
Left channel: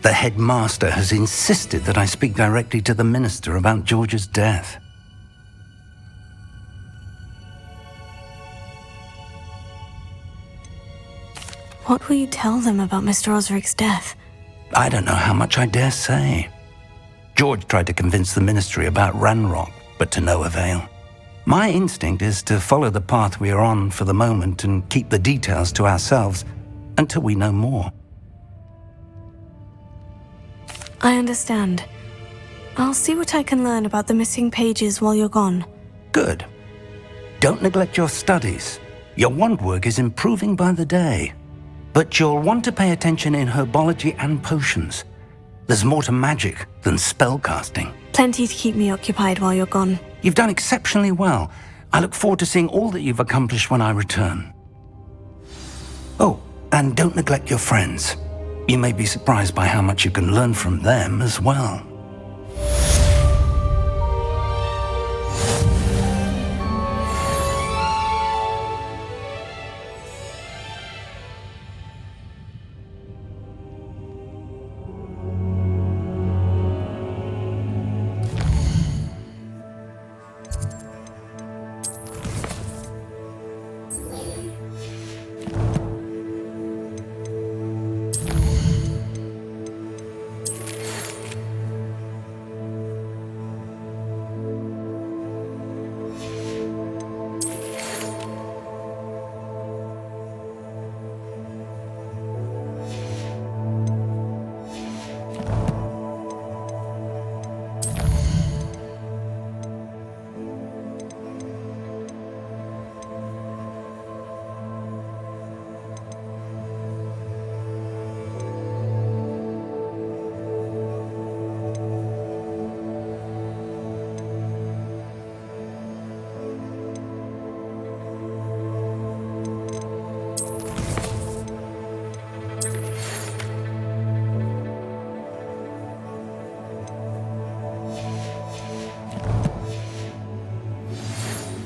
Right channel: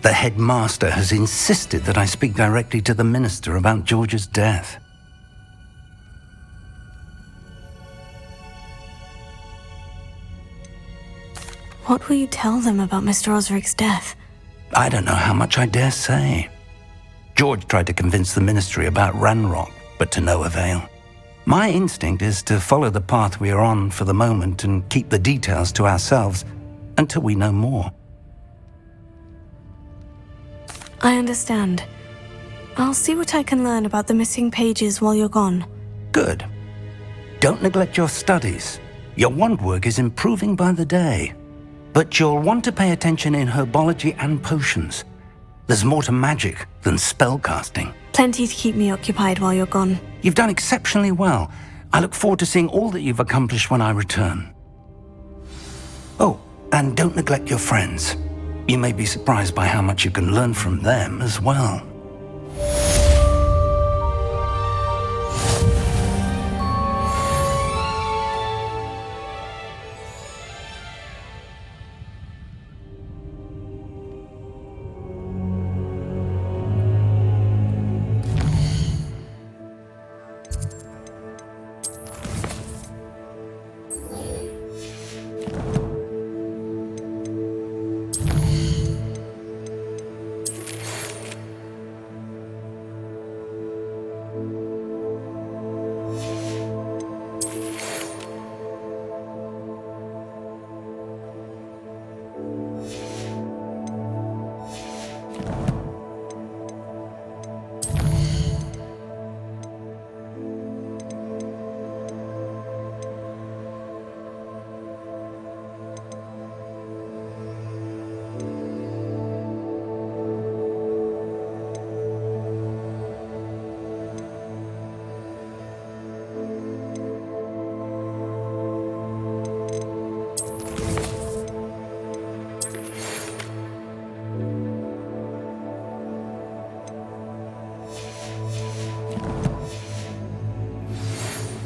The headmaster has insisted that I speak directly to the minister about George's death. What will you tell them about Mr. Osric's death? I don't know how much I dare say. George tried to convince the ministry about Ranrock, but to no avail. My instinct is to follow the path we are on for the moment and keep the details to ourselves until we know more. I understand. I'll see what I can learn about the missing pages while you're gone. Good. Don't neglect your studies. Your wand work is improving by the day. But you'll want to pay attention in herbology and potions. There's more to magic than spellcasting. Plenty to keep me occupied while you're gone. You've done exceptionally well. I look forward to seeing all that you've accomplished when I return. Oh, and don't neglect your friends. You may be surprised by how much you can learn from them as well.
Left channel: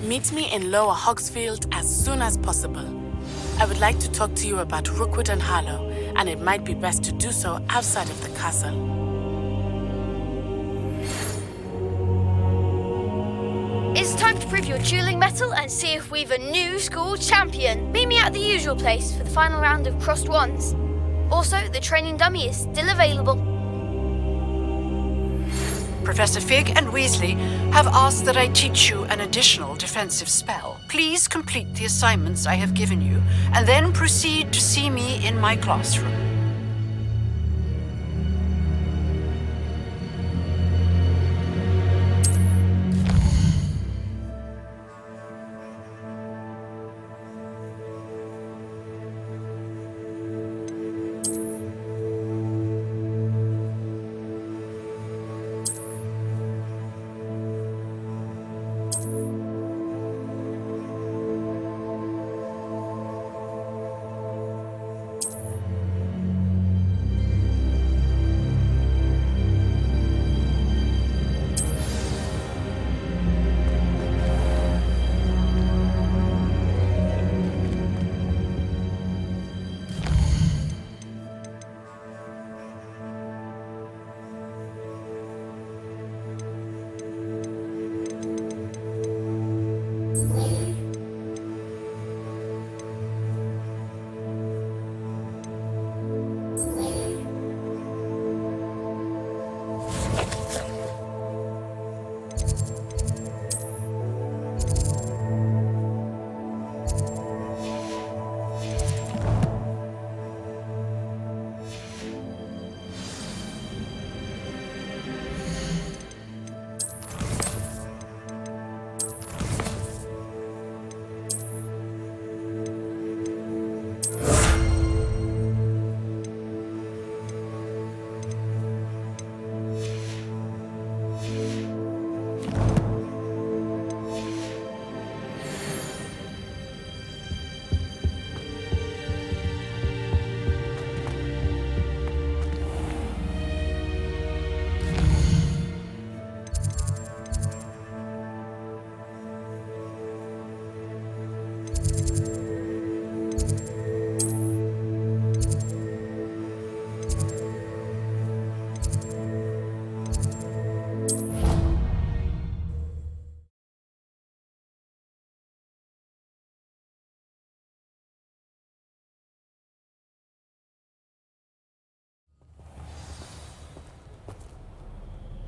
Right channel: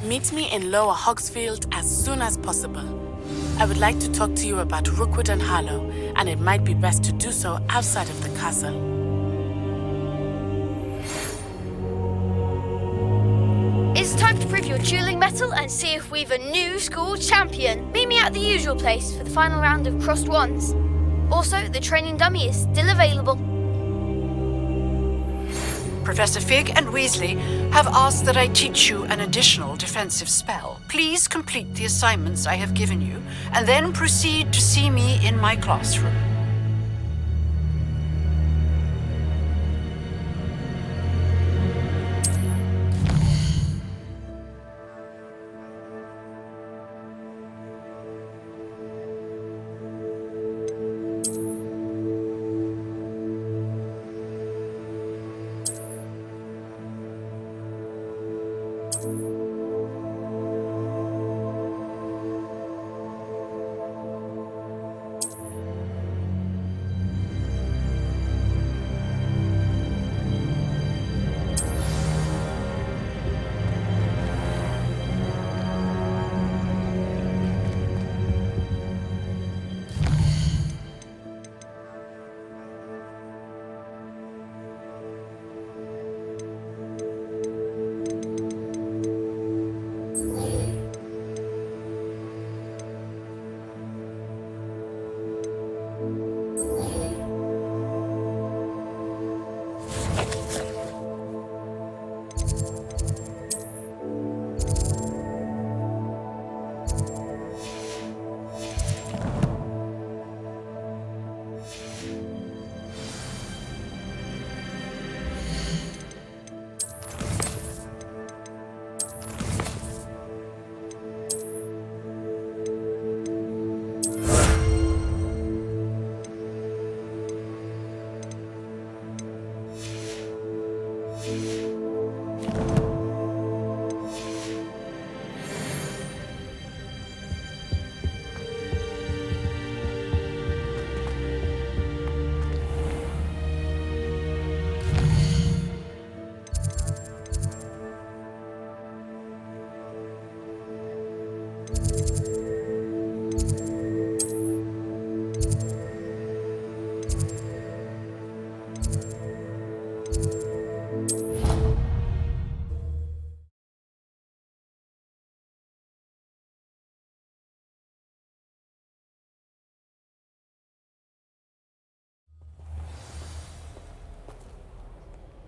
Meet me in Lower Hogsfield as soon as possible. I would like to talk to you about Rookwood and Harlow, and it might be best to do so outside of the castle. It's time to prove your dueling mettle and see if we've a new school champion. Meet me at the usual place for the final round of crossed wands. Also, the training dummy is still available. Professor Fig and Weasley have asked that I teach you an additional defensive spell. Please complete the assignments I have given you, and then proceed to see me in my classroom.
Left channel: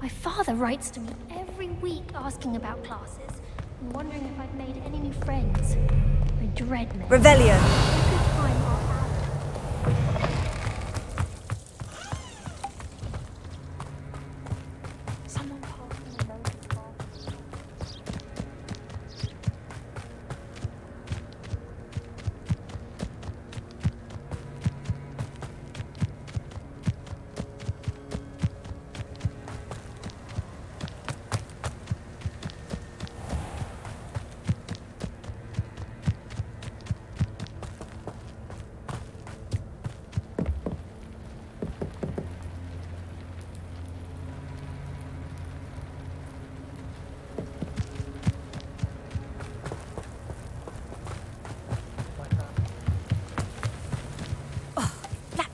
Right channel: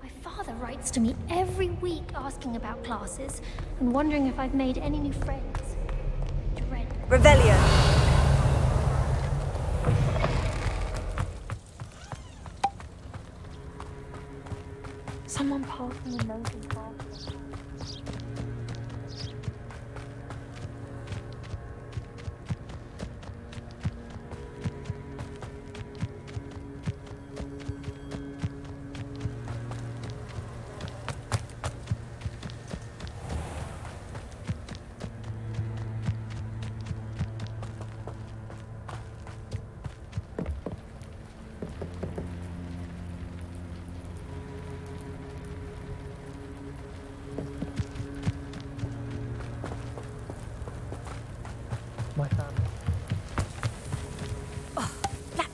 My father writes to me every week asking about classes and wondering if I've made any new friends. I dread them. Revelio. Someone passed me a note in class.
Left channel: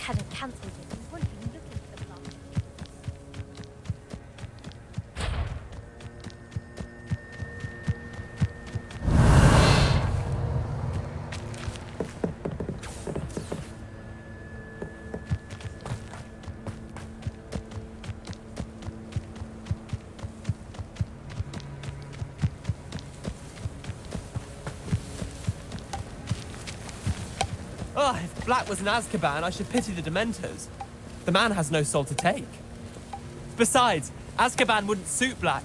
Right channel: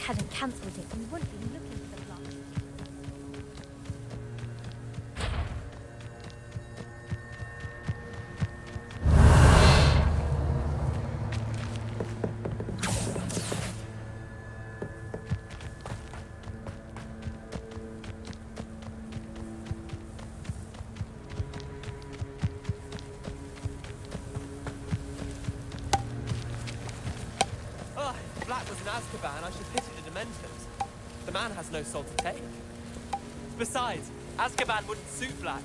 Hadn't cancelled it, we wouldn't be looking for the block. Oh, if Black was in Azkaban, I should pity the Dementors. The man has no soul to take. Besides, Azkaban wouldn't suit Black.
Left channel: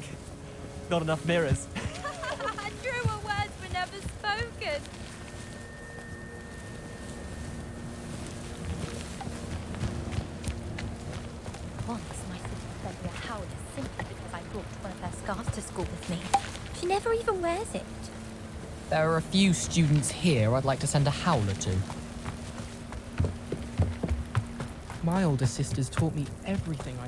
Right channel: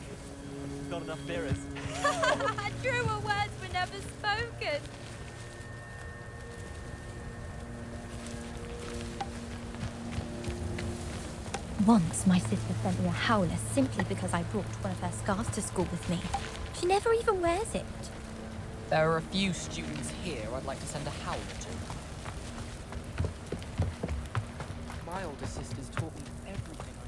Not enough mirrors. Truer words were never spoken. Once my sister sent me a howler simply because I brought one of her scarves to school with me. She never even wears it. There are a few students here I'd like to send a howler to. My older sisters taught me everything I